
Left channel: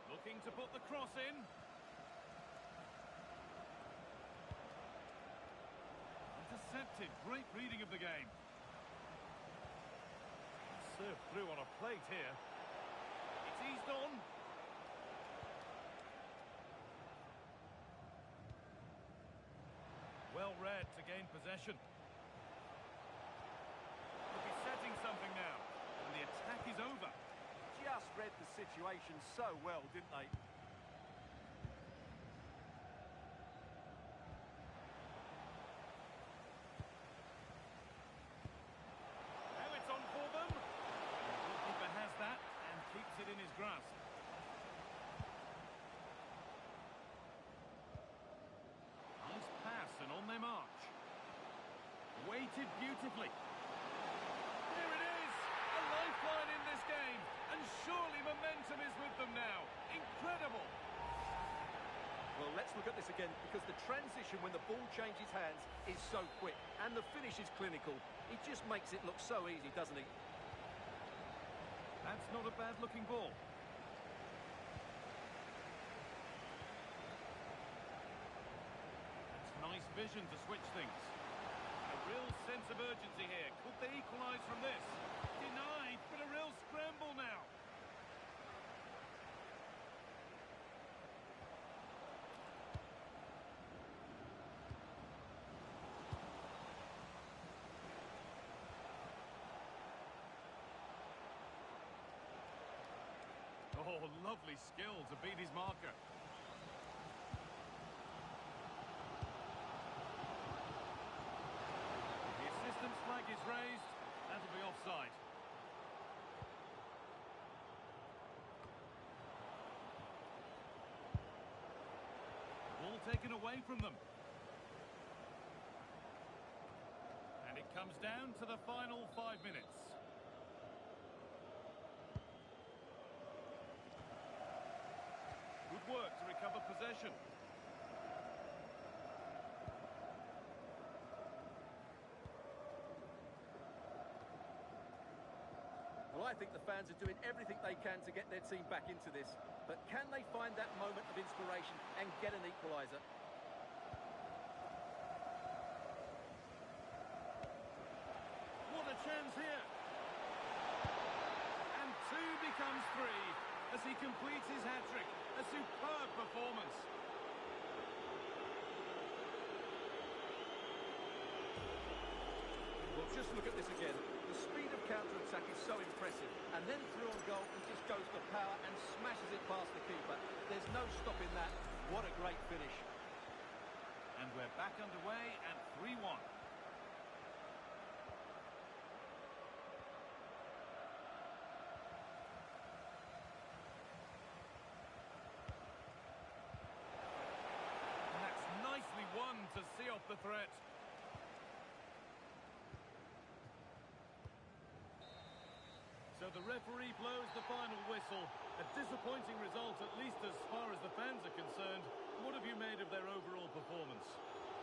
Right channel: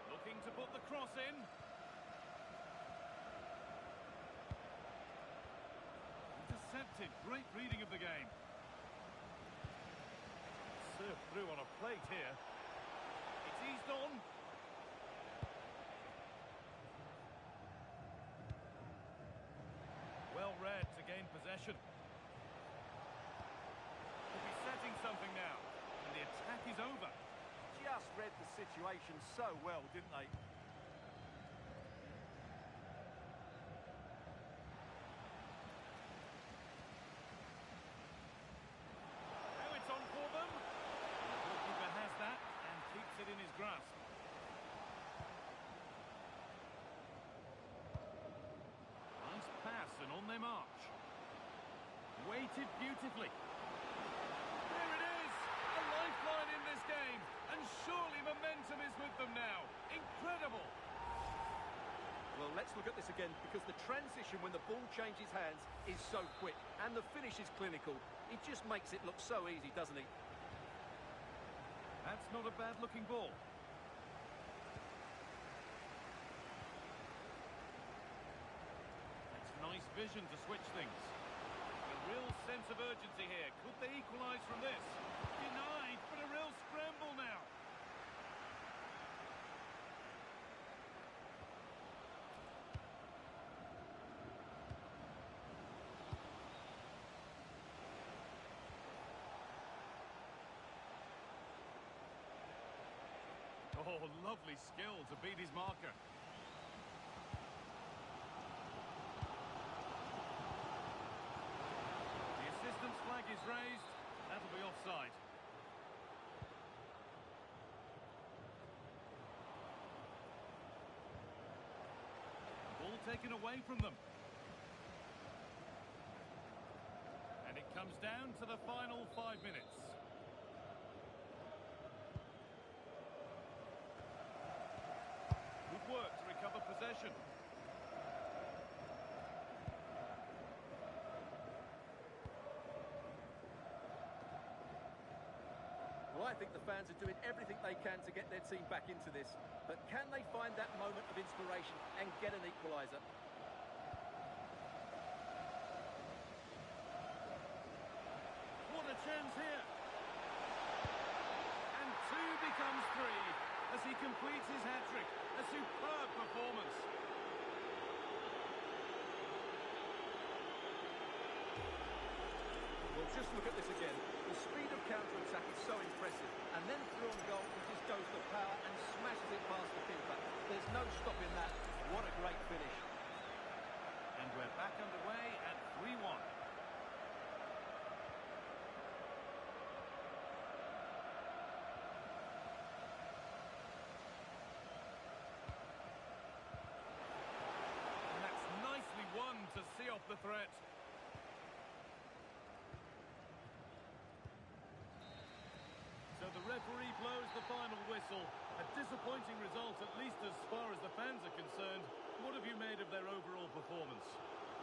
Looking to put the cross in. Intercepted, great reading of the game. Served through on a plate here. It's eased on. Well read to gain possession. Could be setting something now. And the attack is over. Just read the situation so well, didn't they? Now it's on for them. And the goalkeeper has that and keeps it in his grasp. Nice pass and on their march. Weighted beautifully. There it is! A lifeline in this game. And surely momentum is with them now. Incredible! Well, let's look at this again, because the transition when the ball changes hands is so quick, and the finish is clinical. It just makes it look so easy, doesn't he? That's not a bad-looking ball. That's nice vision to switch things. And a real sense of urgency here. Could they equalise from this? Denied, but a real scramble now. Oh, lovely skill to beat his marker. The assistant's flag is raised. That'll be offside. Ball taken away from them. And it comes down to the final 5 minutes. Good work to recover possession. Well, I think the fans are doing everything they can to get their team back into this. But can they find that moment of inspiration and get an equaliser? What a chance here. And 2 becomes 3 as he completes his hat-trick. A superb performance. Well, just look at this again. The speed of counter-attack is so impressive. And then through on goal, he just goes for power and smashes it past the keeper. There's no stopping that. What a great finish. And we're back underway at 3-1. And that's nicely won to see off the threat. So the referee blows the final whistle. A disappointing result, at least as far as the fans are concerned. What have you made of their overall performance?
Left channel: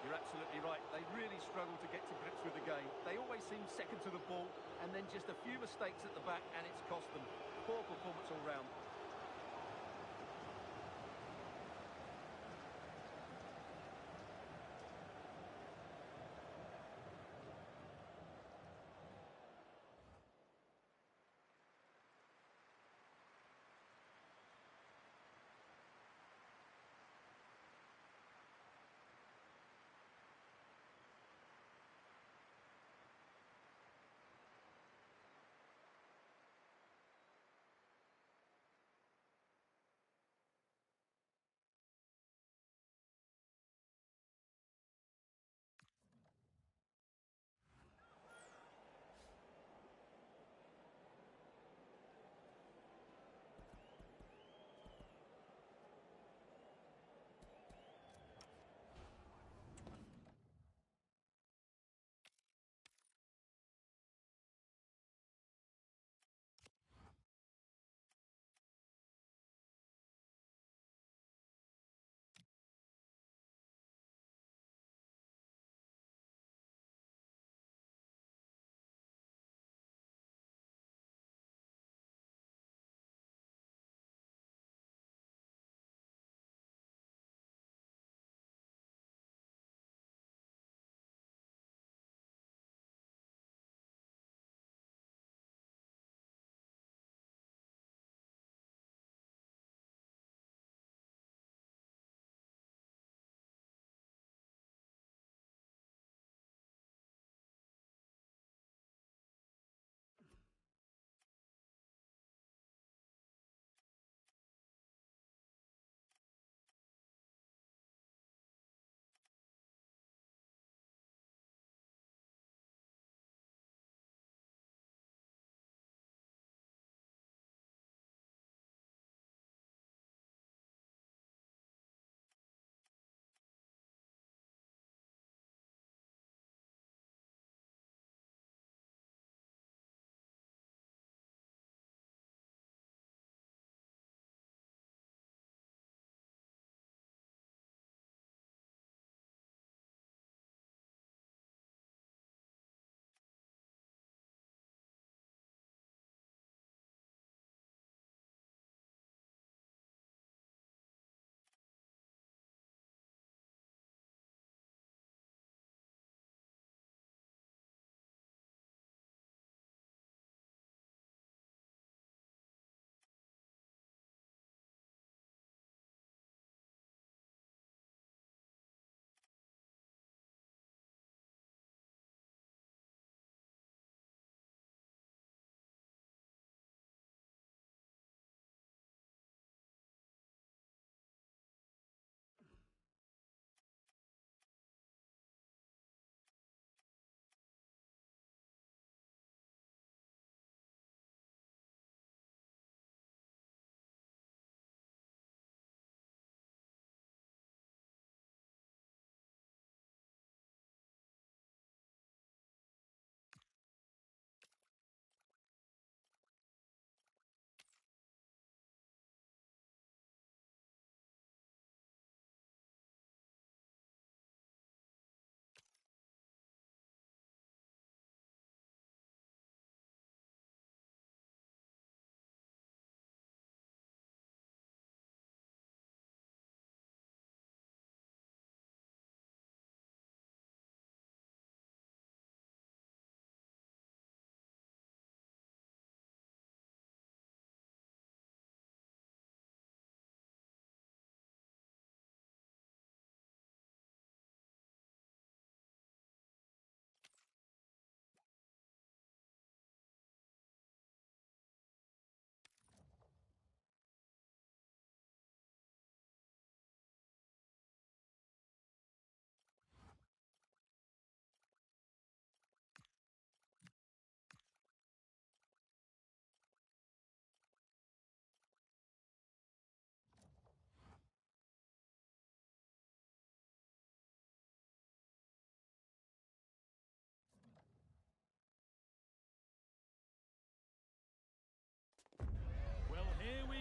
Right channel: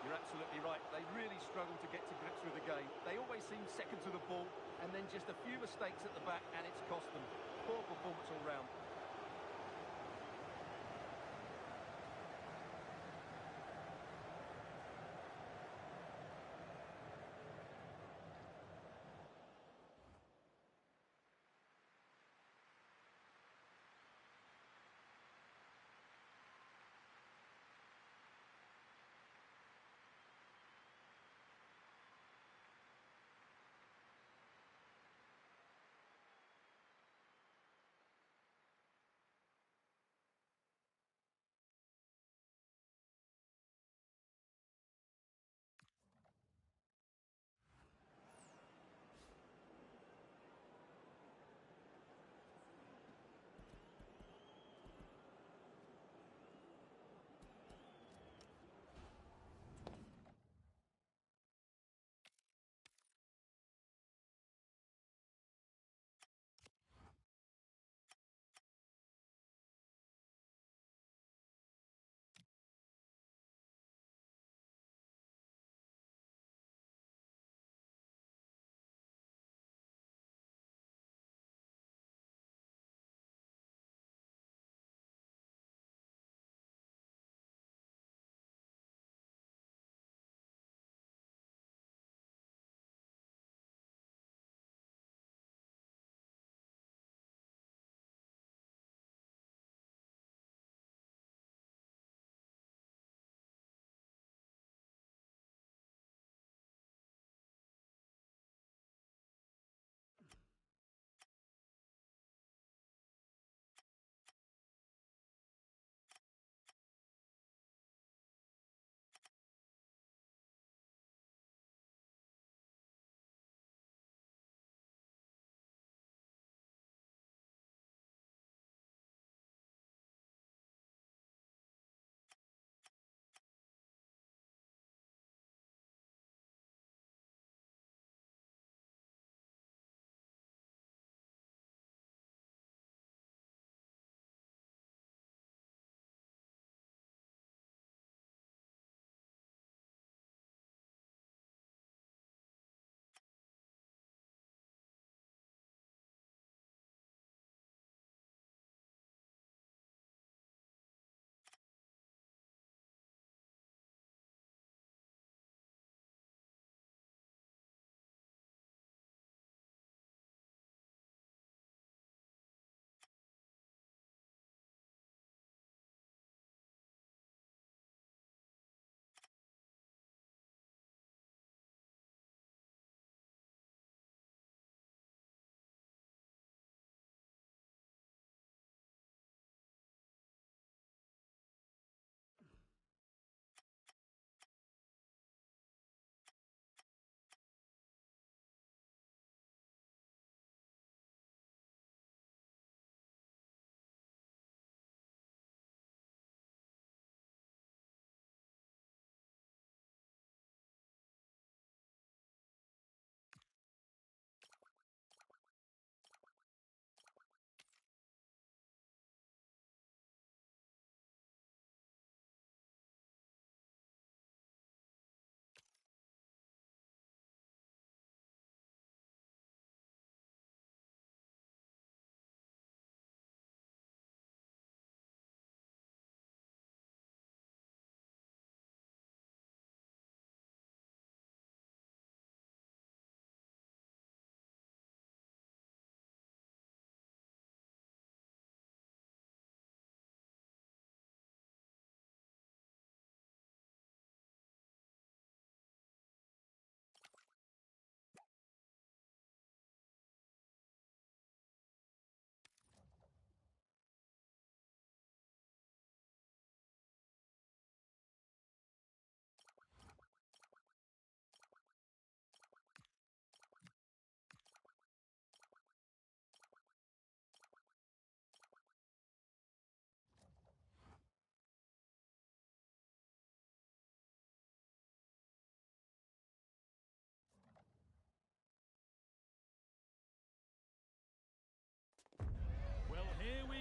You're absolutely right. They really struggle to get to grips with the game. They always seem second to the ball, and then just a few mistakes at the back, and it's cost them. Poor performance all round.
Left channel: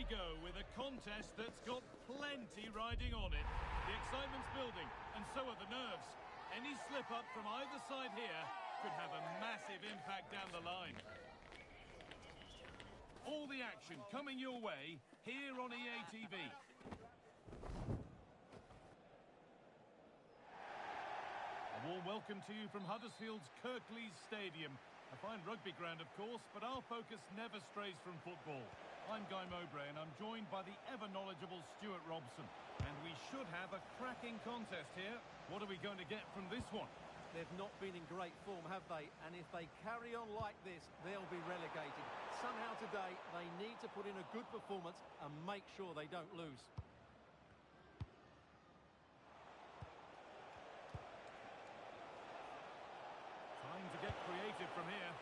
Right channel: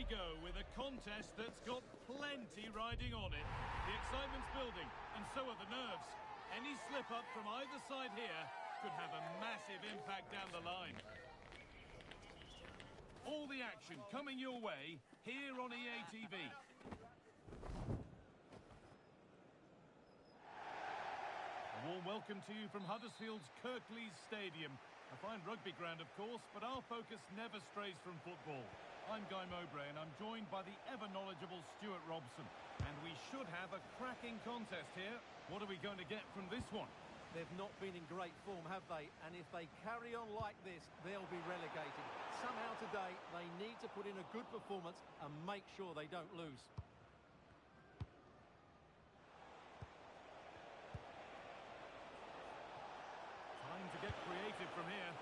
we go with a contest that's got plenty riding on it. The excitement's building, and so are the nerves. Any slip-up from either side here could have a massive impact down the line. All the action coming your way here on EA TV. A warm welcome to you from Huddersfield's Kirklees Stadium. A fine rugby ground, of course, but our focus never strays from football. I'm Guy Mowbray, and I'm joined by the ever-knowledgeable Stuart Robson. And we should have a cracking contest here. What are we going to get from this one? They've not been in great form, have they? And if they carry on like this, they'll be relegated. Somehow today, they need to put in a good performance and make sure they don't lose. Time to get creative from here.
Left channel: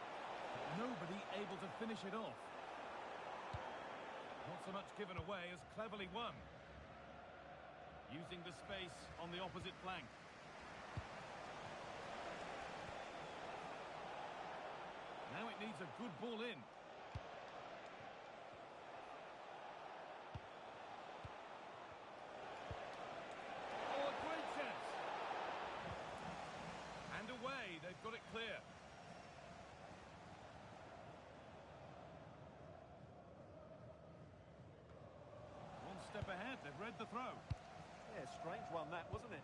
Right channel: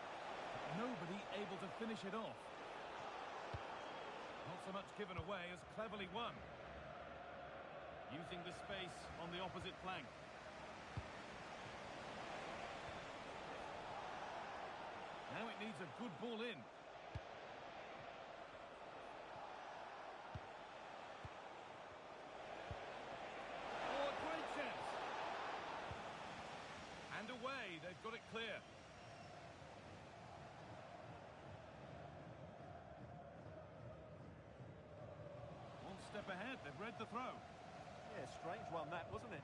Nobody able to finish it off. Not so much given away as cleverly won. Using the space on the opposite flank. Now it needs a good ball in. Oh, a great chance. And away, they've got it clear. One step ahead, they've read the throw. Yeah, strange one that, wasn't it?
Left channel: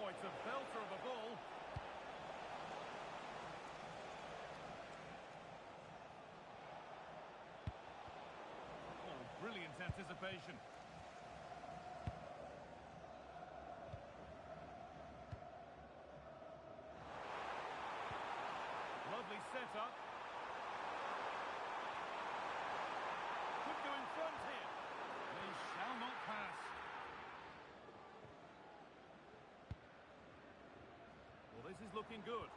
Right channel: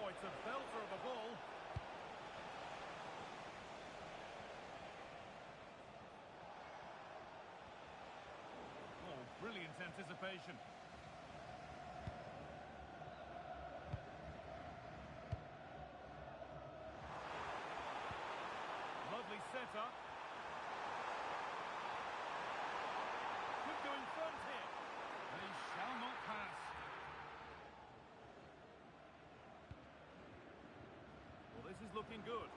Oh, it's a belter of a ball. Oh, brilliant anticipation. Lovely setup. Could go in front here. They shall not pass. Well, this is looking good.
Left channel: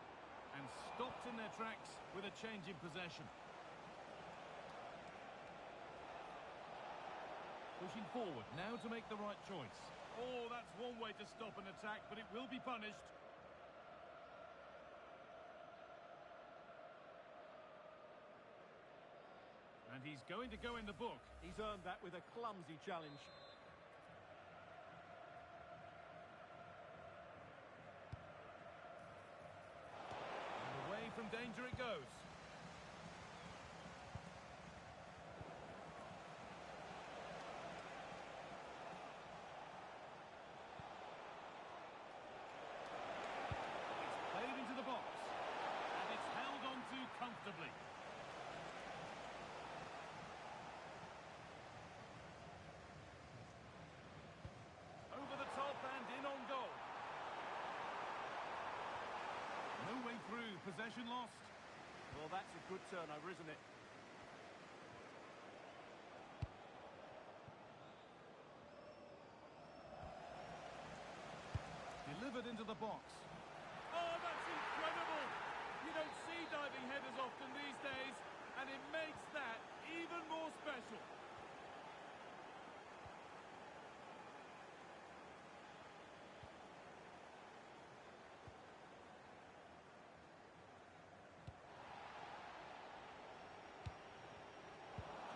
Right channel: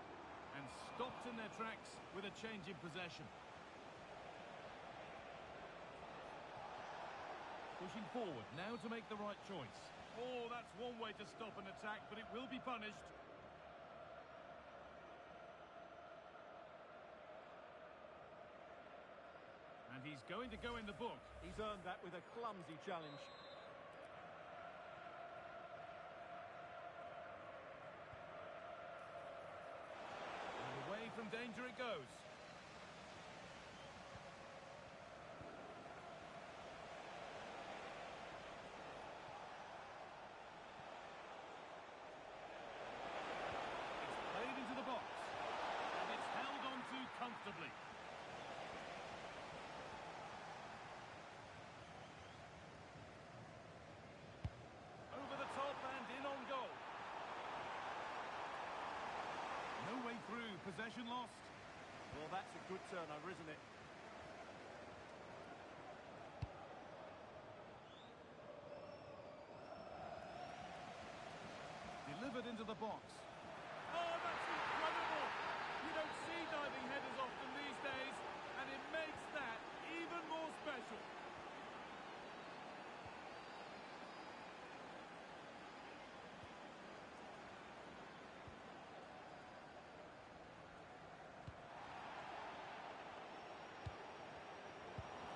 And stopped in their tracks with a change in possession. Pushing forward now to make the right choice. Oh, that's one way to stop an attack, but it will be punished. And he's going to go in the book. He's earned that with a clumsy challenge. And away from danger it goes. It's played into the box. And it's held on to comfortably. In on goal. No way through, possession lost. Well, that's a good turnover, isn't it? Delivered into the box. Oh, that's incredible! You don't see diving headers often these days, and it makes that even more special.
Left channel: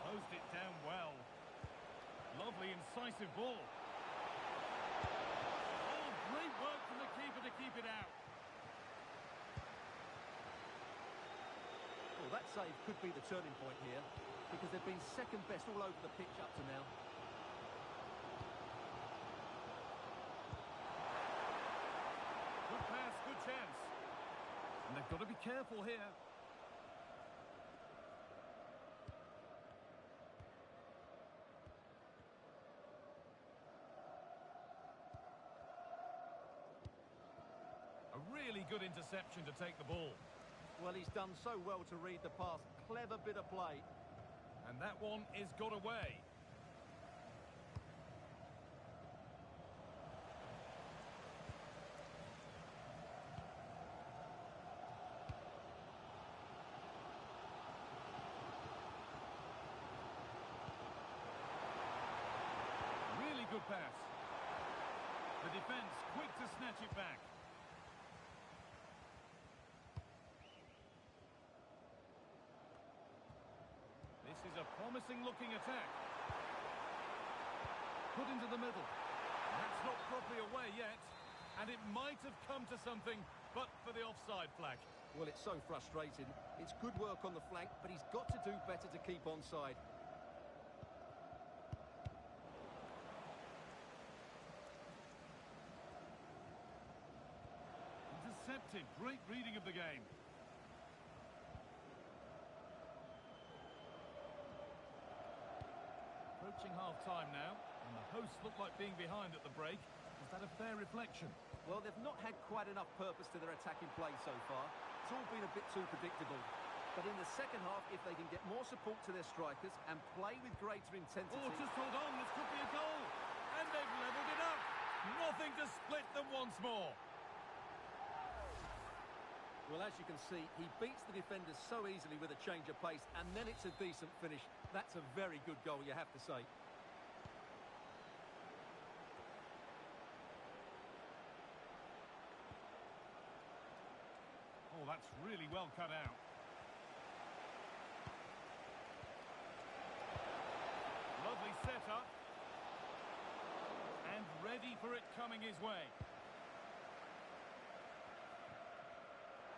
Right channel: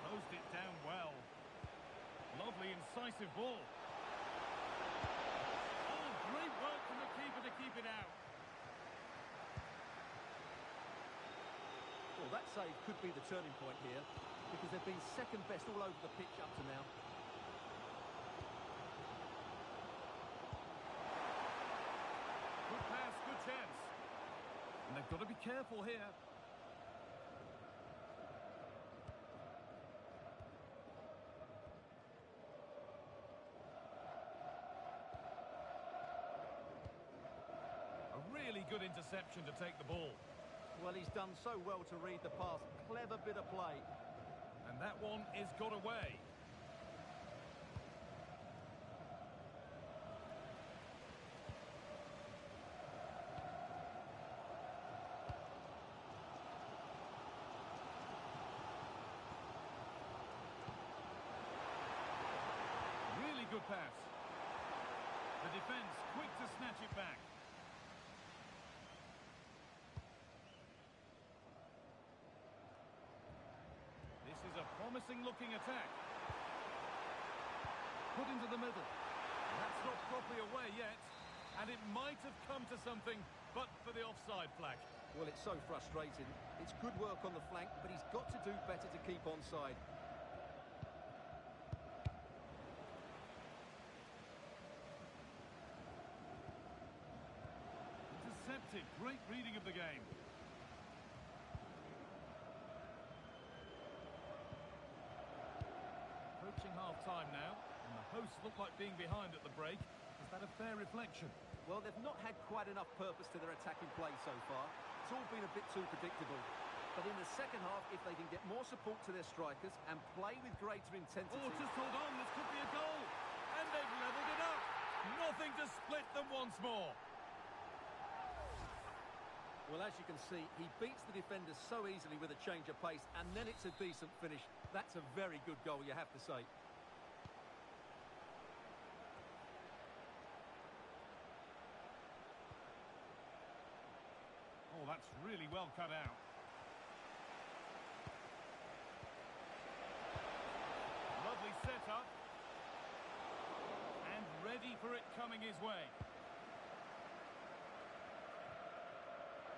Closed it down well. Lovely, incisive ball. Oh, great work from the keeper to keep it out. Well, that save could be the turning point here, because they've been second best all over the pitch up to now. Good pass, good chance. And they've got to be careful here. A really good interception to take the ball. Well, he's done so well to read the pass. Clever bit of play. And that one is got away. Really good pass. The defence quick to snatch it back. a promising-looking attack. Put into the middle. That's not properly away yet. And it might have come to something, but for the offside flag. Well, it's so frustrating. It's good work on the flank, but he's got to do better to keep onside. Intercepted. Great reading of the game. Approaching half-time now, and the hosts look like being behind at the break. Is that a fair reflection? Well, they've not had quite enough purpose to their attacking play so far. It's all been a bit too predictable. But in the second half, if they can get more support to their strikers and play with greater intensity... Oh, just hold on, this could be a goal. And they've levelled it up. Nothing to split them once more. Well, as you can see, he beats the defenders so easily with a change of pace, and then it's a decent finish. That's a very good goal, you have to say. Oh, that's really well cut out. Lovely setup. And ready for it coming his way.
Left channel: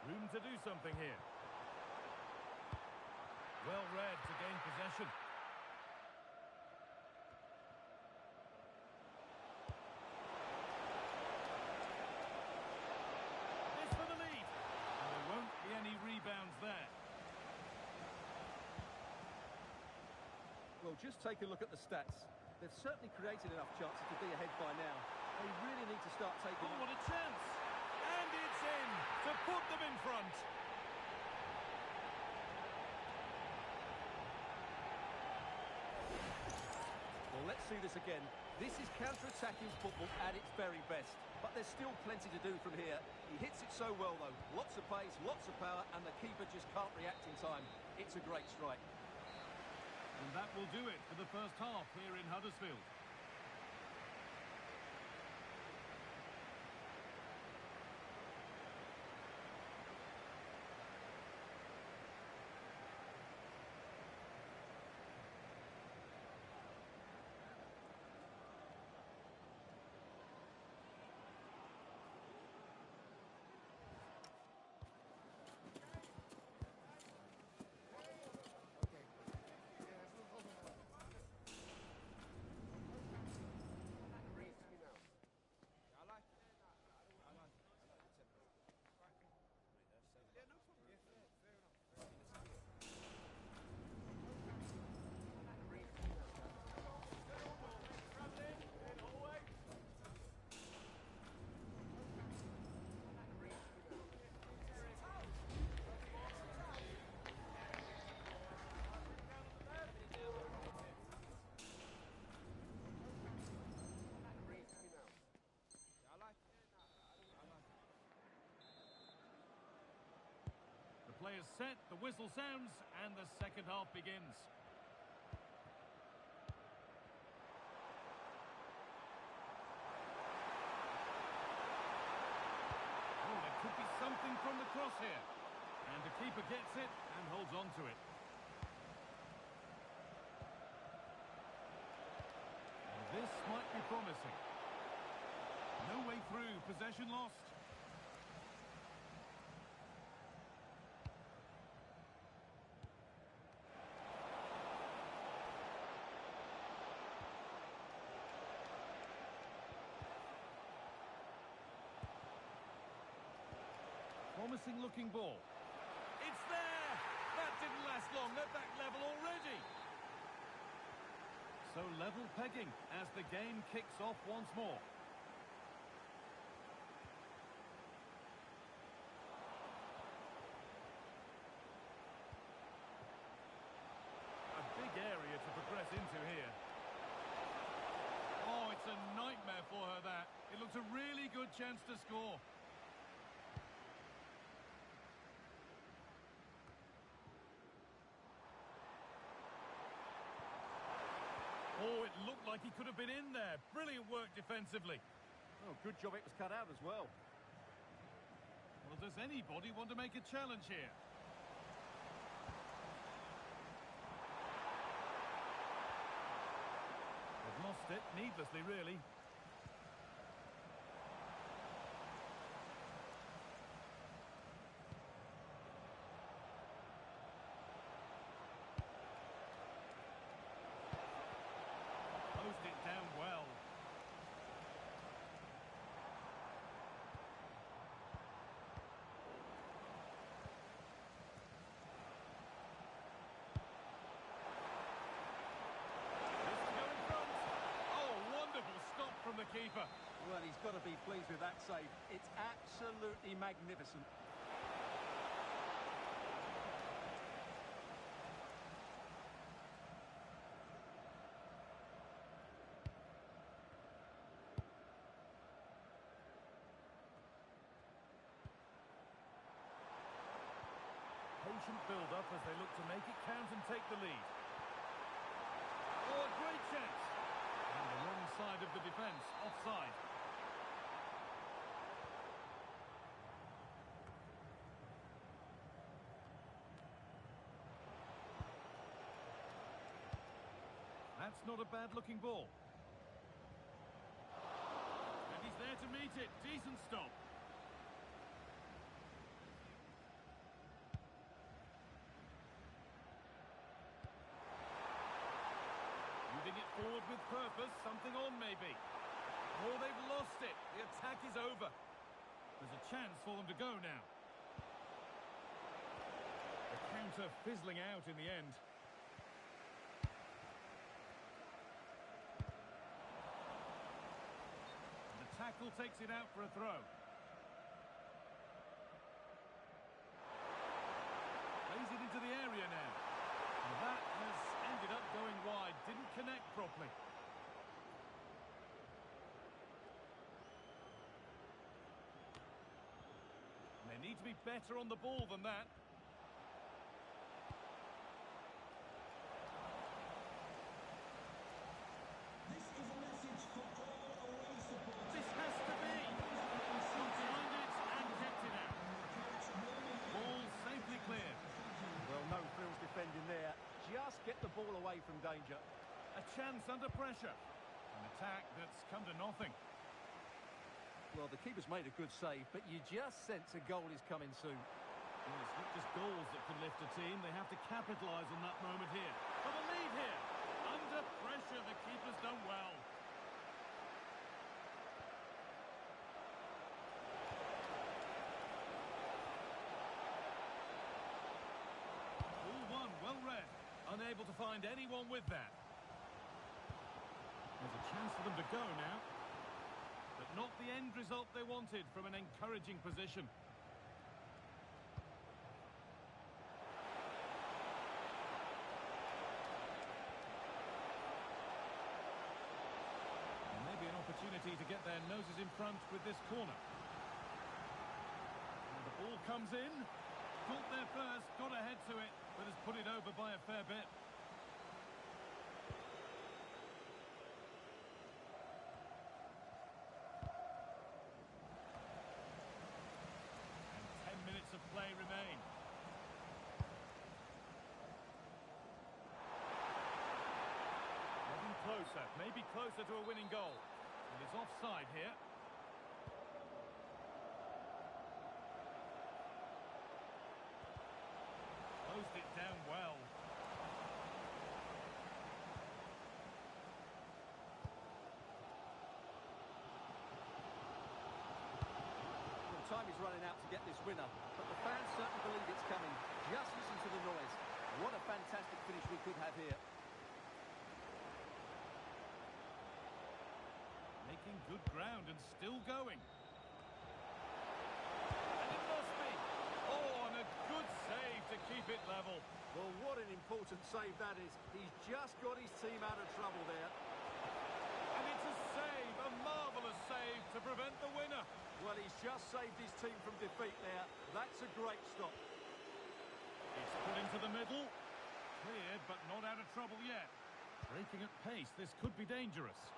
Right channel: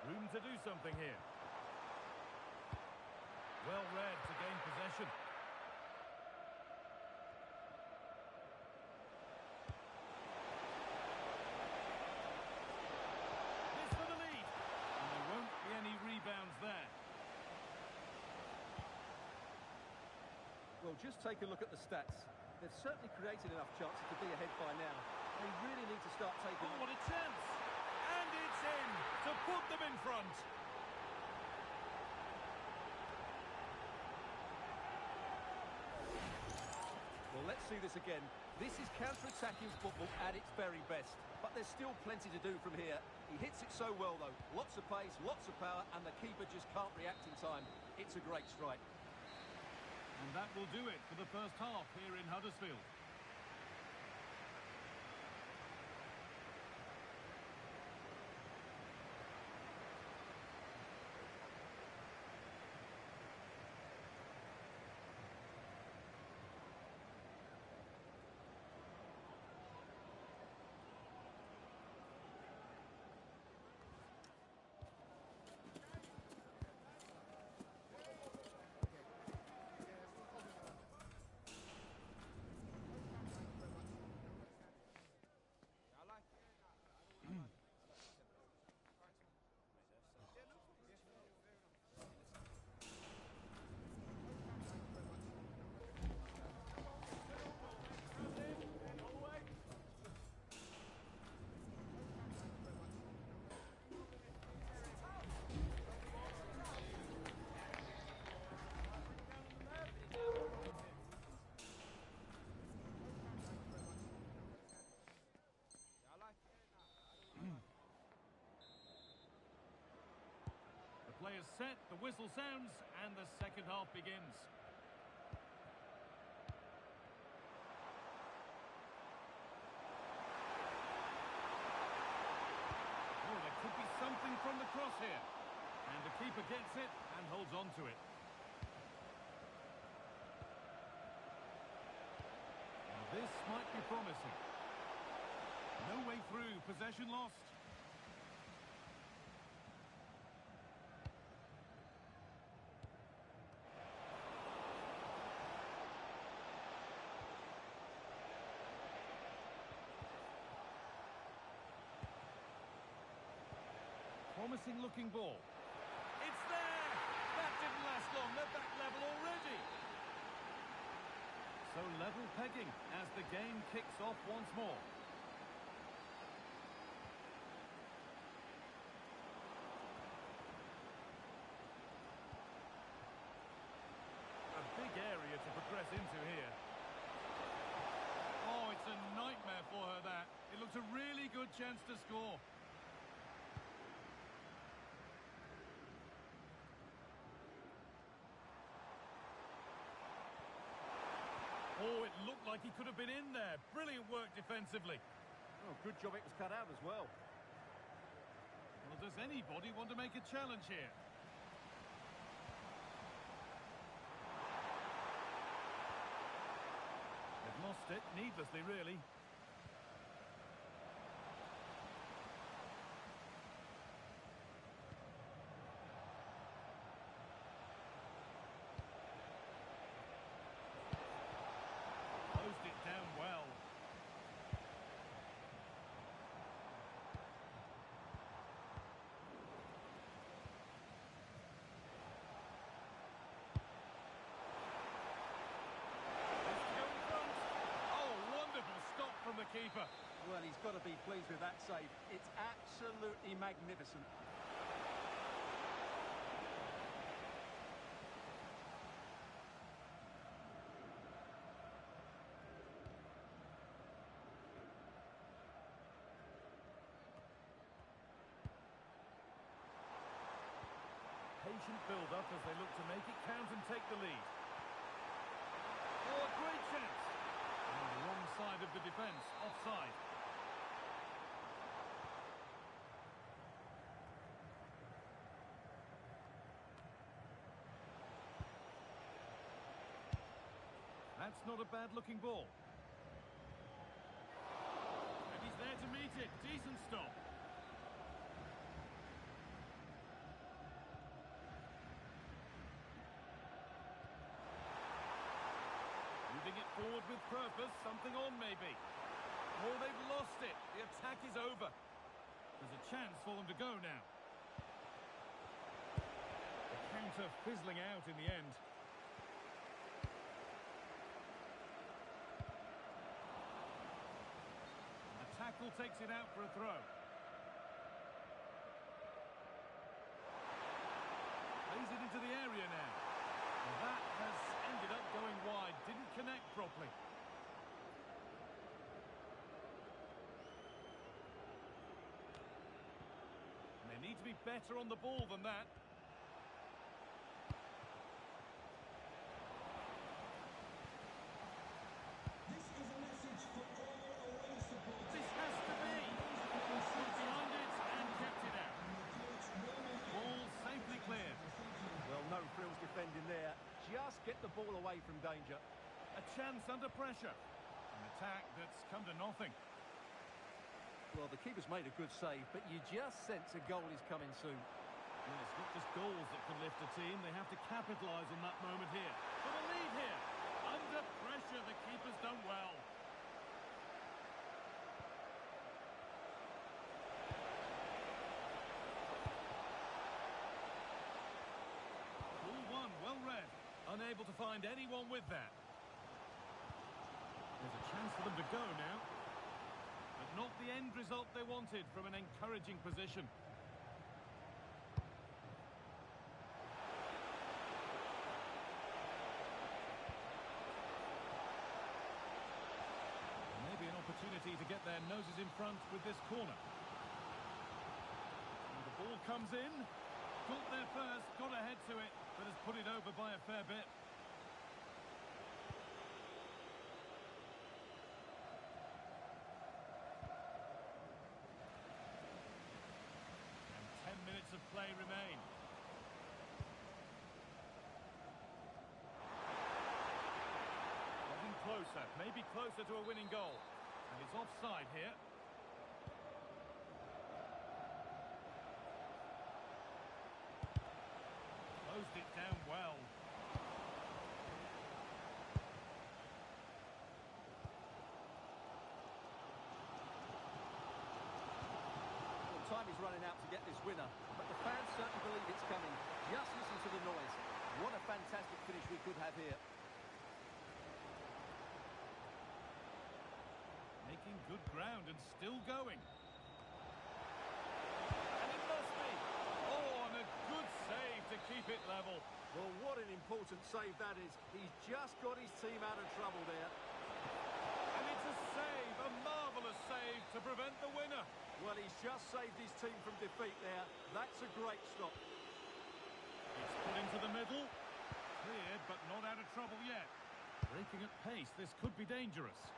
Room to do something here. Well read to gain possession. This for the lead. And there won't be any rebounds there. Well, just take a look at the stats. They've certainly created enough chances to be ahead by now. They really need to start taking... Oh, what a chance! And it's in to put them in front. Well, let's see this again. This is counter-attacking football at its very best. But there's still plenty to do from here. He hits it so well, though. Lots of pace, lots of power, and the keeper just can't react in time. It's a great strike. And that will do it for the first half here in Huddersfield. Play is set, the whistle sounds, and the second half begins. Oh, there could be something from the cross here. And the keeper gets it and holds on to it. Now this might be promising. No way through, possession lost. Promising looking ball. It's there! That didn't last long. They're back level already. So level pegging as the game kicks off once more. A big area to progress into here. Oh, it's a nightmare for her, that. It looks a really good chance to score. Oh, it looked like he could have been in there. Brilliant work defensively. Oh, good job it was cut out as well. Well, does anybody want to make a challenge here? lost it, needlessly really. Closed it down well. Stop from the keeper. Well, he's got to be pleased with that save. It's absolutely magnificent. Patient build-up as they look to make it count and take the lead. Oh, a great chance. On the wrong side of the defence, offside. That's not a bad-looking ball. And he's there to meet it. Decent stop. Moving it forward with purpose, something on maybe. Oh, they've lost it. The attack is over. There's a chance for them to go now. The counter fizzling out in the end. And the tackle takes it out for a throw. Plays it into the area now. And that has ended up going wide, didn't connect properly. And they need to be better on the ball than that. This is a message for all away supporters. This has to be. Got behind it and kept it out. Ball safely cleared. Well, no frills defending there. Just get the ball away from danger. A chance under pressure. An attack that's come to nothing. Well, the keeper's made a good save, but you just sense a goal is coming soon. Well, it's not just goals that can lift a team. They have to capitalise on that moment here. For the lead here. Under pressure, the keeper's done well. Ball one, well read. Unable to find anyone with that. There's a chance for them to go now. But not the end result they wanted from an encouraging position. And maybe an opportunity to get their noses in front with this corner. And the ball comes in. Got there first, got ahead to it, but has put it over by a fair bit. And 10 minutes of play remain. Getting closer, maybe closer to a winning goal. And it's offside here. Closed it down well. Well, time is running out to get this winner, but the fans certainly believe it's coming. Just listen to the noise. What a fantastic finish we could have here. Making good ground and still going. And it must be. Oh, and a good save to keep it level. Well, what an important save that is. He's just got his team out of trouble there. And it's a save, a marvellous save to prevent the winner. Well, he's just saved his team from defeat there. That's a great stop. It's put into the middle. Cleared, but not out of trouble yet. Breaking at pace, this could be dangerous.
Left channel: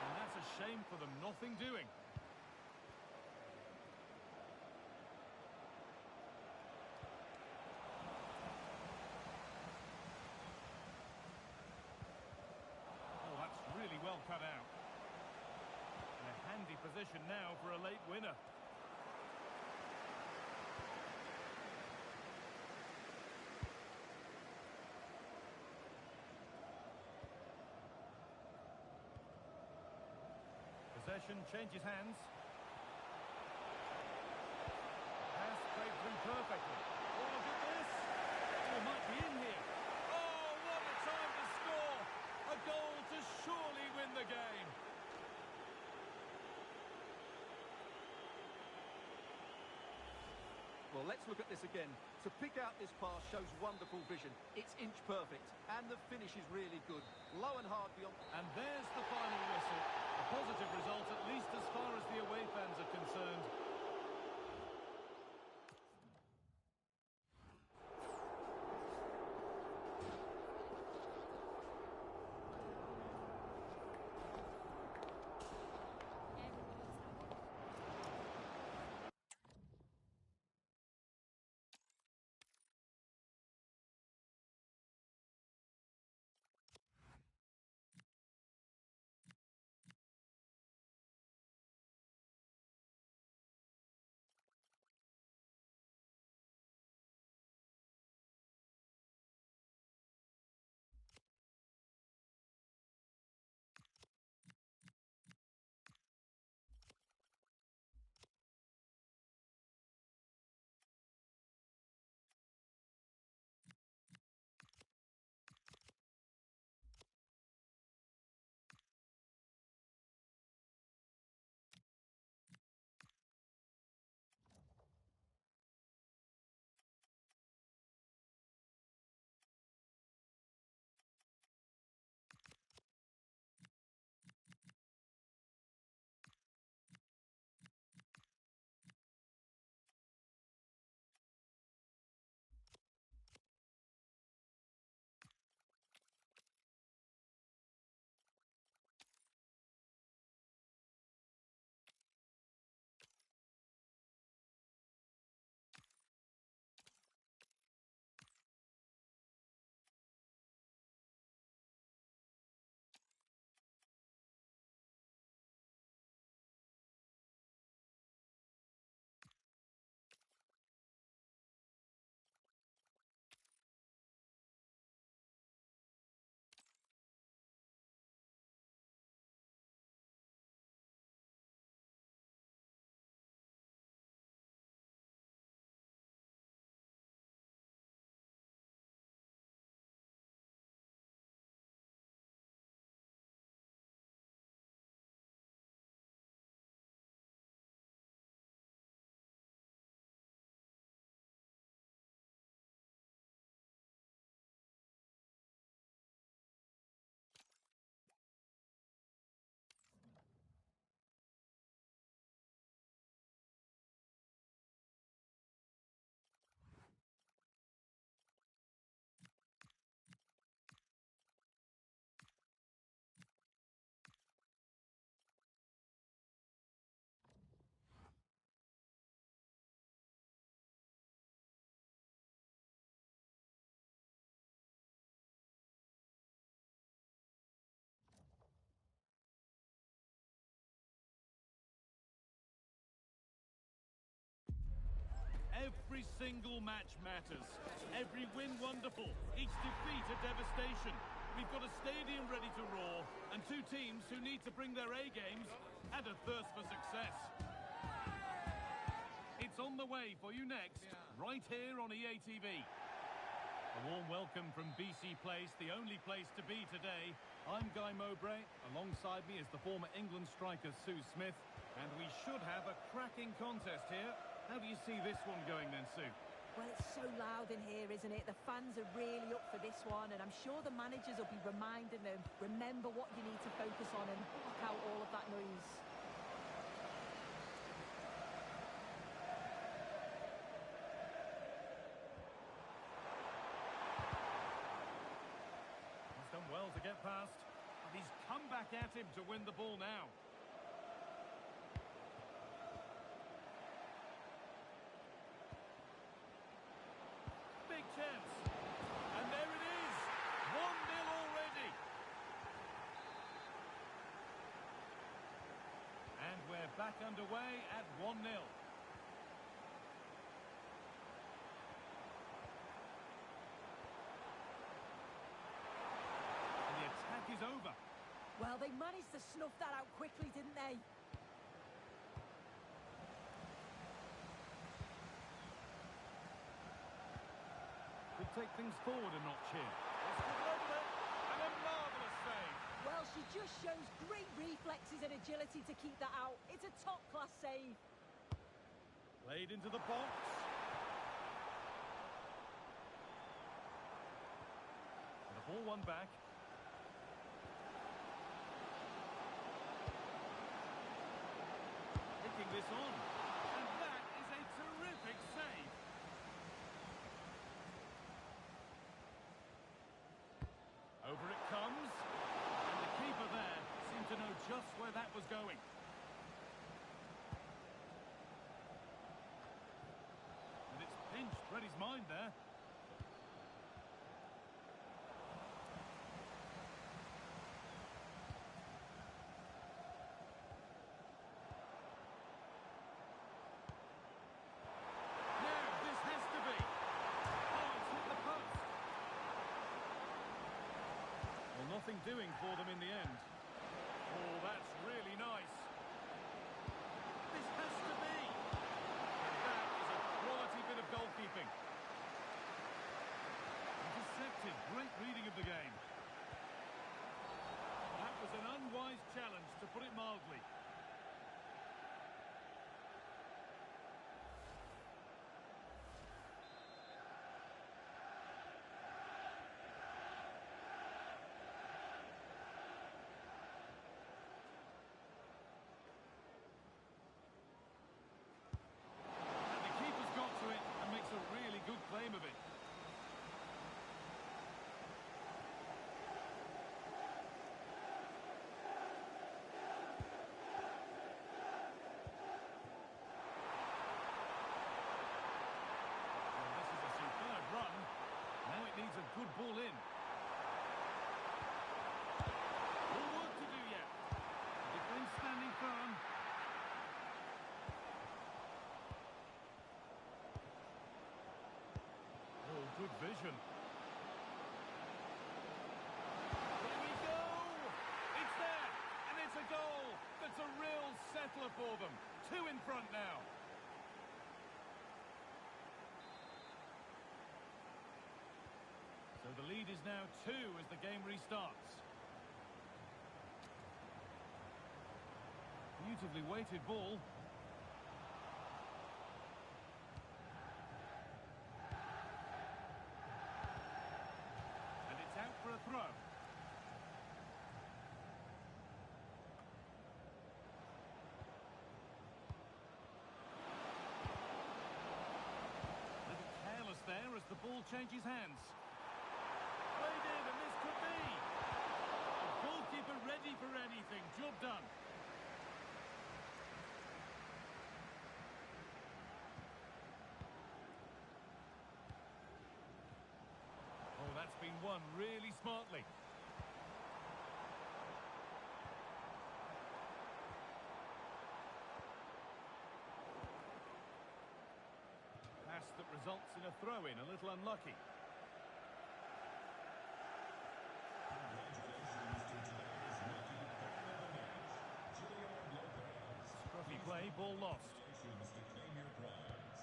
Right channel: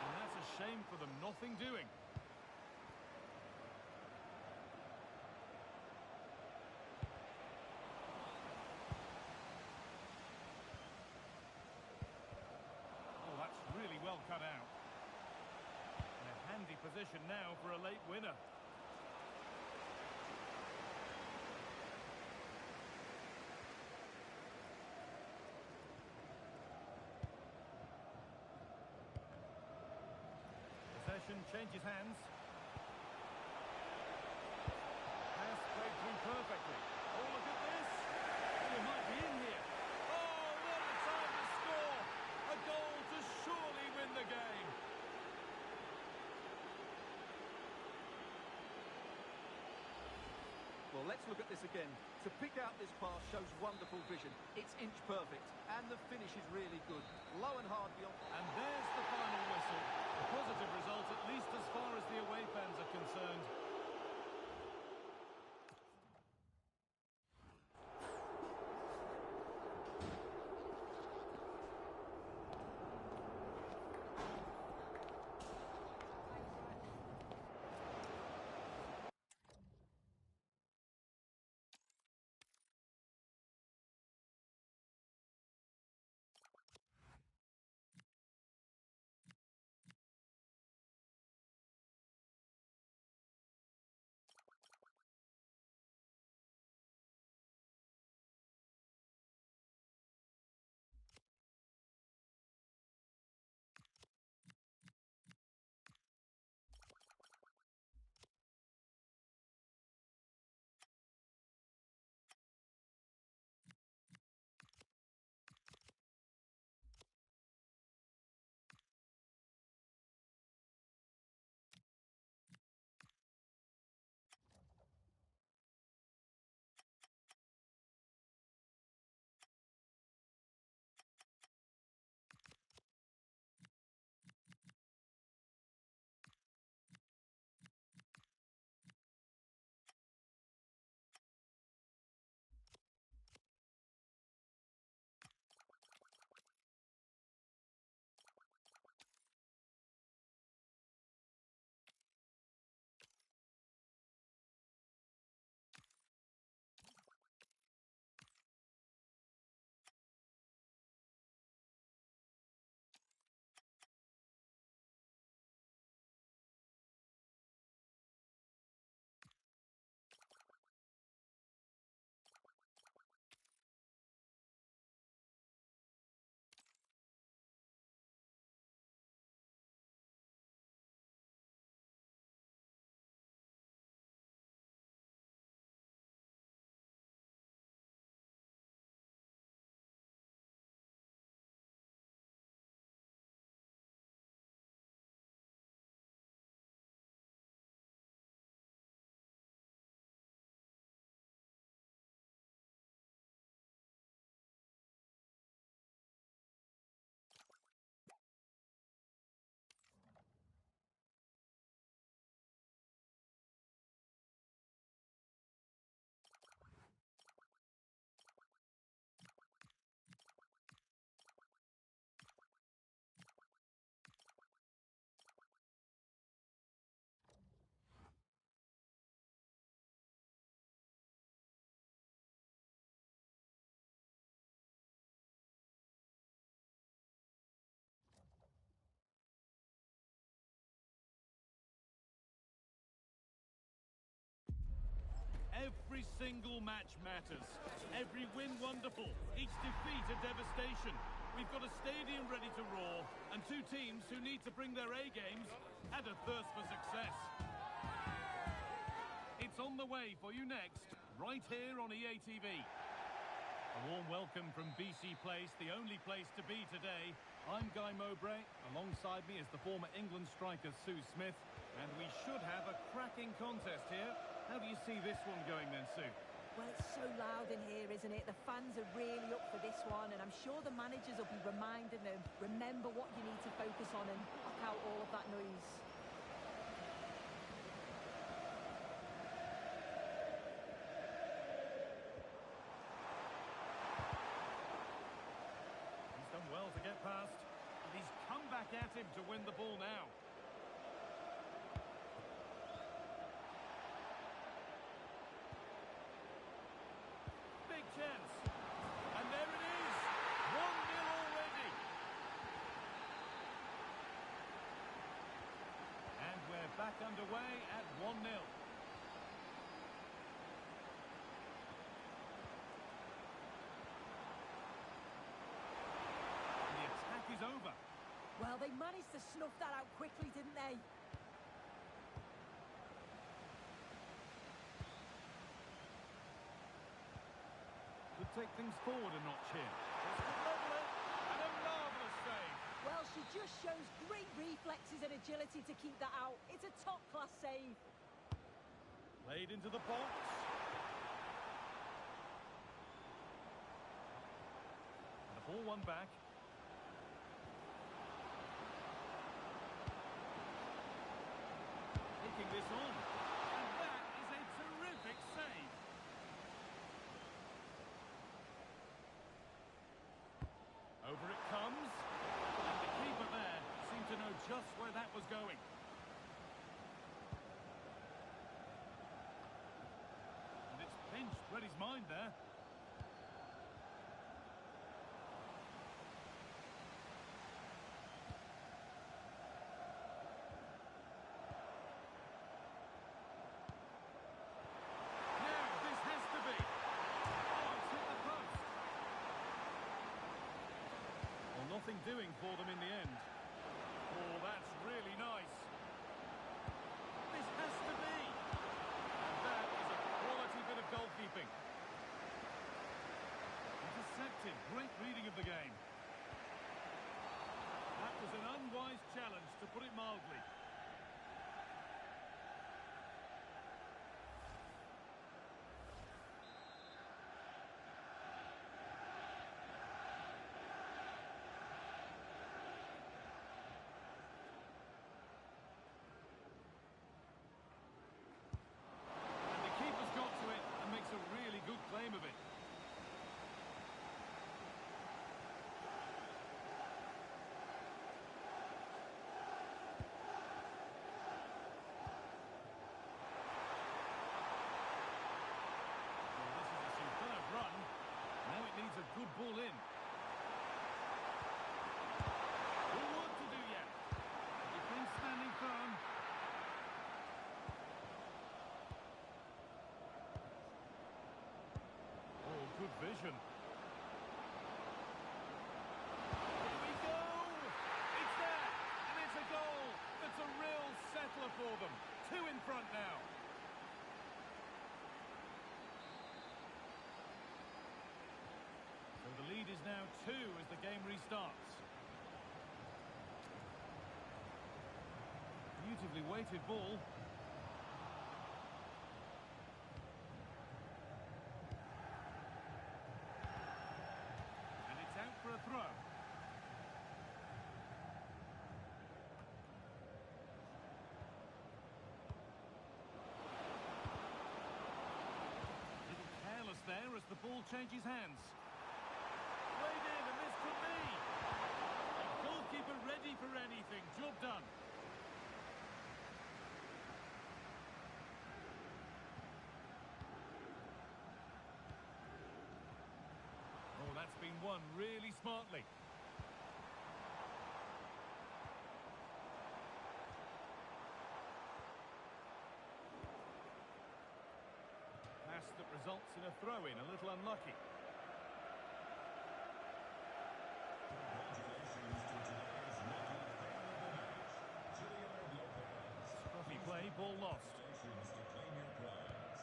And that's a shame for them, nothing doing. handy position now for a late winner. Possession changes hands. Pass played through perfectly. Oh, look at this. Oh, it might be in here. Oh, what a time to score. A goal to surely win the game. Well, let's look at this again. To pick out this pass shows wonderful vision. It's inch perfect, and the finish is really good. Low and hard beyond. And there's the final whistle. A positive result, at least as far as the away fans are concerned. Every single match matters. Every win wonderful. Each defeat a devastation. We've got a stadium ready to roar and two teams who need to bring their A games and a thirst for success. It's on the way for you next, right here on EATV. A warm welcome from BC Place, the only place to be today. I'm Guy Mowbray. Alongside me is the former England striker Sue Smith. And we should have a cracking contest here. How do you see this one going then, Sue? Well, it's so loud in here, isn't it? The fans are really up for this one, and I'm sure the managers will be reminding them, remember what you need to focus on and block out all of that noise. He's done well to get past, and he's come back at him to win the ball now. Big chance. And there it is. 1-0 already. And we're back underway at 1-0. And the attack is over. Well, they managed to snuff that out quickly, didn't they? Could take things forward a notch here. This could level it, and a marvellous save. Well, she just shows great reflexes and agility to keep that out. It's a top-class save. Played into the box. And the ball won back. Taking this on. And that is a terrific save. Over it comes. And the keeper there seemed to know just where that was going. And it's pinched Reddy's mind there. Now, this has to be. Oh, it's hit the post. Well, nothing doing for them in the end. Oh, that's really nice. This has to be. And that is a quality bit of goalkeeping. Intercepted. Great reading of the game. That was an unwise challenge, to put it mildly. Keeper's got to it and makes a really good claim of it. Well, this is a superb run. Now it needs a good ball in. More work to do yet. The defence standing firm. Oh, good vision. Here we go! It's there! And it's a goal! That's a real settler for them. 2 in front now. So the lead is now 2 as the game restarts. Beautifully weighted ball. Out for a throw. Little careless there as the ball changes hands. Played in, and this could be. A goalkeeper ready for anything. Job done. Oh, that's been won really smartly. Pass that results in a throw-in, a little unlucky. Congratulations to today's lucky fan of the match, Gilliard Lopez. Scruffy play, ball lost. Congratulations to claim your prize.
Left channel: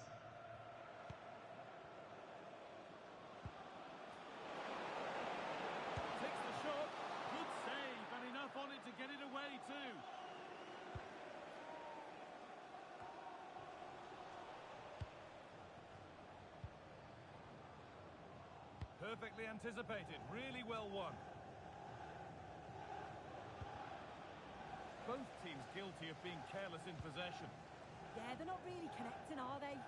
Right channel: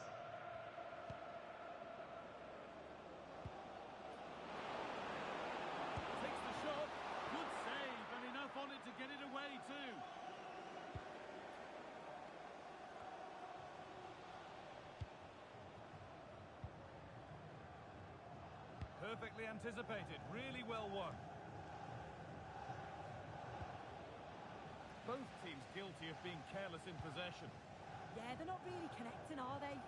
Takes the shot. Good save, and enough on it to get it away too. Perfectly anticipated, really well won. Both teams guilty of being careless in possession. Yeah, they're not really connecting, are they?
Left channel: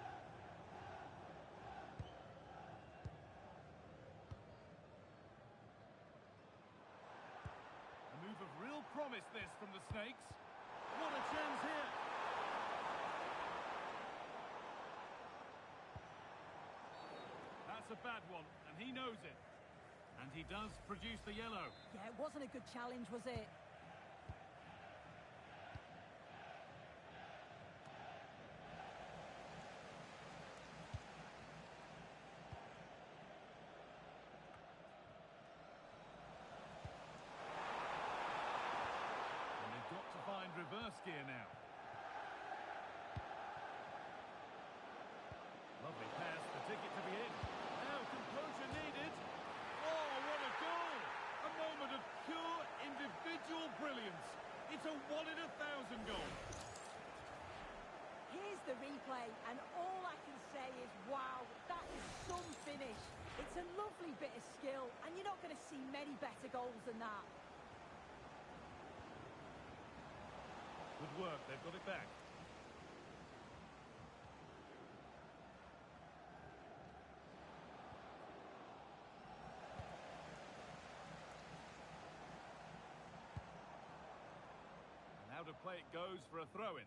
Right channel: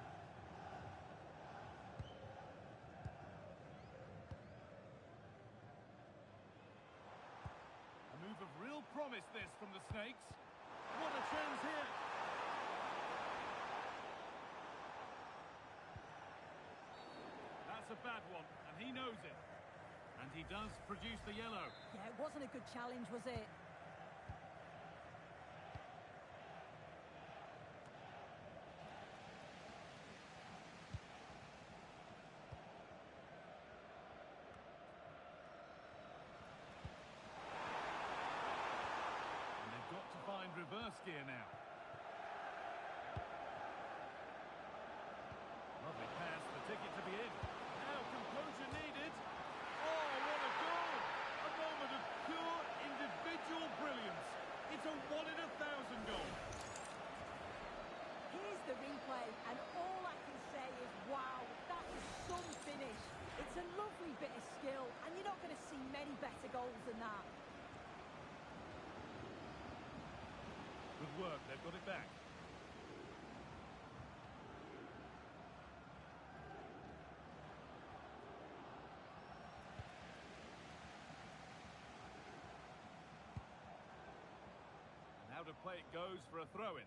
A move of real promise this from the Snakes. What a chance here. That's a bad one, and he knows it. And he does produce the yellow. Yeah, it wasn't a good challenge, was it? find reverse gear now. Lovely pass, the ticket to be in. Now composure needed. Oh, what a goal! A moment of pure individual brilliance. It's a 1 in 1,000 goal. Here's the replay, and all I can say is, wow, that is some finish. It's a lovely bit of skill, and you're not going to see many better goals than that. Good work, they've got it back. And out of play it goes for a throw-in.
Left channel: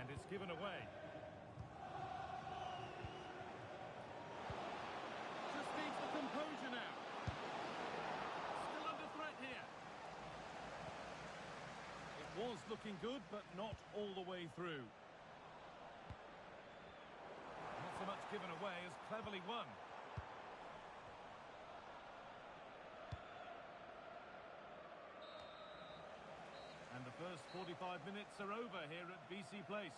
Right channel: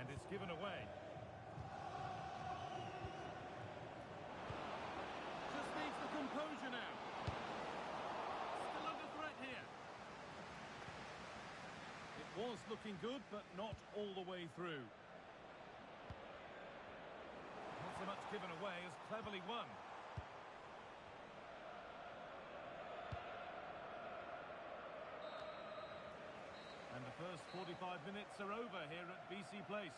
And it's given away. Just needs the composure now. Still under threat here. It was looking good, but not all the way through. Not so much given away as cleverly won. And the first 45 minutes are over here at BC Place.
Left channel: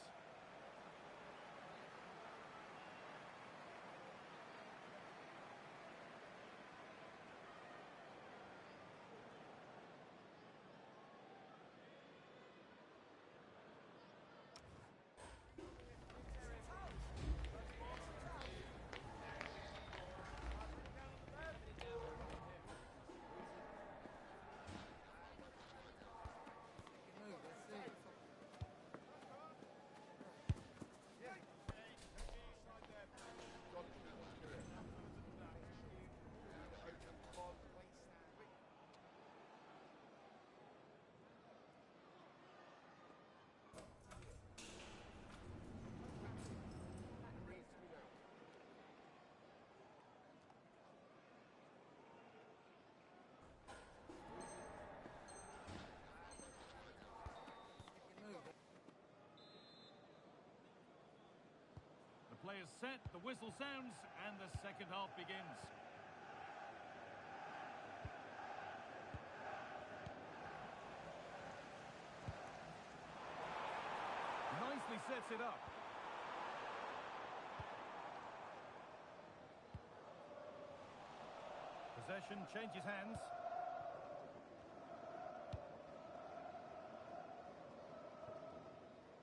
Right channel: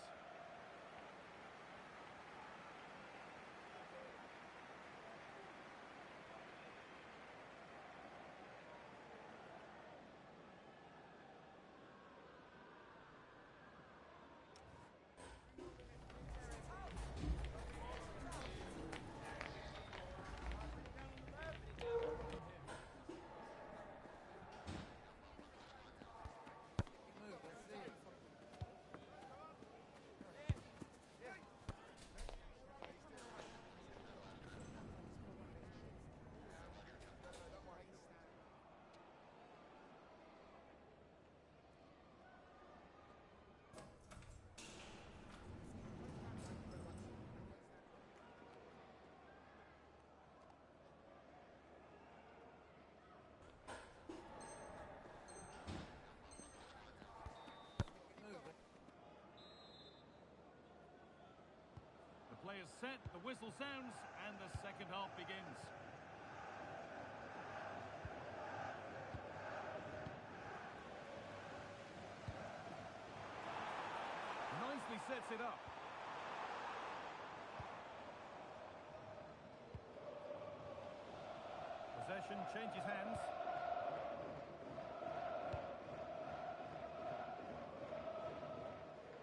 Players set, the whistle sounds, and the second half begins. Nicely sets it up. Possession changes hands.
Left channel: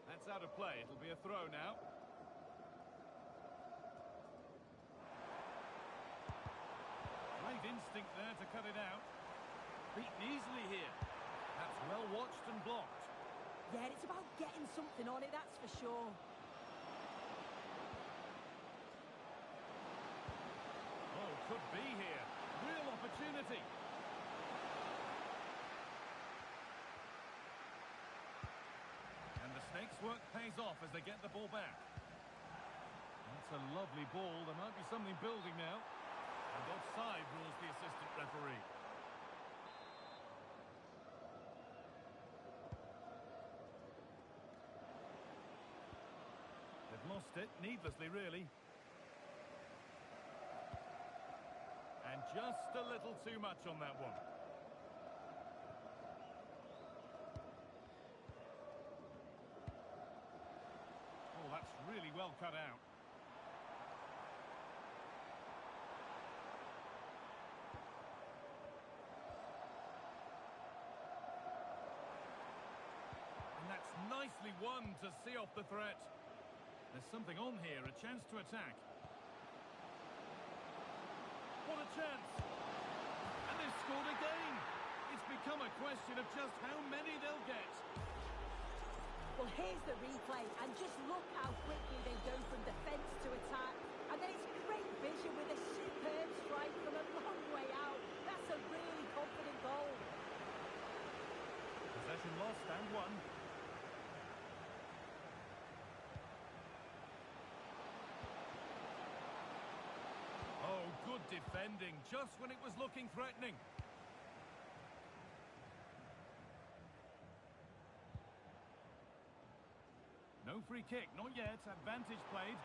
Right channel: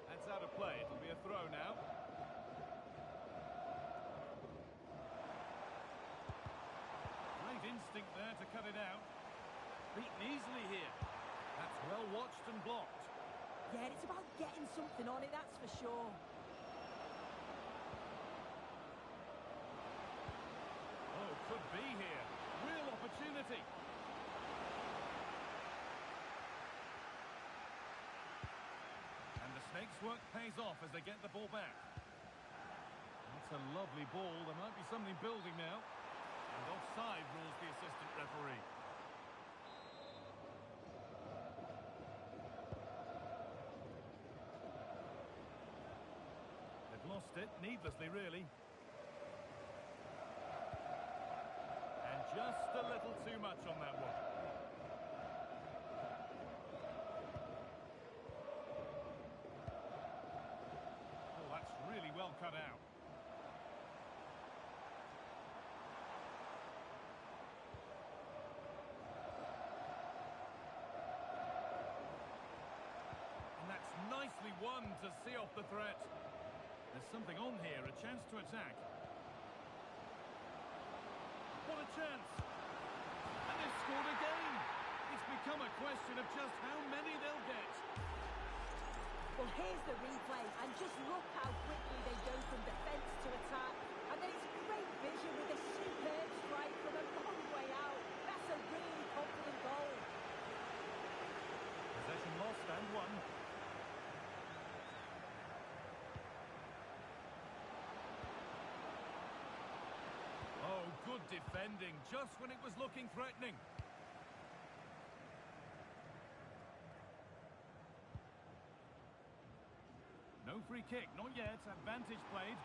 That's out of play. It'll be a throw now. Great instinct there to cut it out. Beaten easily here. That's well watched and blocked. Yeah, it's about getting something on it, that's for sure. Oh, could be here. Real opportunity. And the Snakes' work pays off as they get the ball back. That's a lovely ball. There might be something building now. And offside rules the assistant referee. They've lost it, needlessly really. And just a little too much on that one. Oh, that's really well cut out. Nicely won to see off the threat. There's something on here, a chance to attack. What a chance! And they've scored again! It's become a question of just how many they'll get. Well, here's the replay, and just look how quickly they go from defence to attack. And then it's great vision with a superb strike from a long way out. That's a really confident goal. Possession lost and won. Oh, good defending, just when it was looking threatening. No free kick, not yet. Advantage played.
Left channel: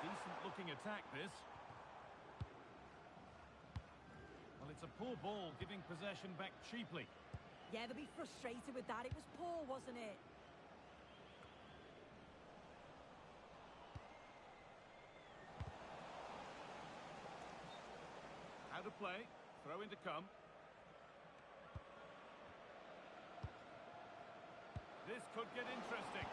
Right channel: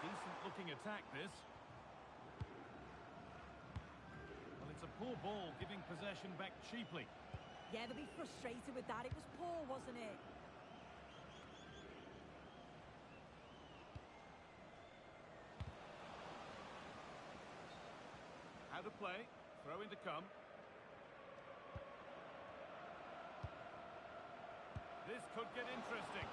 Decent-looking attack, this. Well, it's a poor ball, giving possession back cheaply. Yeah, they'll be frustrated with that. It was poor, wasn't it? How to play. Throw in to come. This could get interesting.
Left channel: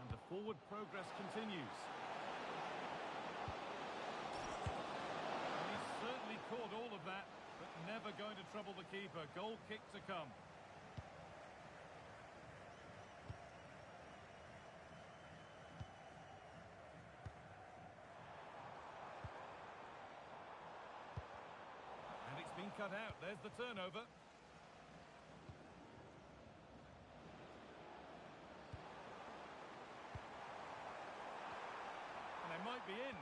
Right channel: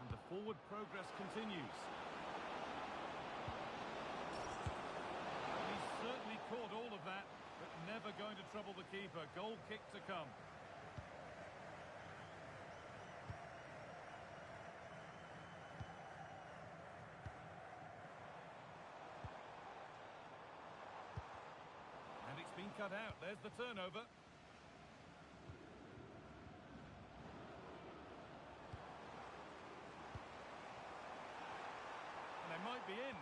And the forward progress continues. And he's certainly caught all of that, but never going to trouble the keeper. Goal kick to come. And it's been cut out. There's the turnover. And they might be in.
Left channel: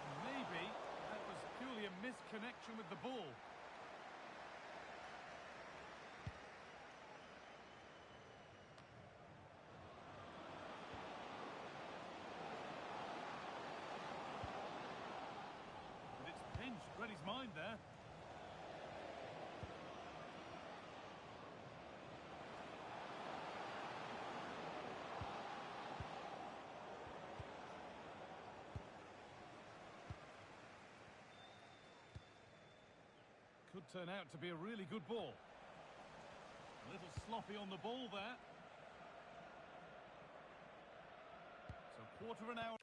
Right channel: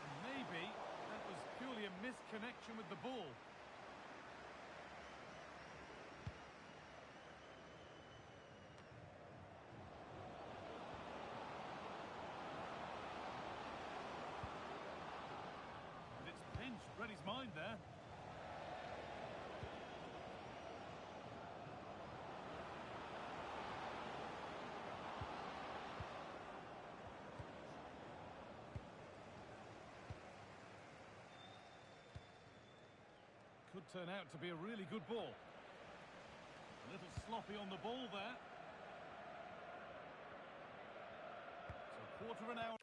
And maybe that was purely a misconnection with the ball. And it's pinched, read his mind there. Could turn out to be a really good ball. A little sloppy on the ball there. So quarter of an hour.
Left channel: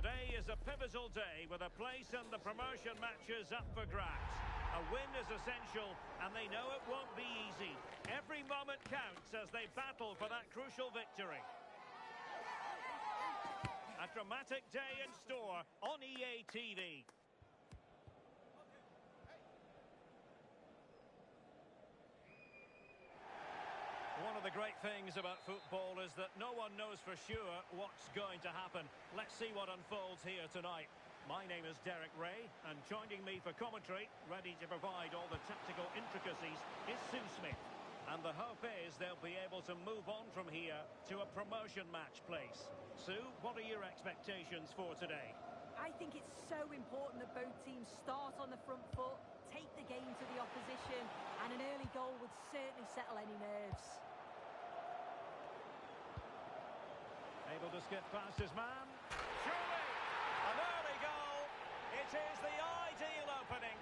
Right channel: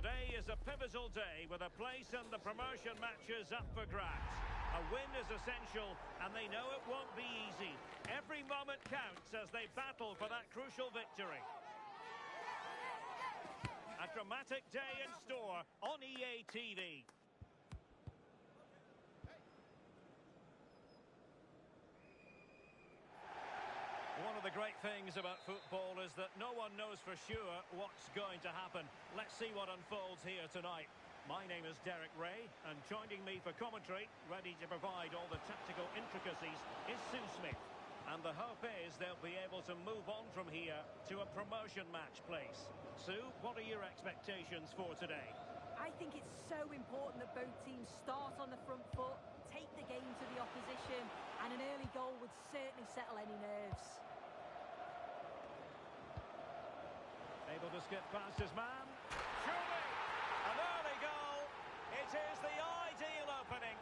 Today is a pivotal day with a place in the promotion matches up for grabs. A win is essential, and they know it won't be easy. Every moment counts as they battle for that crucial victory. A dramatic day in store on EA TV. One of the great things about football is that no one knows for sure what's going to happen. Let's see what unfolds here tonight. My name is Derek Ray, and joining me for commentary, ready to provide all the tactical intricacies, is Sue Smith. And the hope is they'll be able to move on from here to a promotion match place. Sue, what are your expectations for today? I think it's so important that both teams start on the front foot, take the game to the opposition, and an early goal would certainly settle any nerves. Able to skip past his man. Surely, an early goal. It is the ideal opening.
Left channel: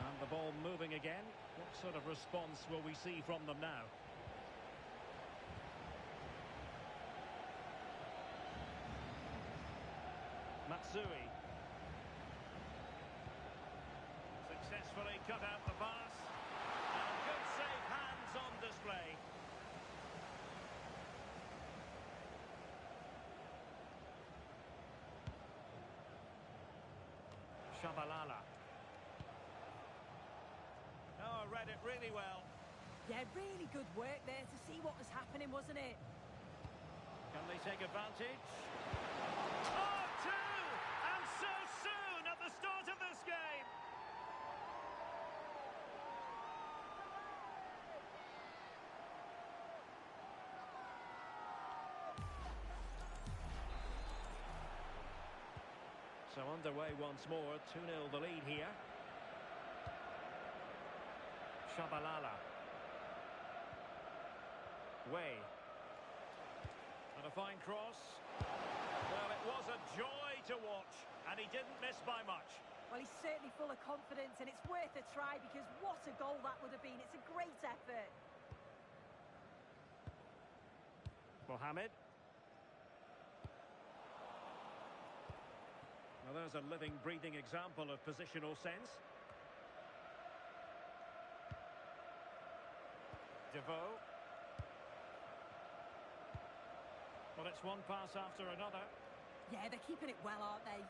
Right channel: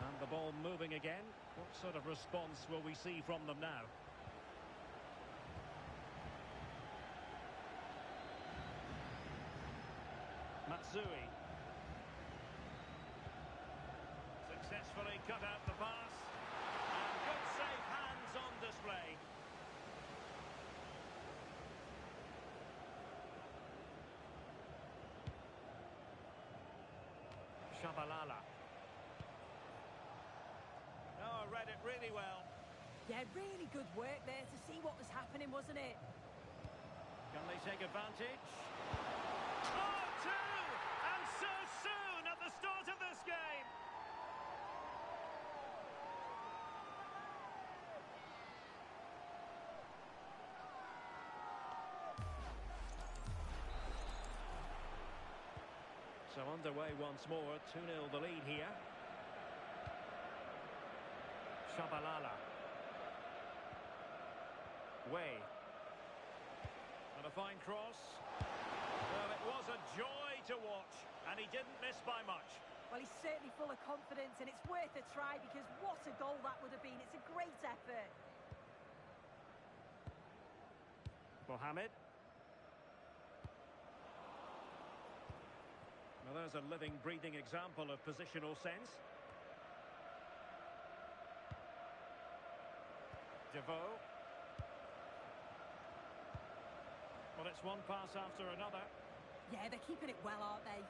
And the ball moving again. What sort of response will we see from them now? Matsui. Successfully cut out the pass. And good safe hands on display. Shabalala. Oh, read it really well. Yeah, really good work there to see what was happening, wasn't it? Can they take advantage? Oh, two! And so soon at the start of this game! So underway once more, 2-0 the lead here. Shabalala. Way. And a fine cross. Well, it was a joy to watch, and he didn't miss by much. Well, he's certainly full of confidence, and it's worth a try because what a goal that would have been. It's a great effort. Mohamed. Well, there's a living, breathing example of positional sense. Devoe. Well, it's one pass after another. Yeah, they're keeping it well, aren't they?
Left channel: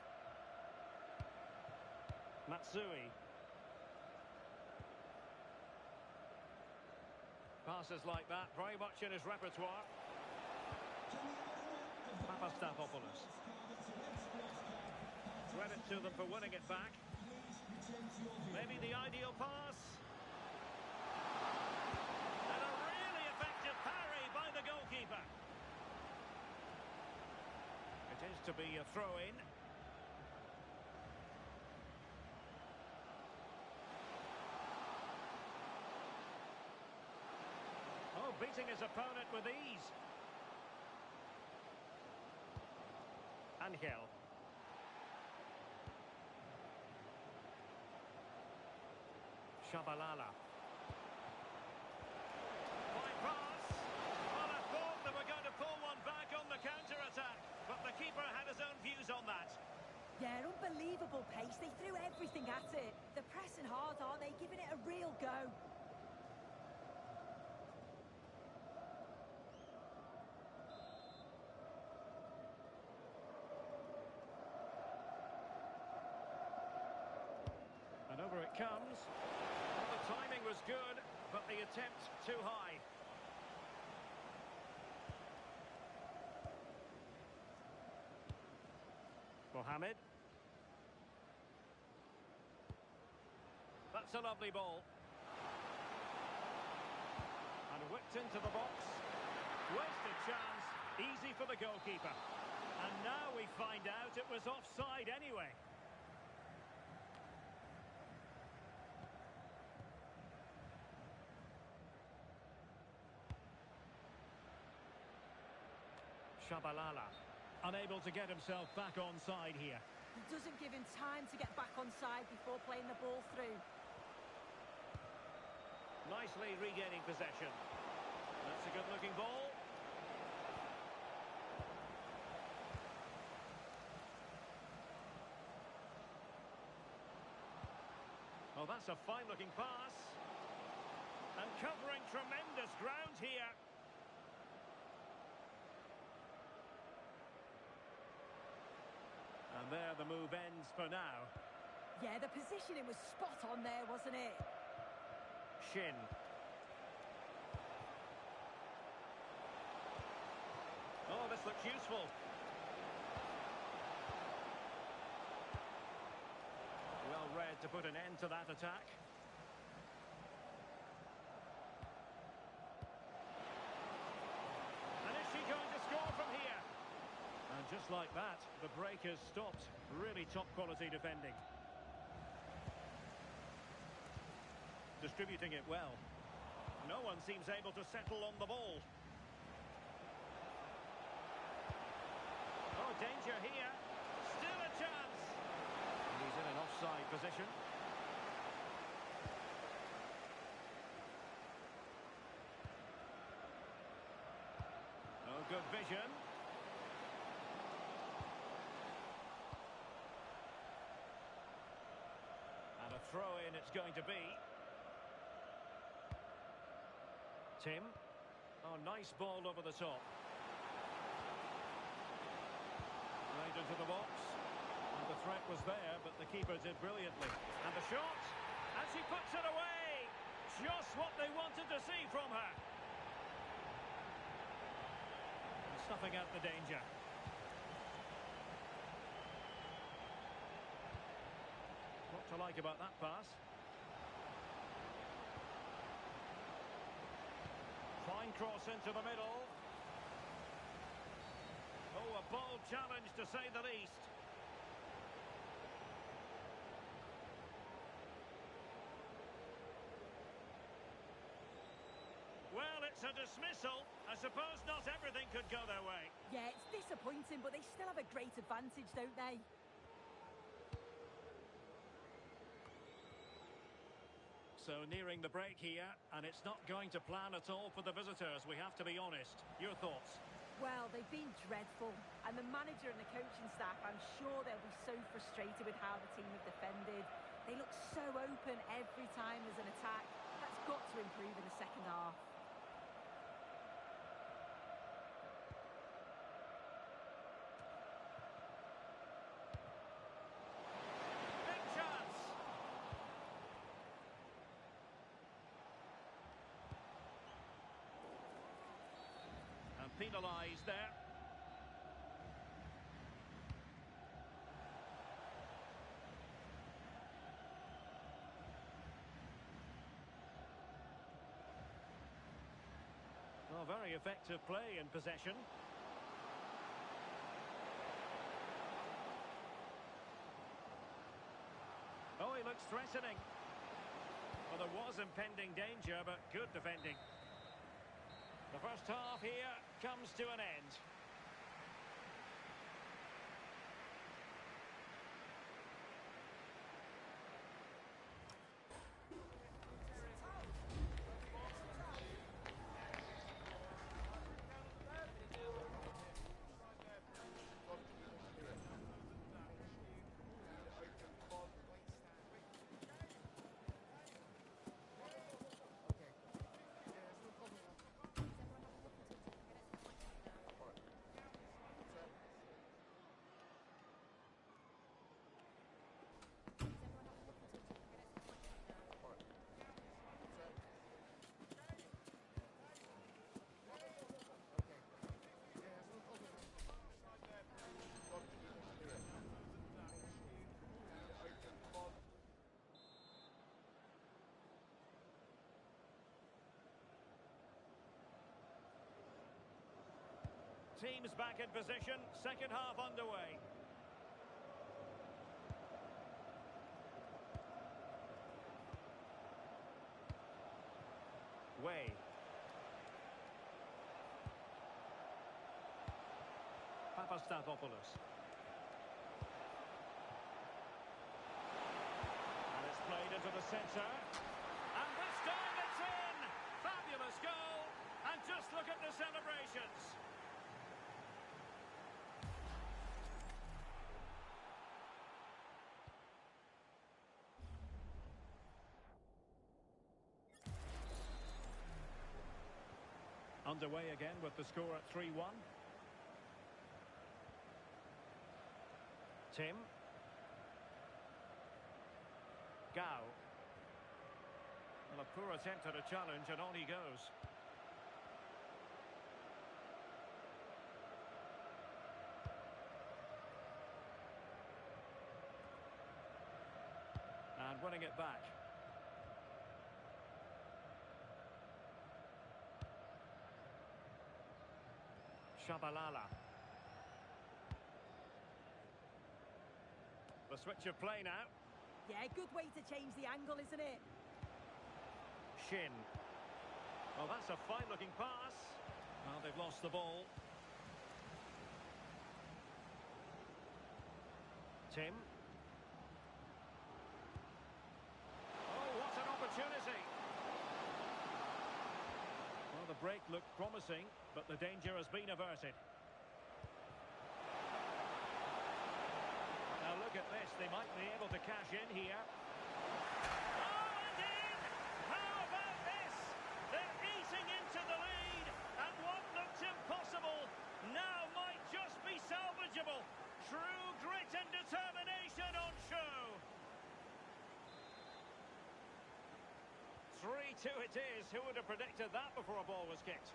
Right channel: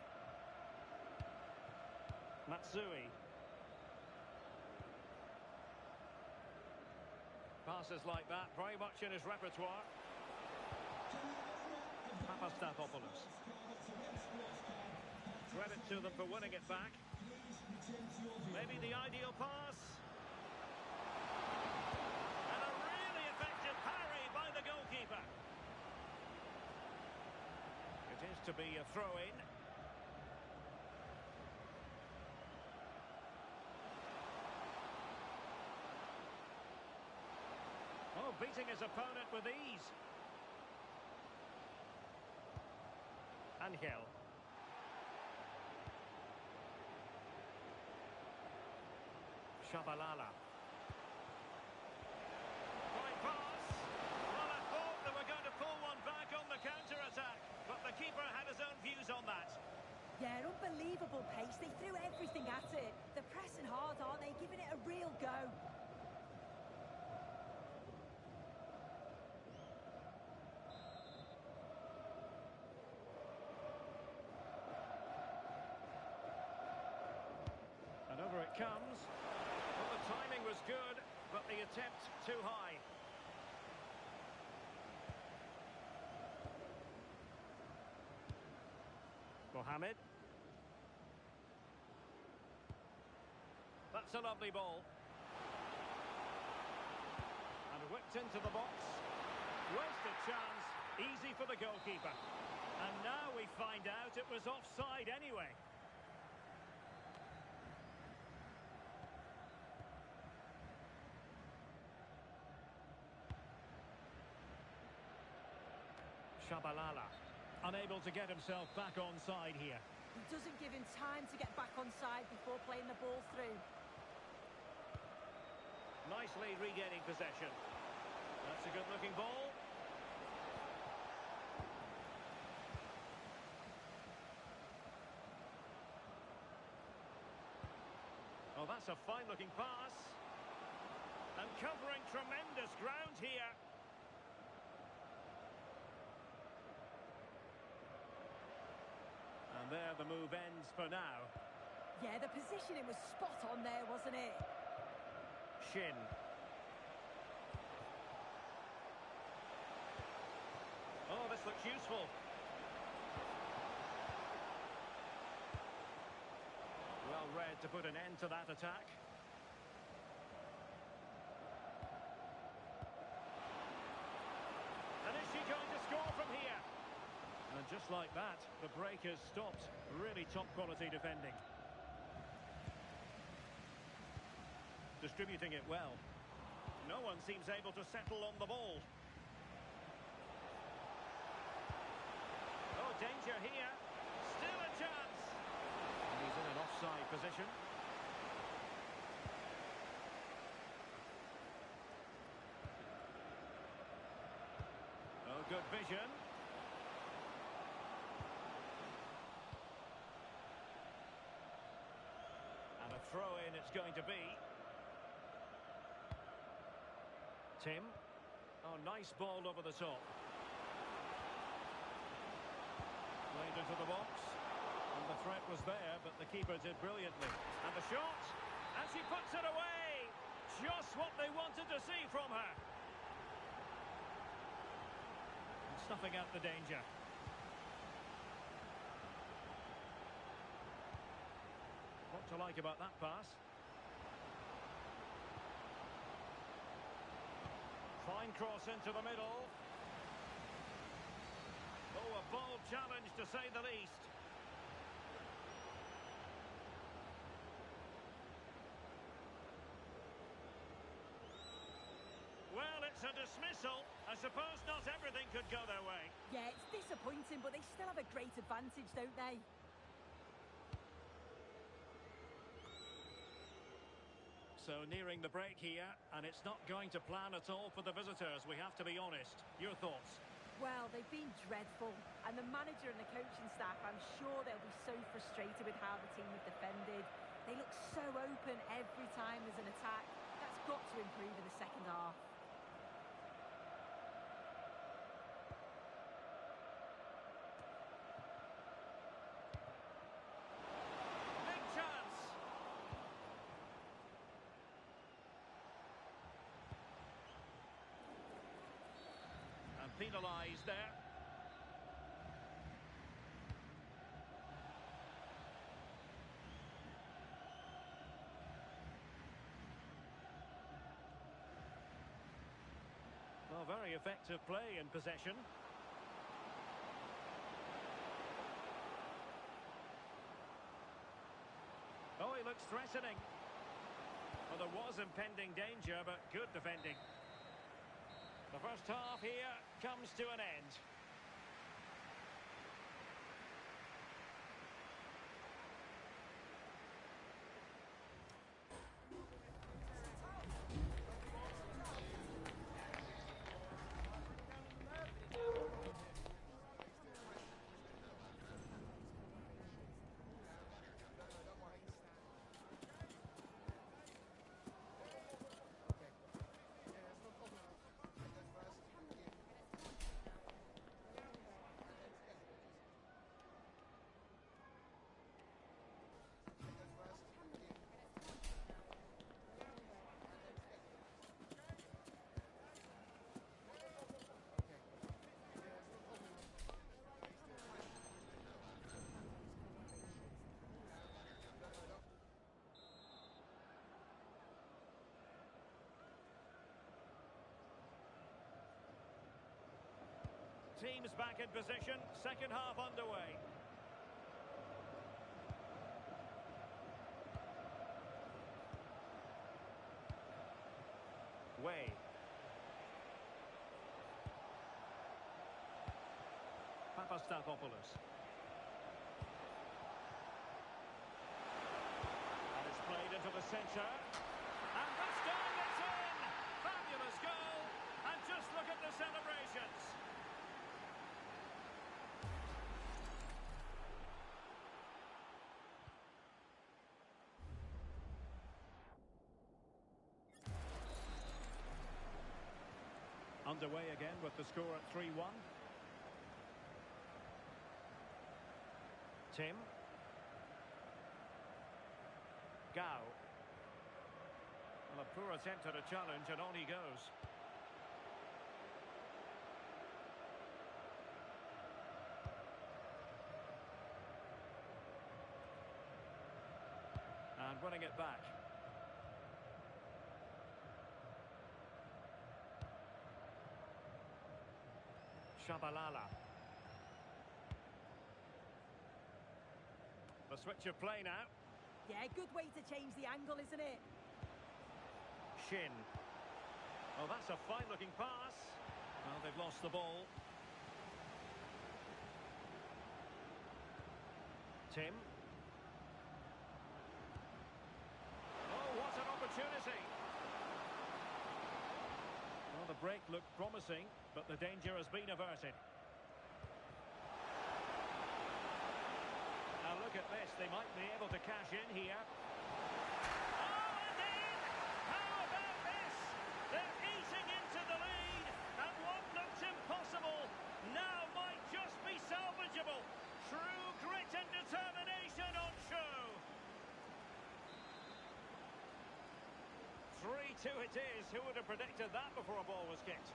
Matsui. Passes like that, very much in his repertoire. Papastathopoulos. Credit to them for winning it back. Maybe the ideal pass. And a really effective parry by the goalkeeper. It is to be a throw-in. Oh, beating his opponent with ease. Angel. Shabalala. Fine pass. Well, I thought they were going to pull one back on the counter-attack, but the keeper had his own views on that. Yeah, unbelievable pace. They threw everything at it. They're pressing hard, aren't they? Giving it a real go. And over it comes. Well, the timing was good, but the attempt too high. Mohamed. That's a lovely ball. And whipped into the box. Wasted chance. Easy for the goalkeeper. And now we find out it was offside anyway. Shabalala, unable to get himself back onside here. He doesn't give him time to get back onside before playing the ball through. Nice nicely regaining possession. That's a good-looking ball. Oh, that's a fine-looking pass. And covering tremendous ground here. And there the move ends for now. Yeah, the positioning was spot on there, wasn't it? Shin. Oh, this looks useful. Well read to put an end to that attack. And is she going to score from here? And just like that, the break has stopped. Really top quality defending. Distributing it well. No one seems able to settle on the ball. Oh, danger here. Still a chance. And he's in an offside position. Oh, good vision. And a throw-in it's going to be. Tim. Oh, nice ball over the top. Played into the box. And the threat was there, but the keeper did brilliantly. And the shot. And she puts it away. Just what they wanted to see from her. And snuffing out the danger. What to like about that pass? Fine cross into the middle. Oh, a bold challenge to say the least. Well, it's a dismissal. I suppose not everything could go their way. Yeah, it's disappointing, but they still have a great advantage, don't they? So nearing the break here, and it's not going to plan at all for the visitors, we have to be honest. Your thoughts? Well, they've been dreadful, and the manager and the coaching staff, I'm sure they'll be so frustrated with how the team have defended. They look so open every time there's an attack. That's got to improve in the second half. Big chance! And penalised there. Well, very effective play in possession. Oh, he looks threatening. Well, there was impending danger, but good defending. The first half here comes to an end. Teams back in position, second half underway. Way. Papastathopoulos. And it's played into the centre. And this time it's in! Fabulous goal. And just look at the celebrations. Underway again with the score at 3-1. Tim. Gao. Well, a poor attempt at a challenge, and on he goes. And winning it back. Shabalala. The switch of play now. Yeah, good way to change the angle, isn't it? Shin. Well, that's a fine-looking pass. Well, they've lost the ball. Tim. Oh, what an opportunity. Well, the break looked promising, but the danger has been averted. Now look at this, they might be able to cash in here. Oh, and in! How about this? They're eating into the lead, and what looked impossible now might just be salvageable. True grit and determination on show. 3-2 it is. Who would have predicted that before a ball was kicked?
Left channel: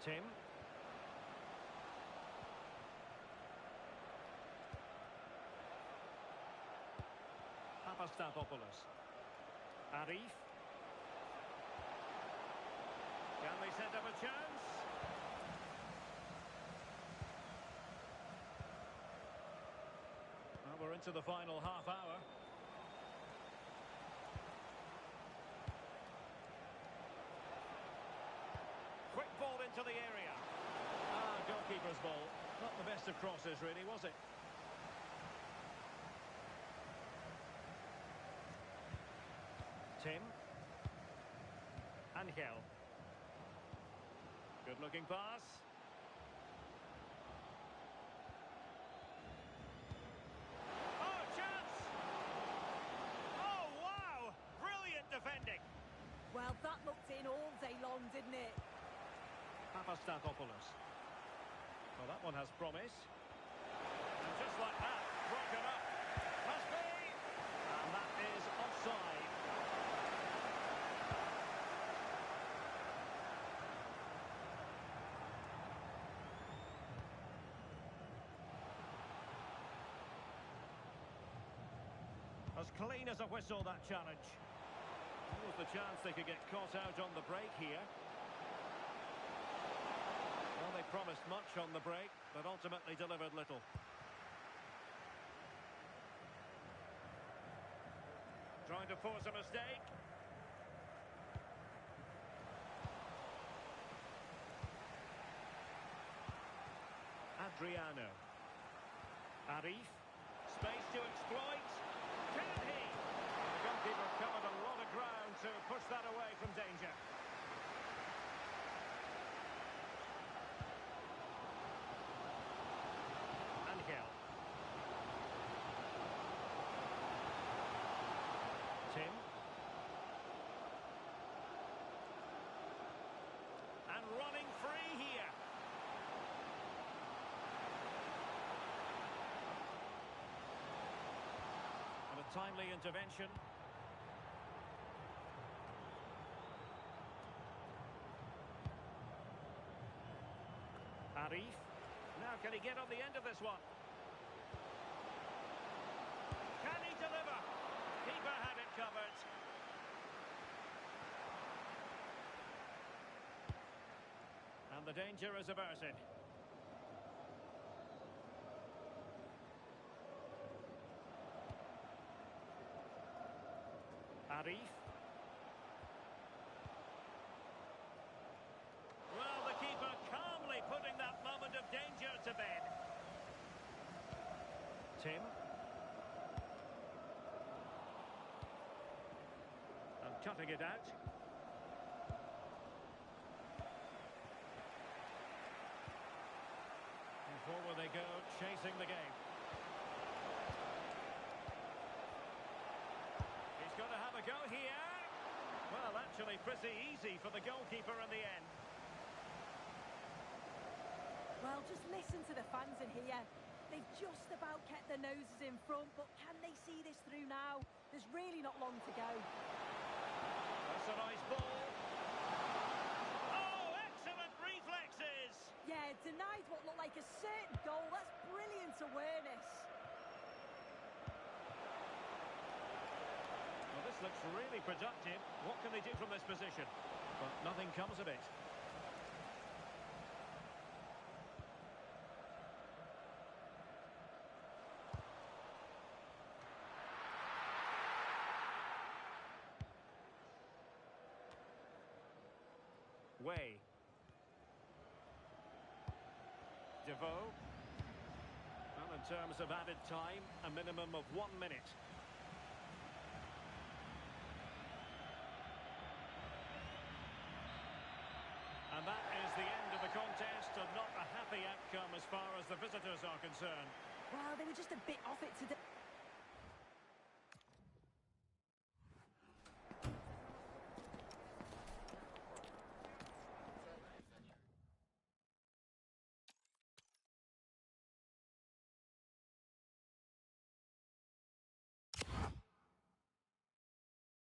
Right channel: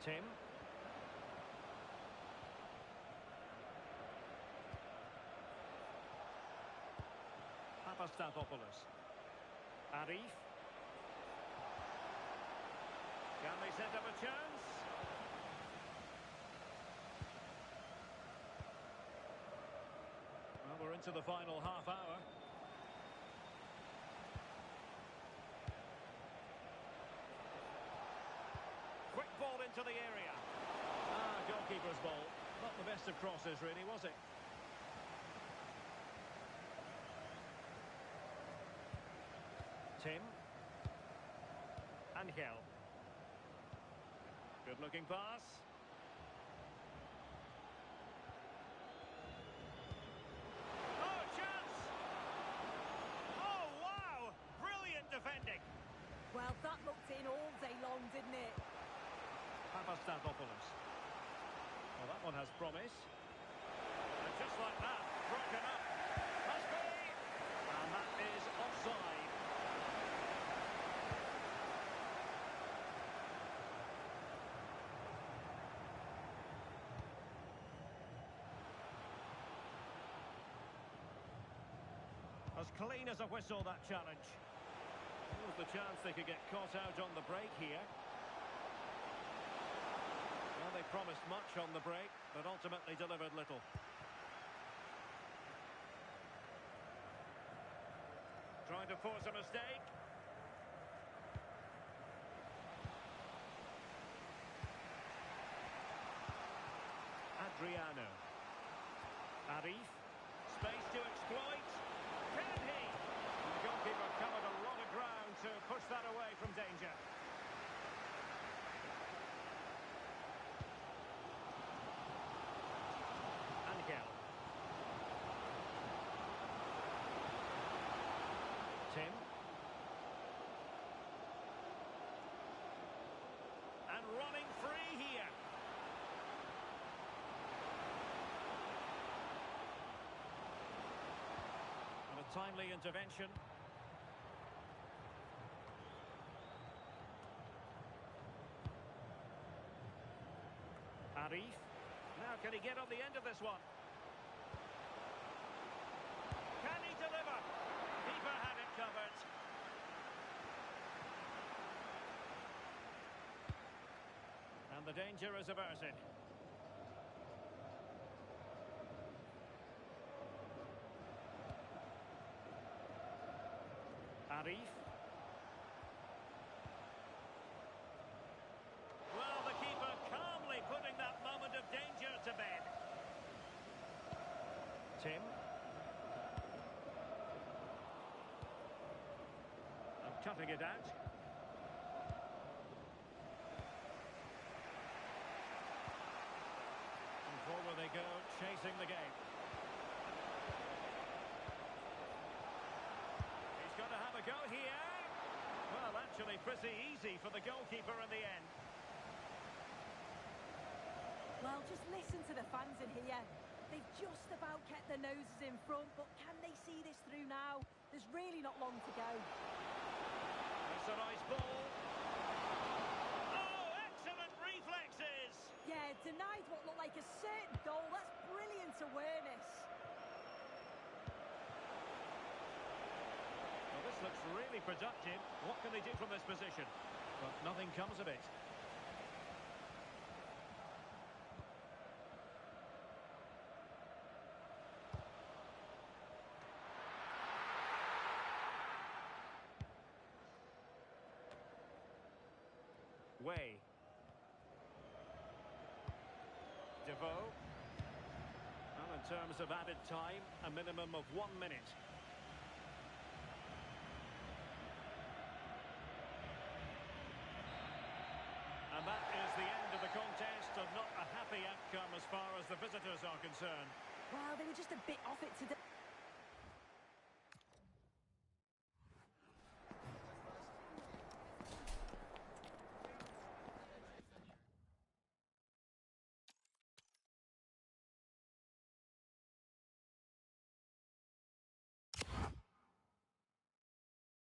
Tim. Papastathopoulos. Arif. Can they set up a chance? Well, we're into the final half hour. Quick ball into the area. Goalkeeper's ball. Not the best of crosses, really, was it? Tim. Angel. Good-looking pass. Oh, chance! Oh, wow! Brilliant defending. Well, that looked in all day long, didn't it? Papastathopoulos. Well, that one has promise. And just like that, broken up. Must be! And that is offside. As clean as a whistle, that challenge. What was the chance they could get caught out on the break here? Well, they promised much on the break, but ultimately delivered little. Trying to force a mistake. Adriano. Arif. Space to exploit. Can he? And the goalkeeper covered a lot of ground to push that away from danger. Angel. Tim. And running free here. And a timely intervention. Arif. Now can he get on the end of this one? Can he deliver? Keeper had it covered. And the danger is averted. Arif. Well, the keeper calmly putting that moment of danger to bed. Tim. cutting it out. And forward they go, chasing the game. He's got to have a go here. Well, actually pretty easy for the goalkeeper in the end. Well, just listen to the fans in here. They've just about kept their noses in front, but can they see this through now? There's really not long to go. That's a nice ball. Oh, excellent reflexes! Yeah, denied what looked like a certain goal. That's brilliant awareness. Well, this looks really productive. What can they do from this position? But nothing comes of it. Way. Devoe. Well, in terms of added time, a minimum of 1 minute. And that is the end of the contest, and not a happy outcome as far as the visitors are concerned. Well, they were just a bit off it today.